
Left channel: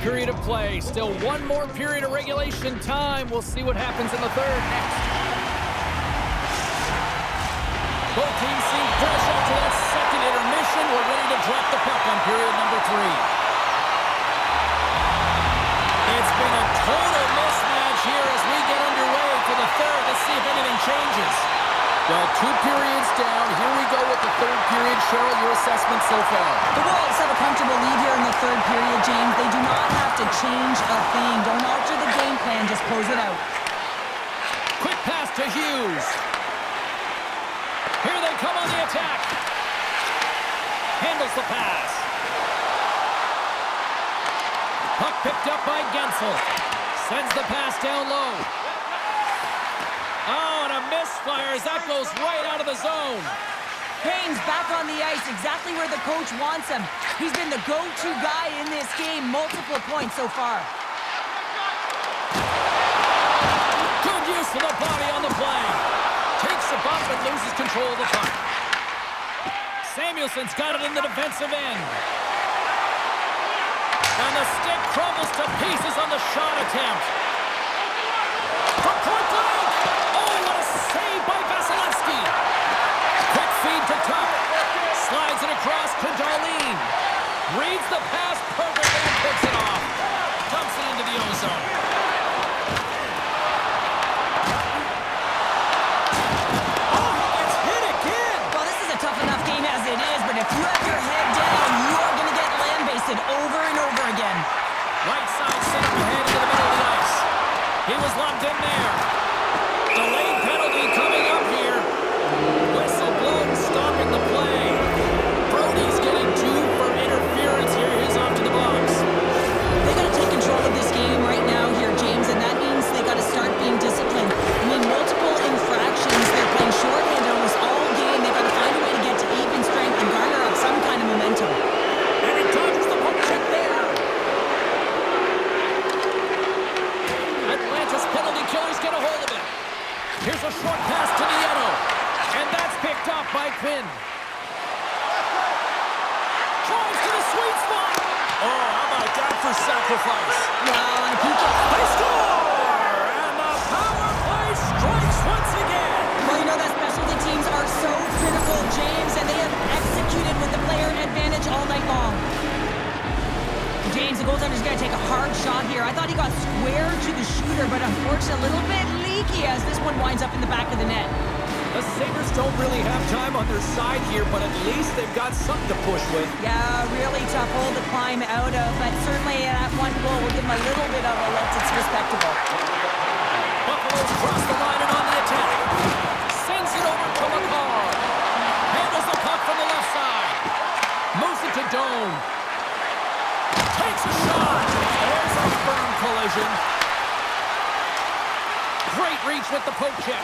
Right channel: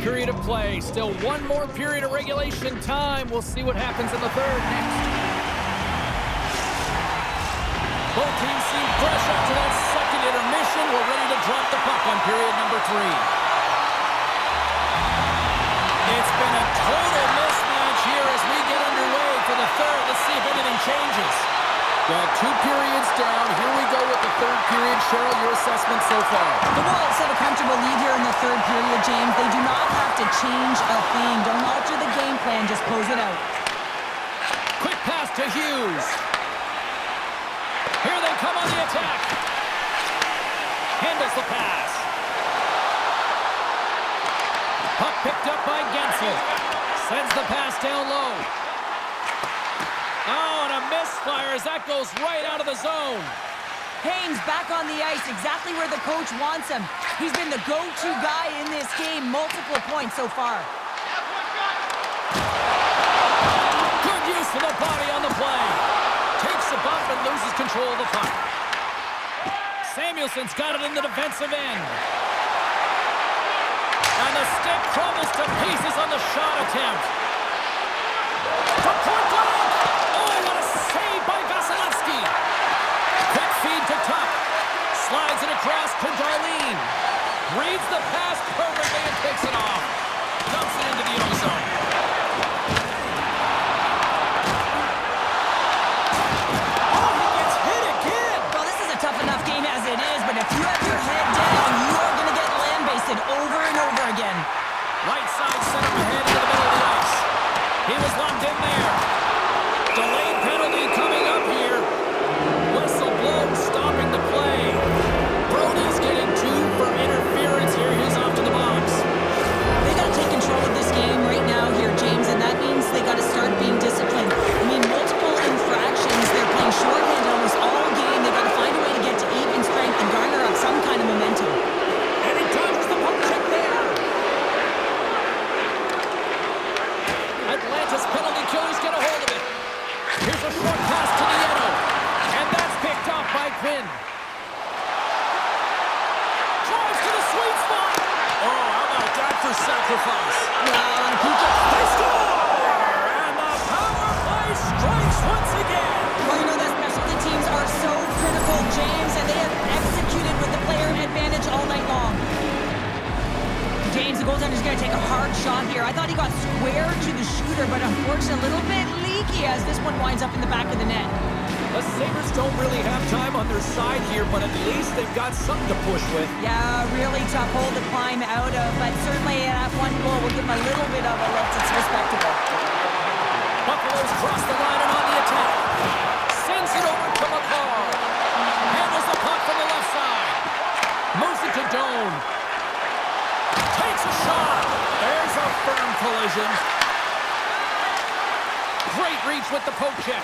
Period of play. Still one more period of regulation time. We'll see what happens in the third next. Both teams seem fresh after that second intermission. We're ready to drop the puck on period number 3. It's been a total mismatch here as we get underway for the third. Let's see if anything changes. Well, 2 periods down. Here we go with the third period. Cheryl, your assessment so far? The Wolves have a comfortable lead here in the third period, James. They do not have to change a thing. Don't alter the game plan. Just close it out. Quick pass to Hughes. Here they come on the attack. Handles the pass. Puck picked up by Gensel. Sends the pass down low. Oh, and a misfire as that goes right out of the zone. Haynes back on the ice, exactly where the coach wants him. He's been the go-to guy in this game, multiple points so far. Good use of the body on the play. Takes a bump and loses control of the puck. Samuelson's got it in the defensive end. And the stick crumbles to pieces on the shot attempt. From point blank! Oh, what a lane. Reads the pass perfectly and picks it off. Dumps it into the ozone. Oh, he gets hit again. Well, this is a tough enough game as it is, but if you have your head down, you are going to get lambasted over and over again. Right side set up ahead into the middle of the ice. He was locked in there. Delayed penalty coming up here. Whistle blown, stopping the play. Brody's getting 2 for interference here. He's off to the box. They got to take control of this game right now here, James, and that means they got to start being disciplined. I mean, multiple infractions. They're playing shorthanded almost all game. They got to find a way to get to even strength and garner up some kind of momentum. And he dodges the poke check there. Atlanta's penalty killers get a hold of it. Here's a short pass to Nieto. And that's picked off by Quinn. Drives to the sweet spot. Oh, how about that for sacrifice? Wow, on a PK. They score! And the power play strikes once again. Well, you know that specialty teams are so critical, James, and they have executed with the player advantage all night long. James, the goaltender's going to take a hard shot here. I thought he got square to the shooter, but unfortunately a little bit leaky as this one winds up in the back of the net. The Sabres don't really have time on their side here, but at least they've got something to push with. Yeah, really tough hole to climb out of, but certainly that one goal will give them a little bit of a lift. It's respectable. Buffalo's crossed the line and on the attack. Sends it over to McCarr. Handles the puck from the left side. Moves it to Doan. Takes a shot. There's a firm collision. Great reach with the poke check.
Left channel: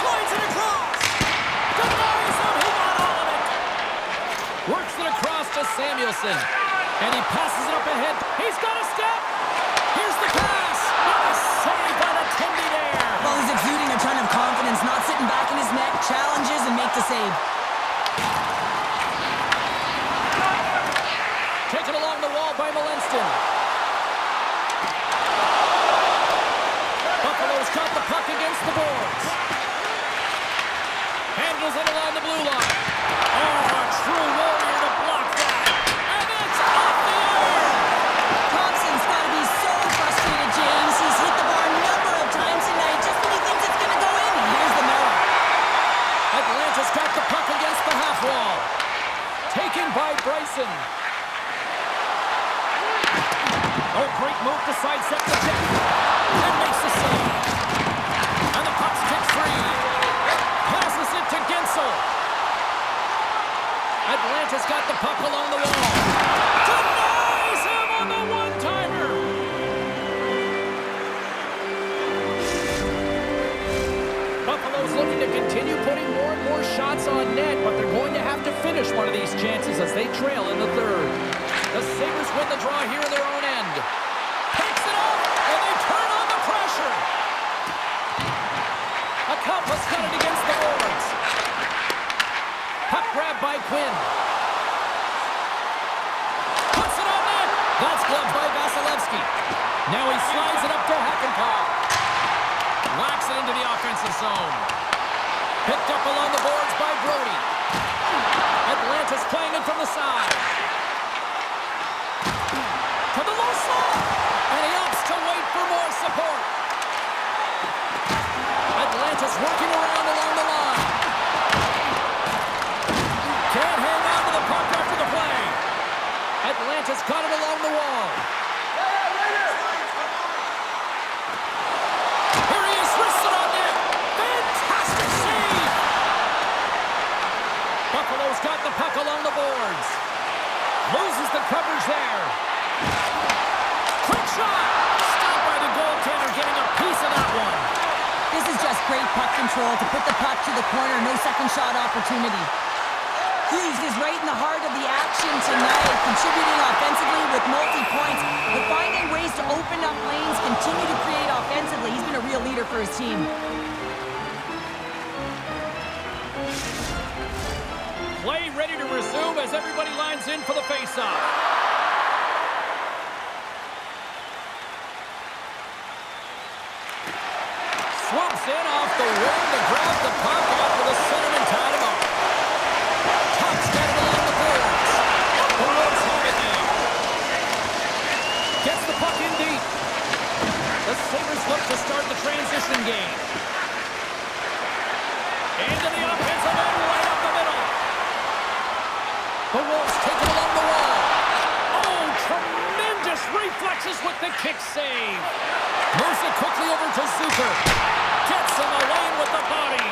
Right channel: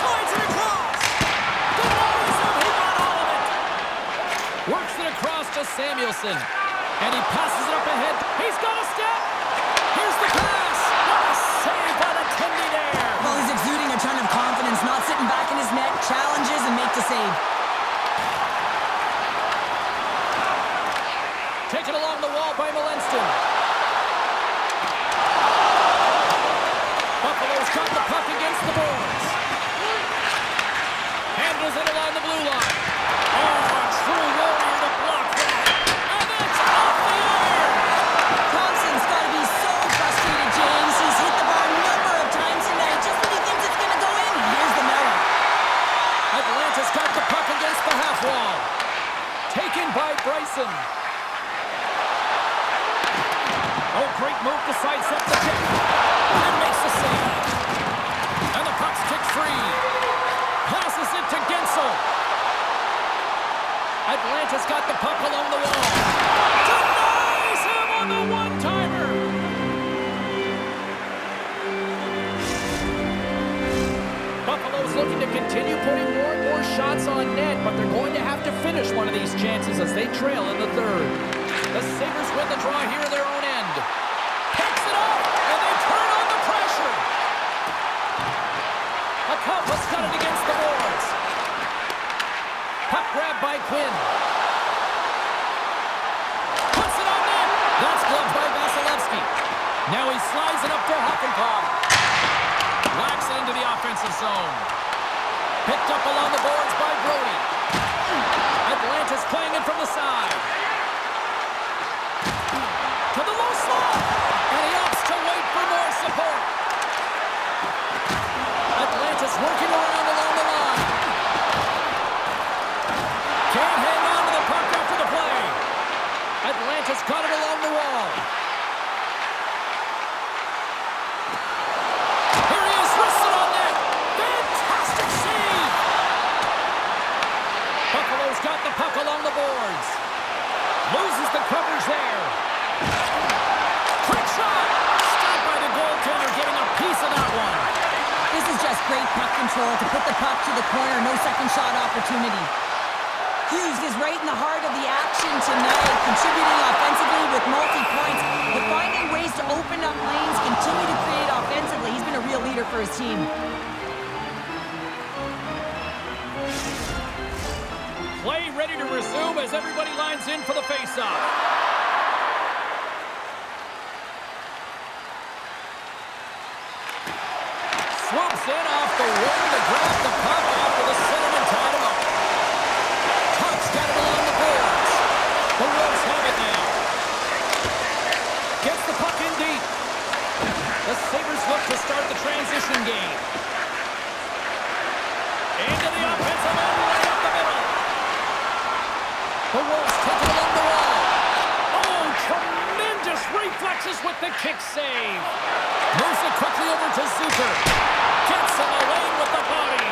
Slides it across. Denies him. He got all of it. Works it across to Samuelson. And he passes it up ahead. He's got a step. Here's the pass. What a save by the Tendy there. Well, he's exuding a ton of confidence, not sitting back in his net, challenges and make the save. Taken along the wall by Malenston. Buffalo's got the puck against the boards. Handles it along the blue line. Oh, a true warrior to block that. And it's off the iron. Thompson's got to be so frustrated, James. He's hit the bar a number of times tonight. Just when he thinks it's going to go in, here's the mirror. Atlanta's got the puck against the half wall. Taken by Bryson. Oh, great move to sidestep the check. And makes the save. And the puck's kicked free. Passes it to Gensel. Atlanta's got the puck along the wall. Denies him on the one-timer. Buffalo's looking to continue putting more and more shots on net, but they're going to have to finish one of these chances as they trail in the third. The Sabres win the draw here in their own end. Picks it up, and they turn on the pressure. Akampa's got it against the boards. Puck grab by Quinn. Puts it on net. That's gloved by Vasilevsky. Now he slides it up to Hakanpää. Whacks it into the offensive zone. Picked up along the boards by Brody. Atlanta's playing it from the side. To the low slot. And he opts to wait for more support. Atlanta's working around along the line. Can't hang on to the puck after the play. Atlanta's got it along the wall. Here he is, wristed on net. Fantastic save. Buffalo's got the puck along the boards. Loses the coverage there. Quick shot. Stopped by the goaltender, getting a piece of that one. This is just great puck control to put the puck to the corner. No second shot opportunity. Hughes is right in the heart of the action tonight, contributing offensively with multi-points, but finding ways to open up lanes, continue to create offensively. He's been a real leader for his team. Play ready to resume as everybody lines in for the face-off. Swoops in off the wing to grab the puck after the centerman tied him up. Tuck's got it along the boards. The Wolves have it now. Gets the puck in deep. The Sabres look to start the transition game. Into the offensive end, right up the middle. The Wolves take it along the wall. Oh, tremendous reflexes with the kick save. Moves it quickly over to Zucker. Gets in the lane with the body.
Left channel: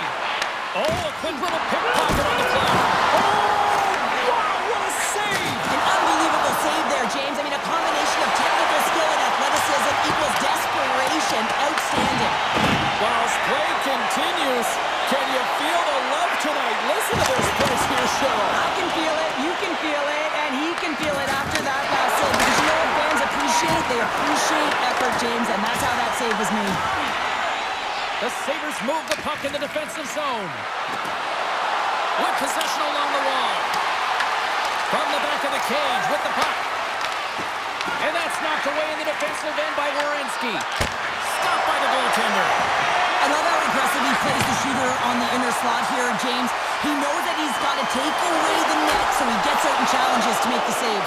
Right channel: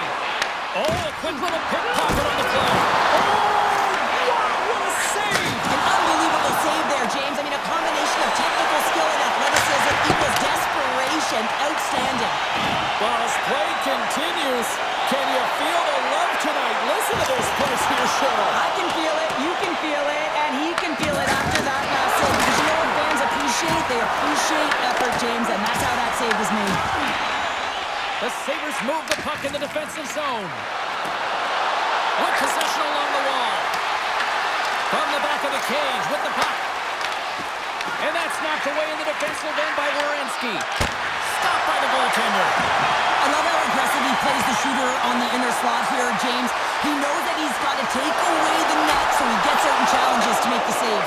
Oh, a quick little pickpocket on the play. Oh, wow, what a save. An unbelievable save there, James. I mean, a combination of technical skill and athleticism equals desperation. Outstanding. Well, as play continues, can you feel the love tonight? Listen to this place here, Cheryl. I can feel it, you can feel it, and he can feel it after that last save. Because you know what fans appreciate? They appreciate effort, James, and that's how that save was made. The Sabres move the puck in the defensive zone. With possession along the wall. From the back of the cage with the puck. And that's knocked away in the defensive end by Werenski. Stopped by the goaltender. I love how aggressive he plays the shooter on the inner slot here, James. He knows that he's got to take away the net, so he gets out and challenges to make the save.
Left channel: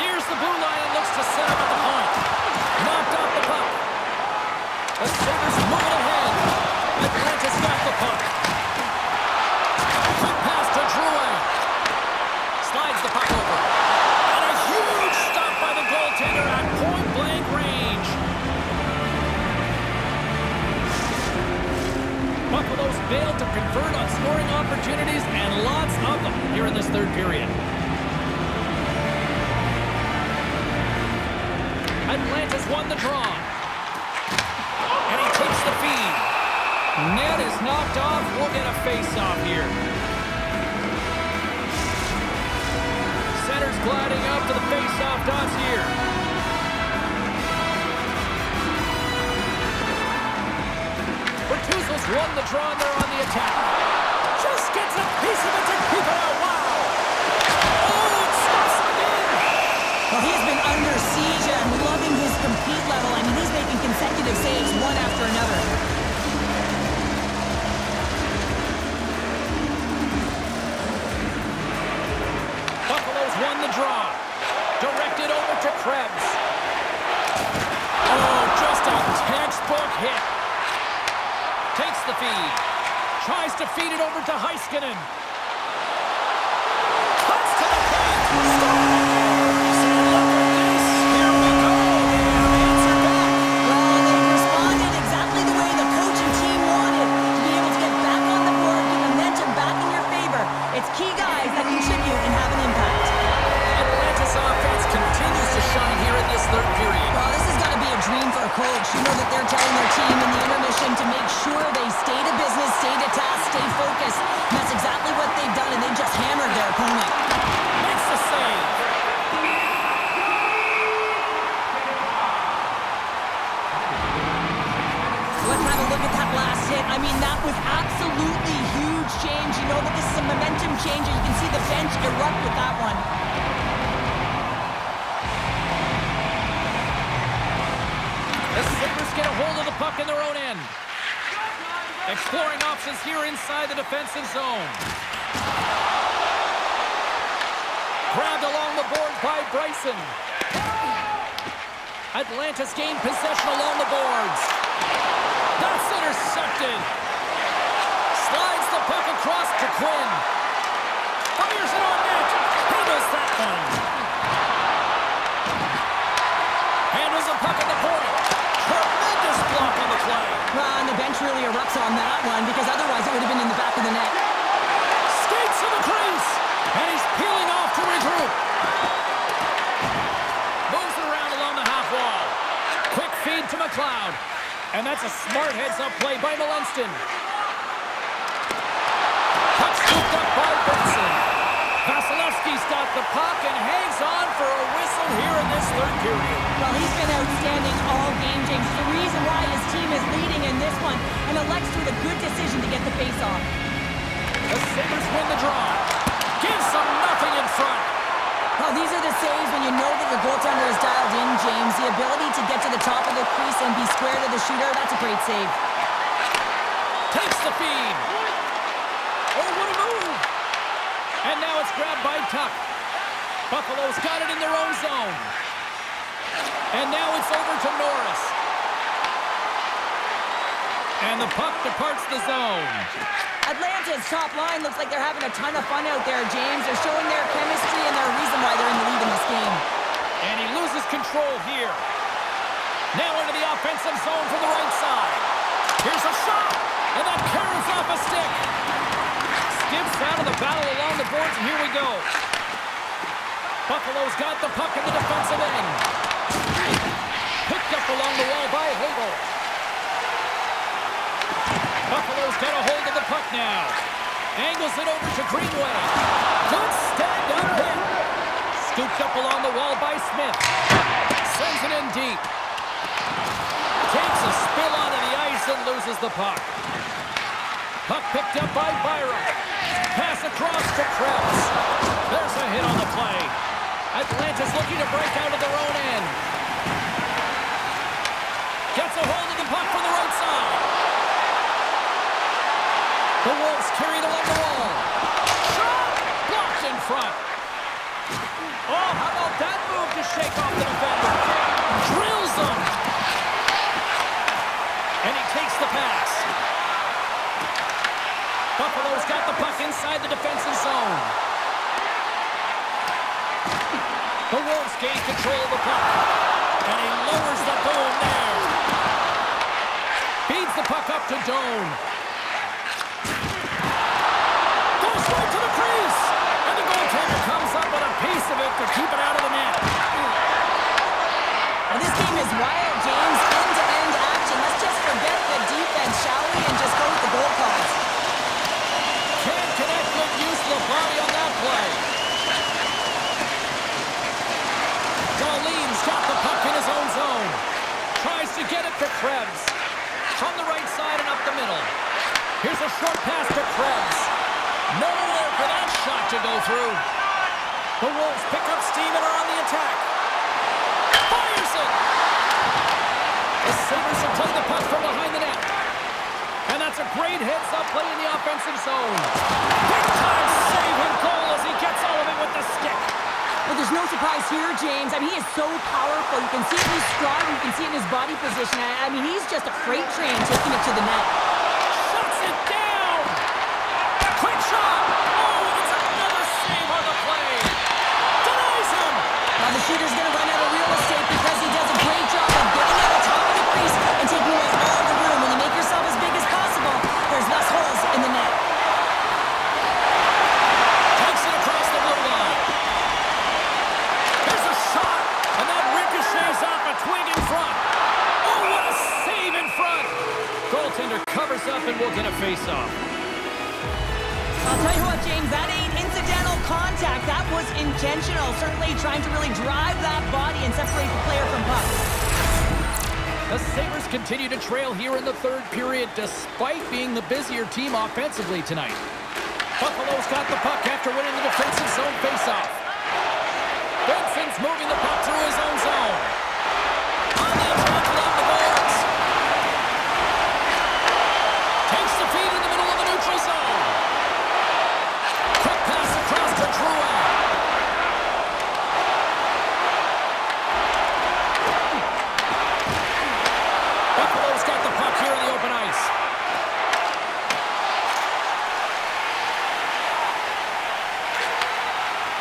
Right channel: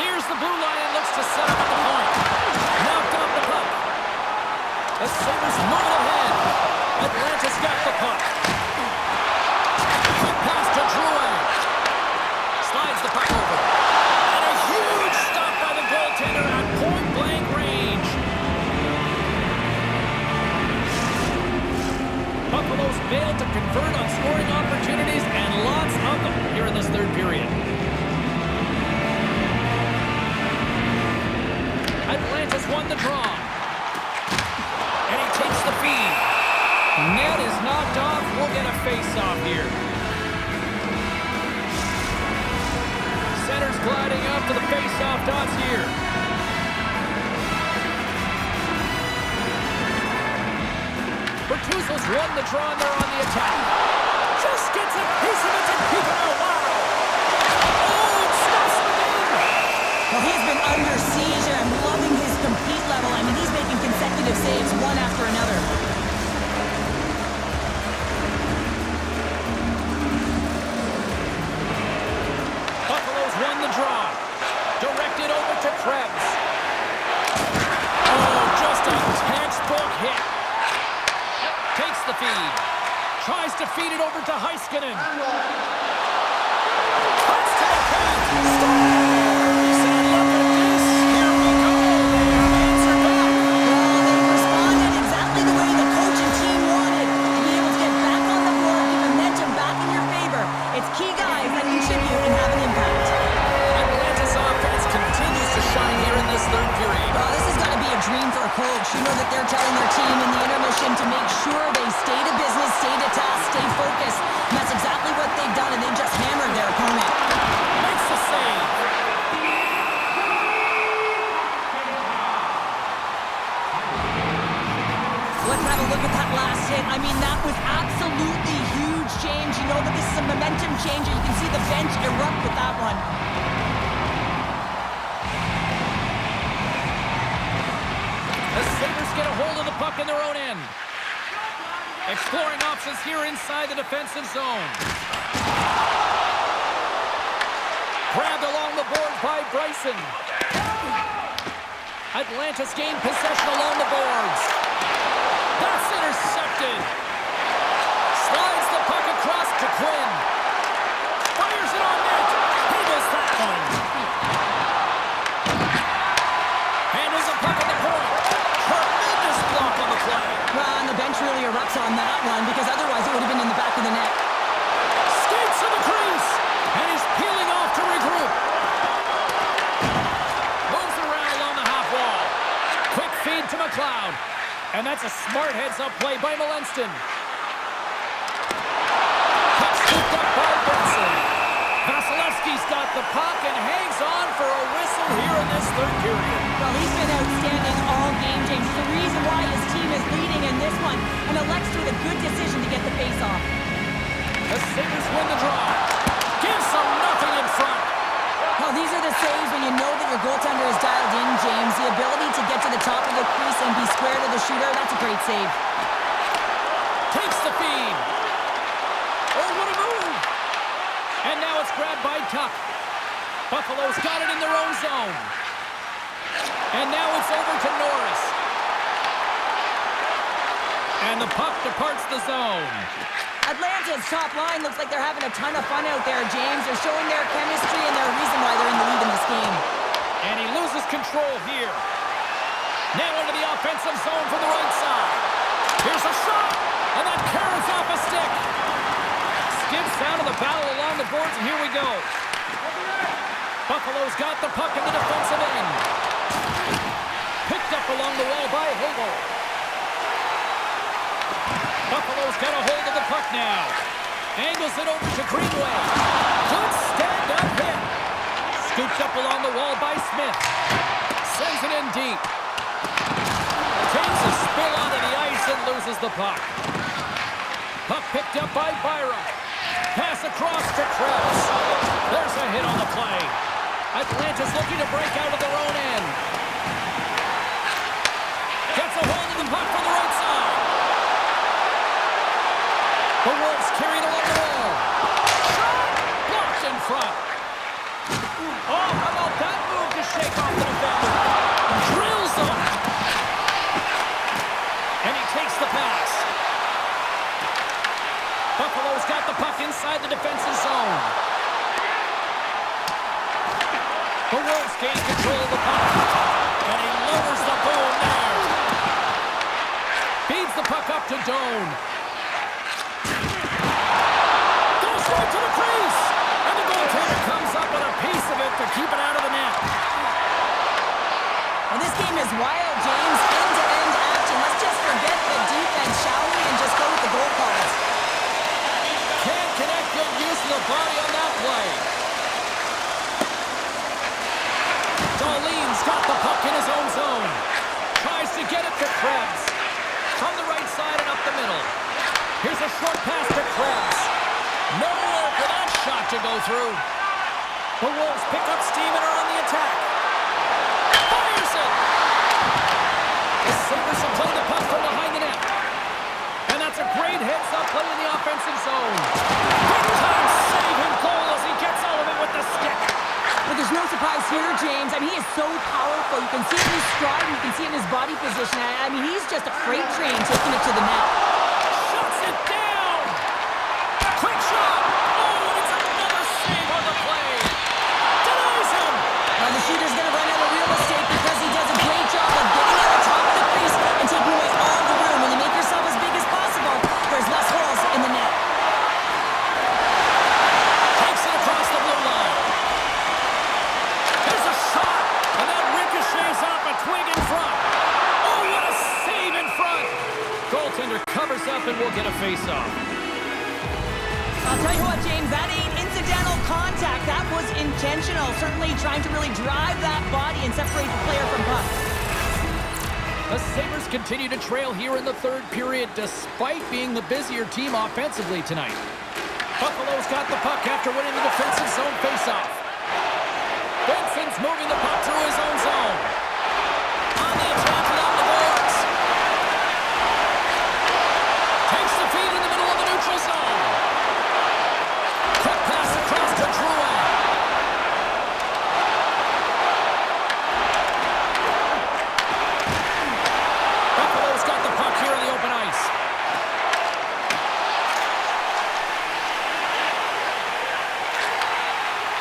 Nears the blue line and looks to set up at the point. Knocked off the puck. The Sabres moving ahead. Atlanta's got the puck. Quick pass to Drouin. Slides the puck over. And a huge stop by the goaltender at point-blank range. Buffalo's failed to convert on scoring opportunities, and lots of them here in this third period. Atlanta's won the draw. And he takes the feed. Net is knocked off. We'll get a face-off here. Center's gliding up to the face-off dots here. Bertuzzo's won the draw, and they're on the attack. Just gets a piece of it to keep it out. Wow. Oh, it stops him again. Well, he's been under siege, and I'm loving his compete level. I mean, he's making consecutive saves one after another. Buffalo's won the draw. Directed over to Krebs. Oh, just a textbook hit. Takes the feed. Tries to feed it over to Heiskanen. Cuts to the paint. Scores! And look at this. Here we go. They have answered back. Well, they've responded exactly the way the coach and team wanted. To be able to get back on the board, get momentum back in your favor. It's key guys that contribute and have an impact. Atlanta's offense continues to shine here in this third period. Well, this has got to be a dream for a coach. You know that they're telling their team in the intermission to make sure they stay to business, stay to task, stay focused. And that's exactly what they've done, and they just hammered their opponent. Makes the save. Let's have a look at that last hit. I mean, that was absolutely huge, James. You know that this is a momentum changer. You can see the bench erupt with that one. The Sabres get a hold of the puck in their own end. Exploring options here inside the defensive zone. Grabbed along the boards by Bryson. Atlanta's gained possession along the boards. That's intercepted. Slides the puck across to Quinn. Fires it on net. Handles that one. Handles the puck at the point. Tremendous block on the play. Well, and the bench really erupts on that one because otherwise it would have been in the back of the net. Skates to the crease. And he's peeling off to regroup. Moves it around along the half wall. Quick feed to McLeod. And that's a smart heads-up play by Malenston. Puck scooped up by Benson. Vasilevsky's got the puck and hangs on for a whistle here in this third period. Well, he's been outstanding all game, James. The reason why his team is leading in this one, and elects with a good decision to get the face-off. The Sabres win the draw. Gives them nothing in front. Well, these are the saves when you know that your goaltender is dialed in, James. The ability to get to the top of the crease and be square to the shooter, that's a great save. Takes the feed. Oh, what a move. And now it's grabbed by Tuck. Buffalo's got it in their own zone. And now it's over to Norris. And the puck departs the zone. Atlanta's top line looks like they're having a ton of fun out there, James. They're showing their chemistry and their reason why they're in the lead in this game. And he loses control here. Now into the offensive zone from the right side. Here's a shot. And that carrots off a stick. Skips out of the battle along the boards, and here we go. Buffalo's got the puck in the defensive end. Picked up along the wall by Hagel. Buffalo's got a hold of the puck now. Angles it over to Greenway. Good stand-up hit. Scooped up along the wall by Smith. Sends it in deep. Takes a spill onto the ice and loses the puck. Puck picked up by Byram. Pass across to Krebs. There's a hit on the play. Atlanta's looking to break out of their own end. Gets a hold of the puck from the right side. The Wolves carry it along the wall. Shot! Blocked in front. Oh, how about that move to shake off the defender? Drills him. And he takes the pass. Buffalo's got the puck inside the defensive zone. The Wolves gain control of the puck. And he lowers the boom there. Feeds the puck up to Doan. Goes right to the crease. And the goaltender comes up with a piece of it to keep it out of the net. Well, this game is wild, James. End-to-end action. Let's just forget the defense, shall we, and just go with the goal calls. Can't connect. Good use of the body on that play. Darlene's got the puck in his own zone. Tries to get it to Krebs. From the right side and up the middle. Here's a short pass to Krebs. Nowhere for that shot to go through. The Wolves pick up steam and are on the attack. Fires it! The Sabres have played the puck from behind the net. And that's a great heads-up play in the offensive zone. Big-time save and goal as he gets all of it with the stick. But there's no surprise here, James. I mean, he is so powerful. You can see it in his stride, you can see it in his body position. I mean, he's just a freight train taking it to the net. Shuts it down! Quick shot! Oh, and it's another save on the play! Denies him! Now the shooter's going to run out of real estate because he does a great job of getting at the top of the crease and taking away all the room. When you make yourself as big as possible, there's less holes in the net. Takes it across the blue line. There's a shot, and that ricochets off a twig in front. Oh, what a save in front! Goaltender covers up and will get a face-off. I'll tell you what, James, that ain't incidental contact. That was intentional. Certainly trying to really drive that body and separate the player from puck. The Sabres continue to trail here in the third period despite being the busier team offensively tonight. Buffalo's got the puck after winning the defensive zone faceoff. Benson's moving the puck through his own zone. On the attack along the boards. Takes the feed in the middle of the neutral zone. Quick pass across to Drouin. Buffalo's got the puck here in the open ice.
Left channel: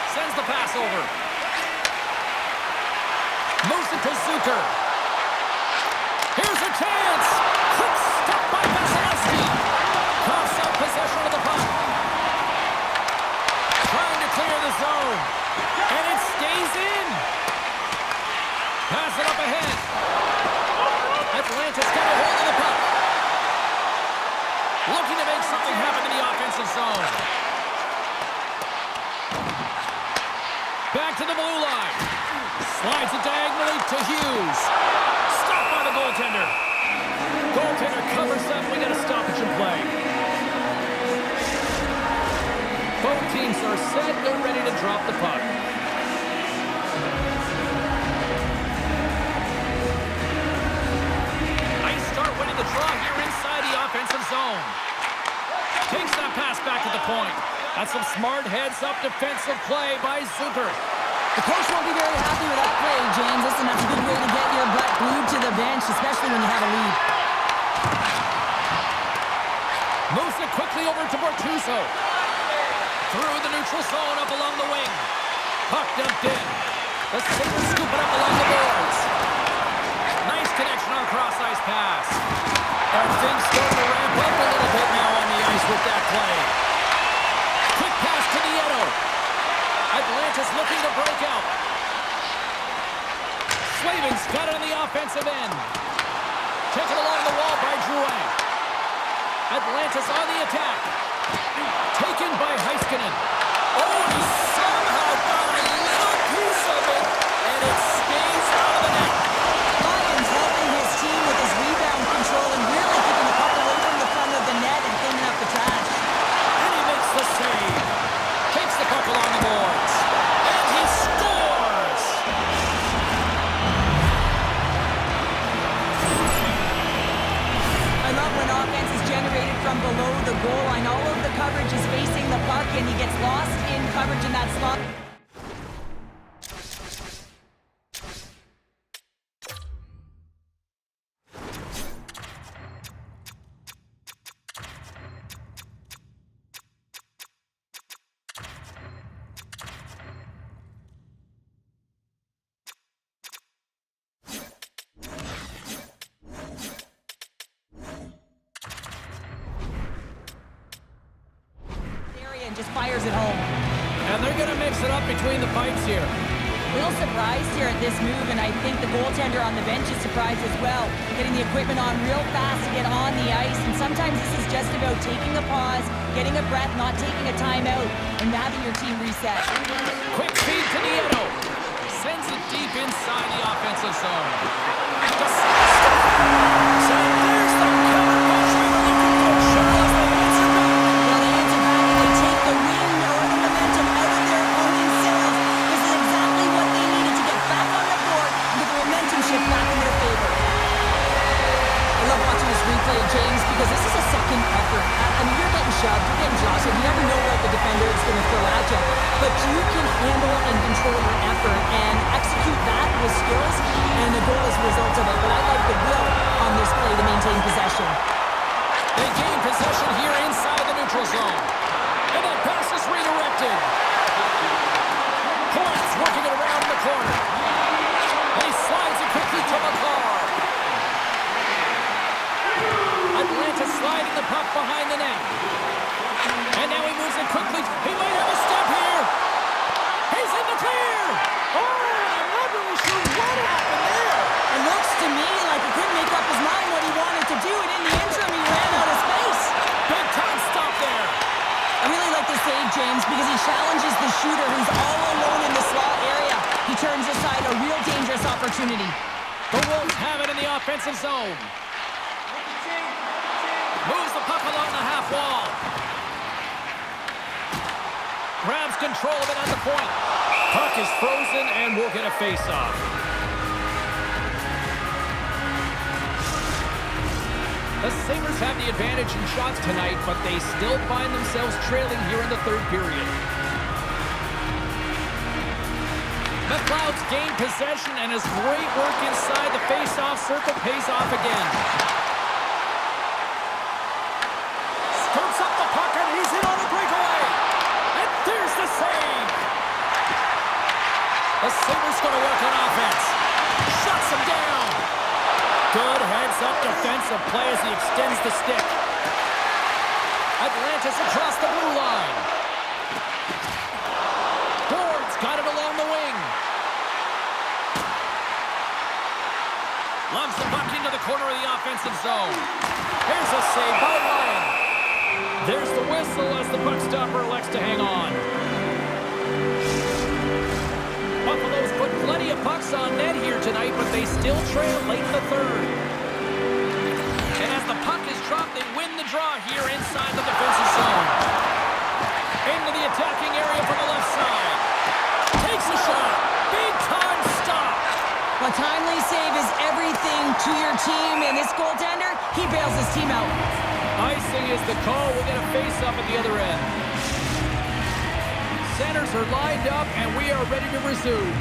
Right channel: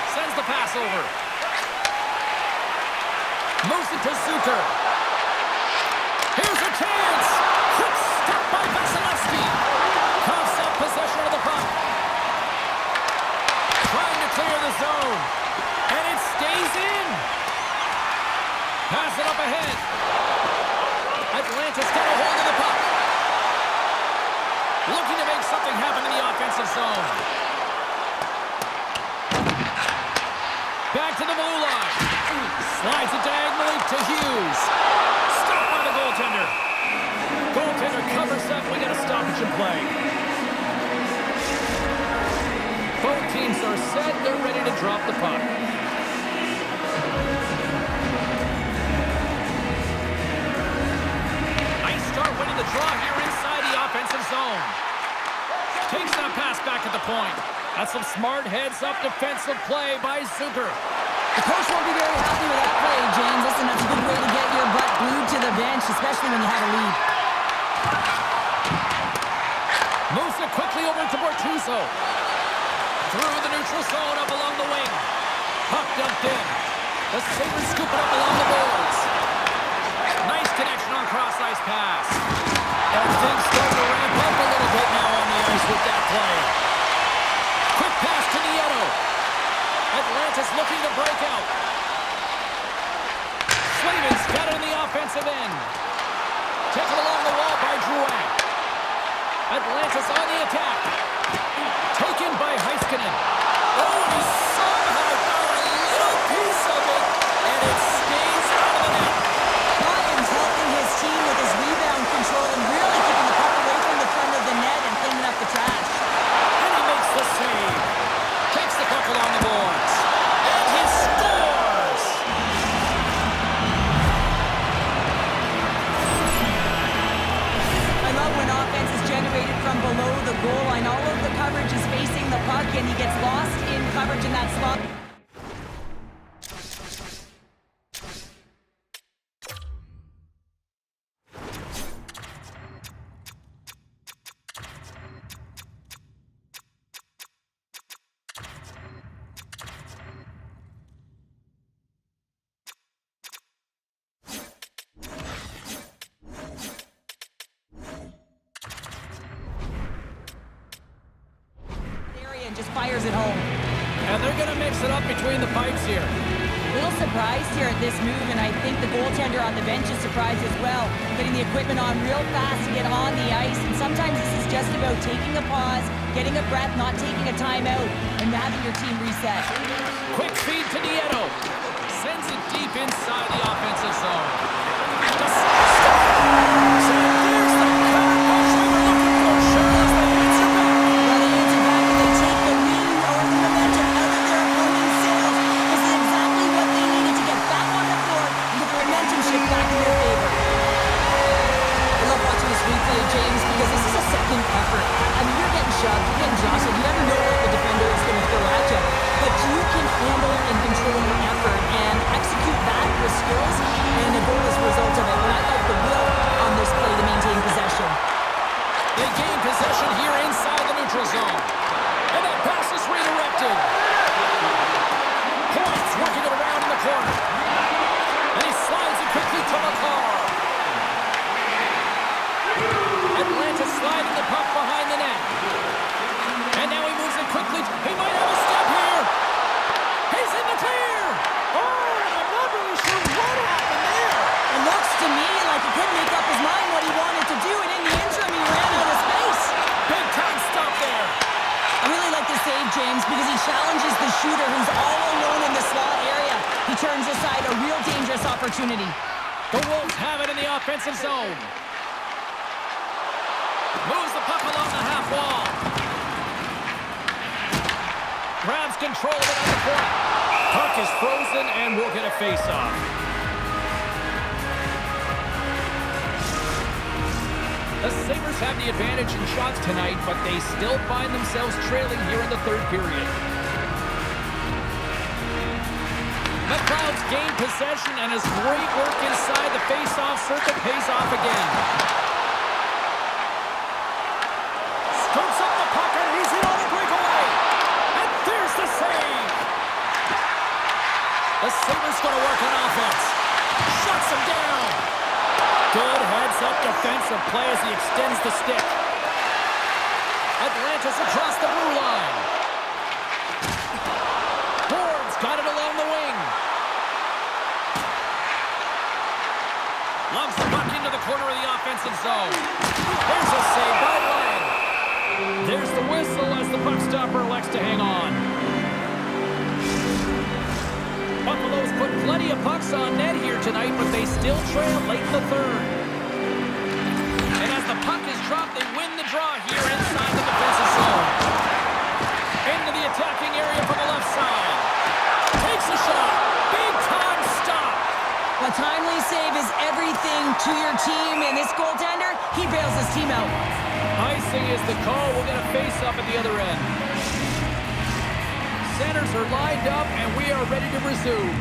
Sends the pass over. Moves it to Zucker. Here's a chance. Quick stop by Vasilevsky. Coughs up possession of the puck. Trying to clear the zone. And it stays in. Pass it up ahead. Atlanta's got a hold of the puck. Looking to make something happen in the offensive zone. Back to the blue line. Slides it diagonally to Hughes. Stopped by the goaltender. Goaltender covers up. We got a stoppage in play. Both teams are set. They're ready to drop the puck. on the draw here inside the offensive zone. Takes that pass back at the point. That's some smart heads-up defensive play by Zucker. The coach won't be very happy with that play, James. Listen, that's a good way to get your butt glued to the bench, especially when you have a lead. Moves it quickly over to Bortuzzo. Through the neutral zone up along the wing. Puck dumped in. The Sabres scoop it up along the boards. Nice connection on cross-ice pass. And things starting to ramp up a little bit now on the ice with that play. Quick pass to Nieto. Atlanta's looking to break out. Slavin's got it on the offensive end. Taken along the wall by Drouin. Atlanta's on the attack. Taken by Heiskanen. Oh, he somehow got a little piece of it, and it skates out of the net. Lyons helping his team with his rebound control and really keeping the puck away from the front of the net and cleaning up the trash. And he makes the save. Takes the puck along the boards. And he scores! I love when offense is generated from below the goal line. All of the coverage is facing the puck, and he gets lost in coverage in that spot. And just fires it home. And they're going to mix it up between the pipes here. Little surprised here at this move, and I think the goaltender on the bench is surprised as well. Getting the equipment on real fast to get on the ice, and sometimes this is just about taking a pause, getting a breath, not taking a timeout, and having your team reset. Quick feed to Nieto. Sends it deep inside the offensive zone. Just stop. So there's the counter punch we were looking for. Charles, they answer back. Well, they answer back and they take the wind or the momentum out of their opponent's sails. This is exactly what they needed to get back on the board and get the momentum shift back in their favor. I love watching this replay, James, because this is a second effort. I mean, you're getting shoved, you're getting jostled. You never know what the defender is going to throw at you. But you can handle and control your effort and execute that with skills, and a goal is a result of it. But I like the will on this play to maintain possession. They gain possession here inside the neutral zone. And that pass is redirected. Points working it around in the corner. And he slides it quickly to McCarr. Atlanta sliding the puck behind the net. And now he moves it quickly. He might have a step here. He's in the clear. Oh, and I'm not really sure what happened there. It looks to me like he couldn't make up his mind what he wanted to do, and in the interim, he ran out of space. Big time stop there. I really like the save, James, because he challenges the shooter who's all alone in the slot area. He turns aside a real dangerous opportunity. The Wolves have it in the offensive zone. Moves the puck along the half wall. Grabs control of it at the point. Puck is frozen and we'll get a face-off. The Sabres have the advantage in shots tonight, but they still find themselves trailing here in the third period. McLeod's gained possession, and his great work inside the face-off circle pays off again. Scoops up the puck, and he's in on a breakaway. And there's the save. The Sabres going to work on offense. Shuts him down. Good heads-up defensive play as he extends the stick. Atlanta's across the blue line. Boards got it along the wing. Loves the puck into the corner of the offensive zone. Here's a save by Lyon. There's the whistle as the puck stopper elects to hang on. Buffalo's put plenty of pucks on net here tonight, but they still trail late in the third. And as the puck is dropped, they win the draw here inside the defensive zone. Into the attacking area from the left side. Takes a shot. Big time stop. Well, timely save is everything to your team, and this goaltender, he bails his team out. Icing is the call. We'll get a face-off at the other end. Centers are lined up, and we are ready to resume.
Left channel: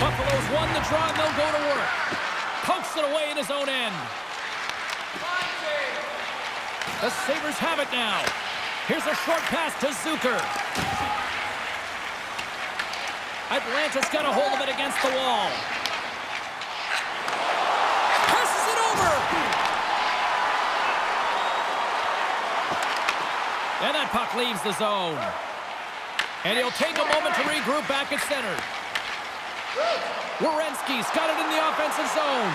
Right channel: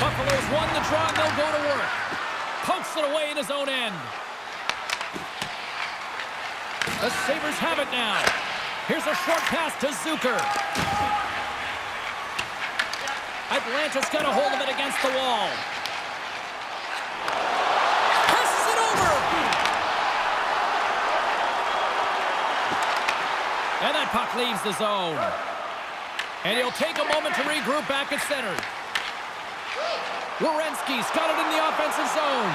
Buffalo's won the draw, and they'll go to work. Pokes it away in his own end. The Sabres have it now. Here's a short pass to Zucker. Atlanta's got a hold of it against the wall. Passes it over. And that puck leaves the zone. And he'll take a moment to regroup back at center. Werenski's got it in the offensive zone.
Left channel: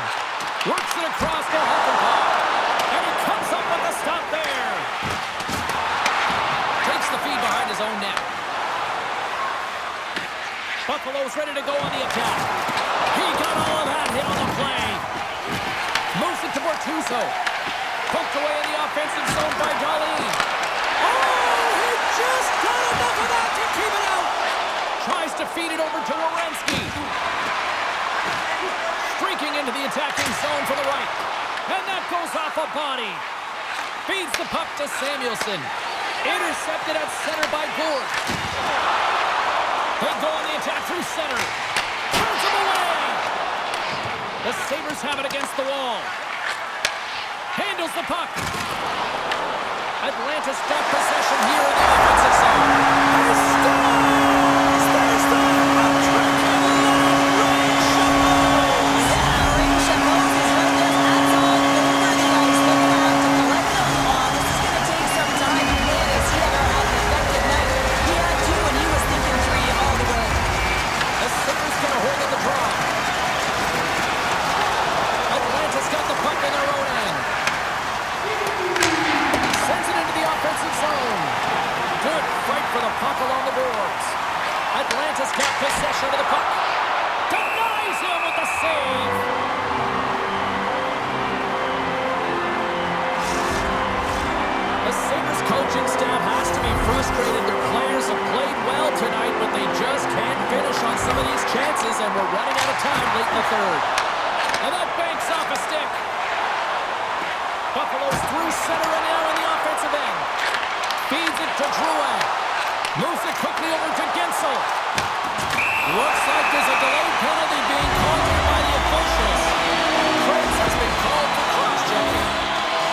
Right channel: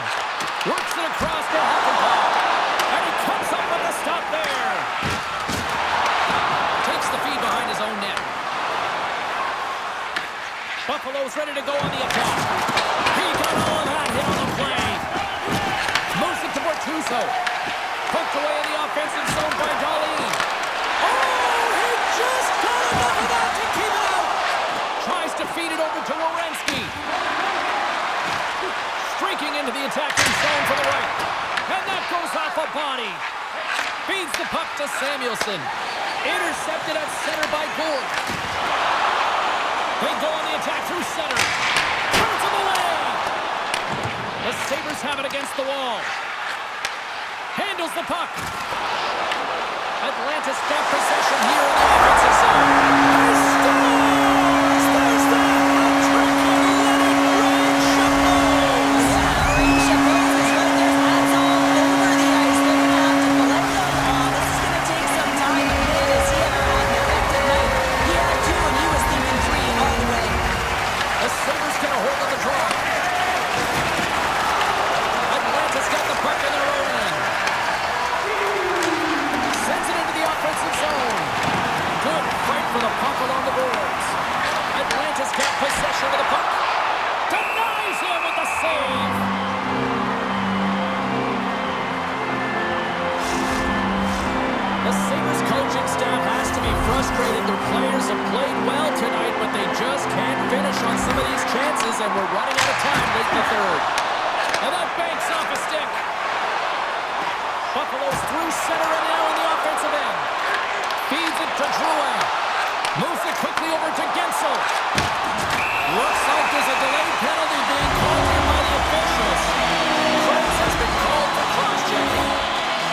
Works it across to Hakanpää. And he comes up with the stop there. Takes the feed behind his own net. Buffalo's ready to go on the attack. He got all of that hit on the play. Moves it to Bortuzzo. Poked away in the offensive zone by Darlene. Oh, he just got enough of that to keep it out. Tries to feed it over to Werenski. Streaking into the attacking zone for the right. And that goes off a body. Feeds the puck to Samuelsson. Intercepted at center by Gourde. They go on the attack through center. Turns him away. The Sabres have it against the wall. Handles the puck. Atlanta's got possession here in the offensive zone. He scores! There's the hat trick and let it rain Chapeau! Yeah, rain Chapeau is right there. Hats all over the ice. They're going to have to collect them. Oh, this is going to take some time. But man, has he ever had an effective night. He had two, and he was thinking three all the way. The Sabres get a hold of the draw. Atlanta's got the puck in their own end. Sends it into the offensive zone. Good fight for the puck along the boards. Atlanta's got possession of the puck. Denies him with the save. The Sabres coaching staff has to be frustrated. Their players have played well tonight, but they just can't finish on some of these chances, and we're running out of time late in the third. And that banks off a stick. Buffalo's through center and now in the offensive end. Feeds it to Drouin. Moves it quickly over to Gensel. Looks like there's a delayed penalty being called here by the officials. Krebs has been called for cross-checking.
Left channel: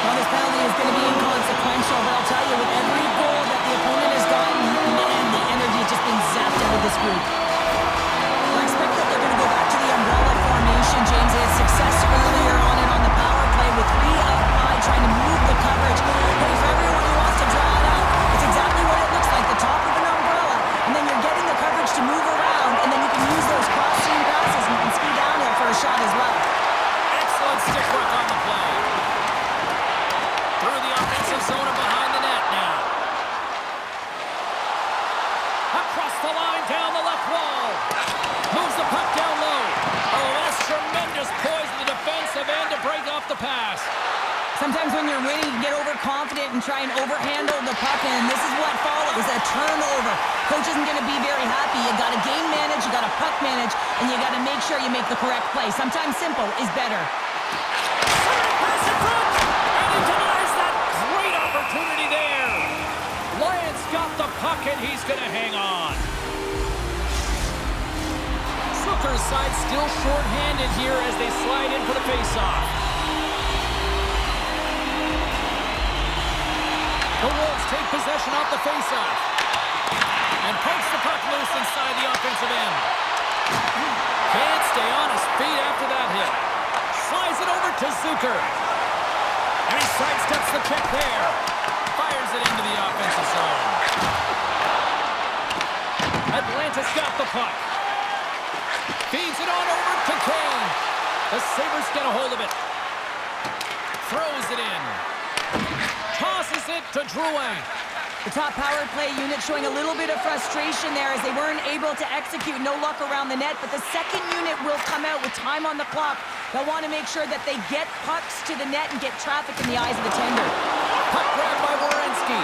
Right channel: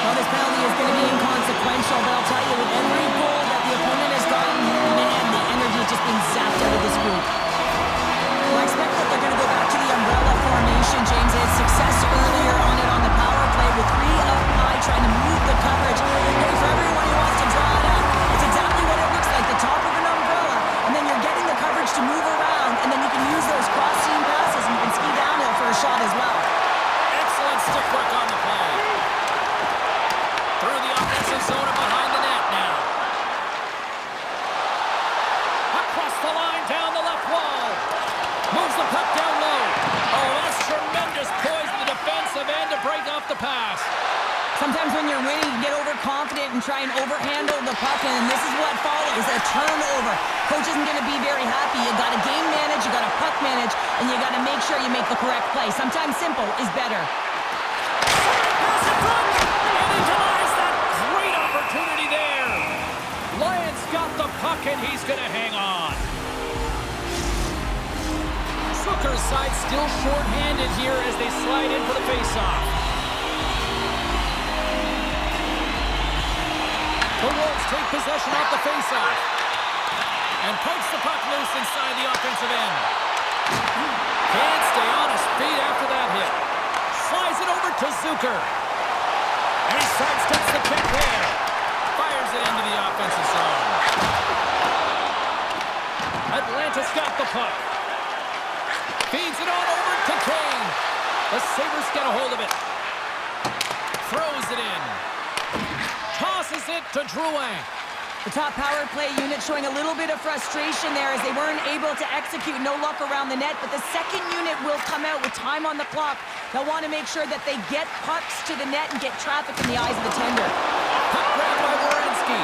Well, this penalty is going to be inconsequential, but I'll tell you, with every goal that the opponent has gotten, man, the energy has just been zapped out of this group. Well, I expect that they're going to go back to the umbrella formation, James. They had success earlier on it on the power play with three up high trying to move the coverage. Hey, for everyone who wants to draw it up, it's exactly what it looks like, the top of an umbrella, and then you're getting the coverage to move around, and then you can use those cross-seam passes, and you can ski downhill for a shot as well. Excellent stick work on the play. Through the offensive zone and behind the net now. Across the line, down the left wall. Moves the puck down low. Oh, that's tremendous poise in the defensive end to break off the pass. Sometimes when you're winning, you get overconfident and try and overhandle the puck, and this is what follows, a turnover. Coach isn't going to be very happy. You got to game manage, you got to puck manage, and you got to make sure you make the correct play. Sometimes simple is better. Sorry, pass in front, and he denies that great opportunity there. Lions got the puck, and he's going to hang on. Zucker's side still short-handed here as they slide in for the face-off. The Wolves take possession off the face-off. And pokes the puck loose inside the offensive end. Can't stay on his feet after that hit. Slides it over to Zucker. And he sidesteps the kick there. Fires it into the offensive zone. Atlanta's got the puck. Feeds it on over to Kane. The Sabres get a hold of it. Throws it in. Tosses it to Drouin. The top power play unit showing a little bit of frustration there as they weren't able to execute. No luck around the net, but the second unit will come out with time on the clock. They'll want to make sure that they get pucks to the net and get traffic in the eyes of the tender. Puck grabbed by Werenski.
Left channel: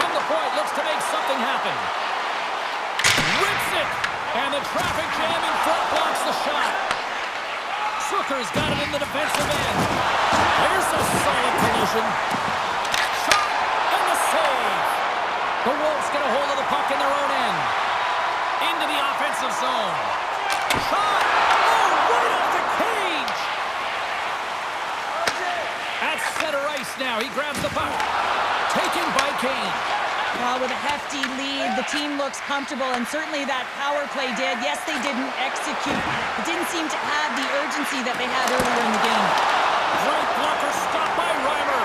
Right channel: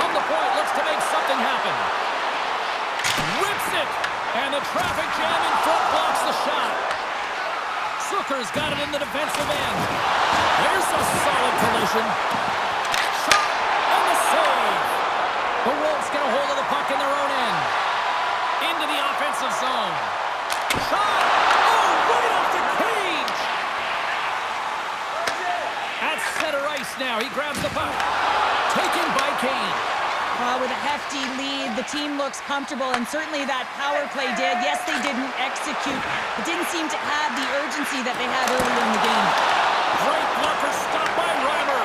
From the point, looks to make something happen. Shoots it! And the traffic jam in front blocks the shot. Zucker's got it in the defensive end. There's a solid collision. Shot and the save. The Wolves get a hold of the puck in their own end. Into the offensive zone. Shot! Oh, right off the cage! At center ice now. He grabs the puck. Taken by Kane. With a hefty lead, the team looks comfortable, and certainly that power play did. Yes, they didn't execute. It didn't seem to have the urgency that they had earlier in the game. Great blocker, stopped by Reimer.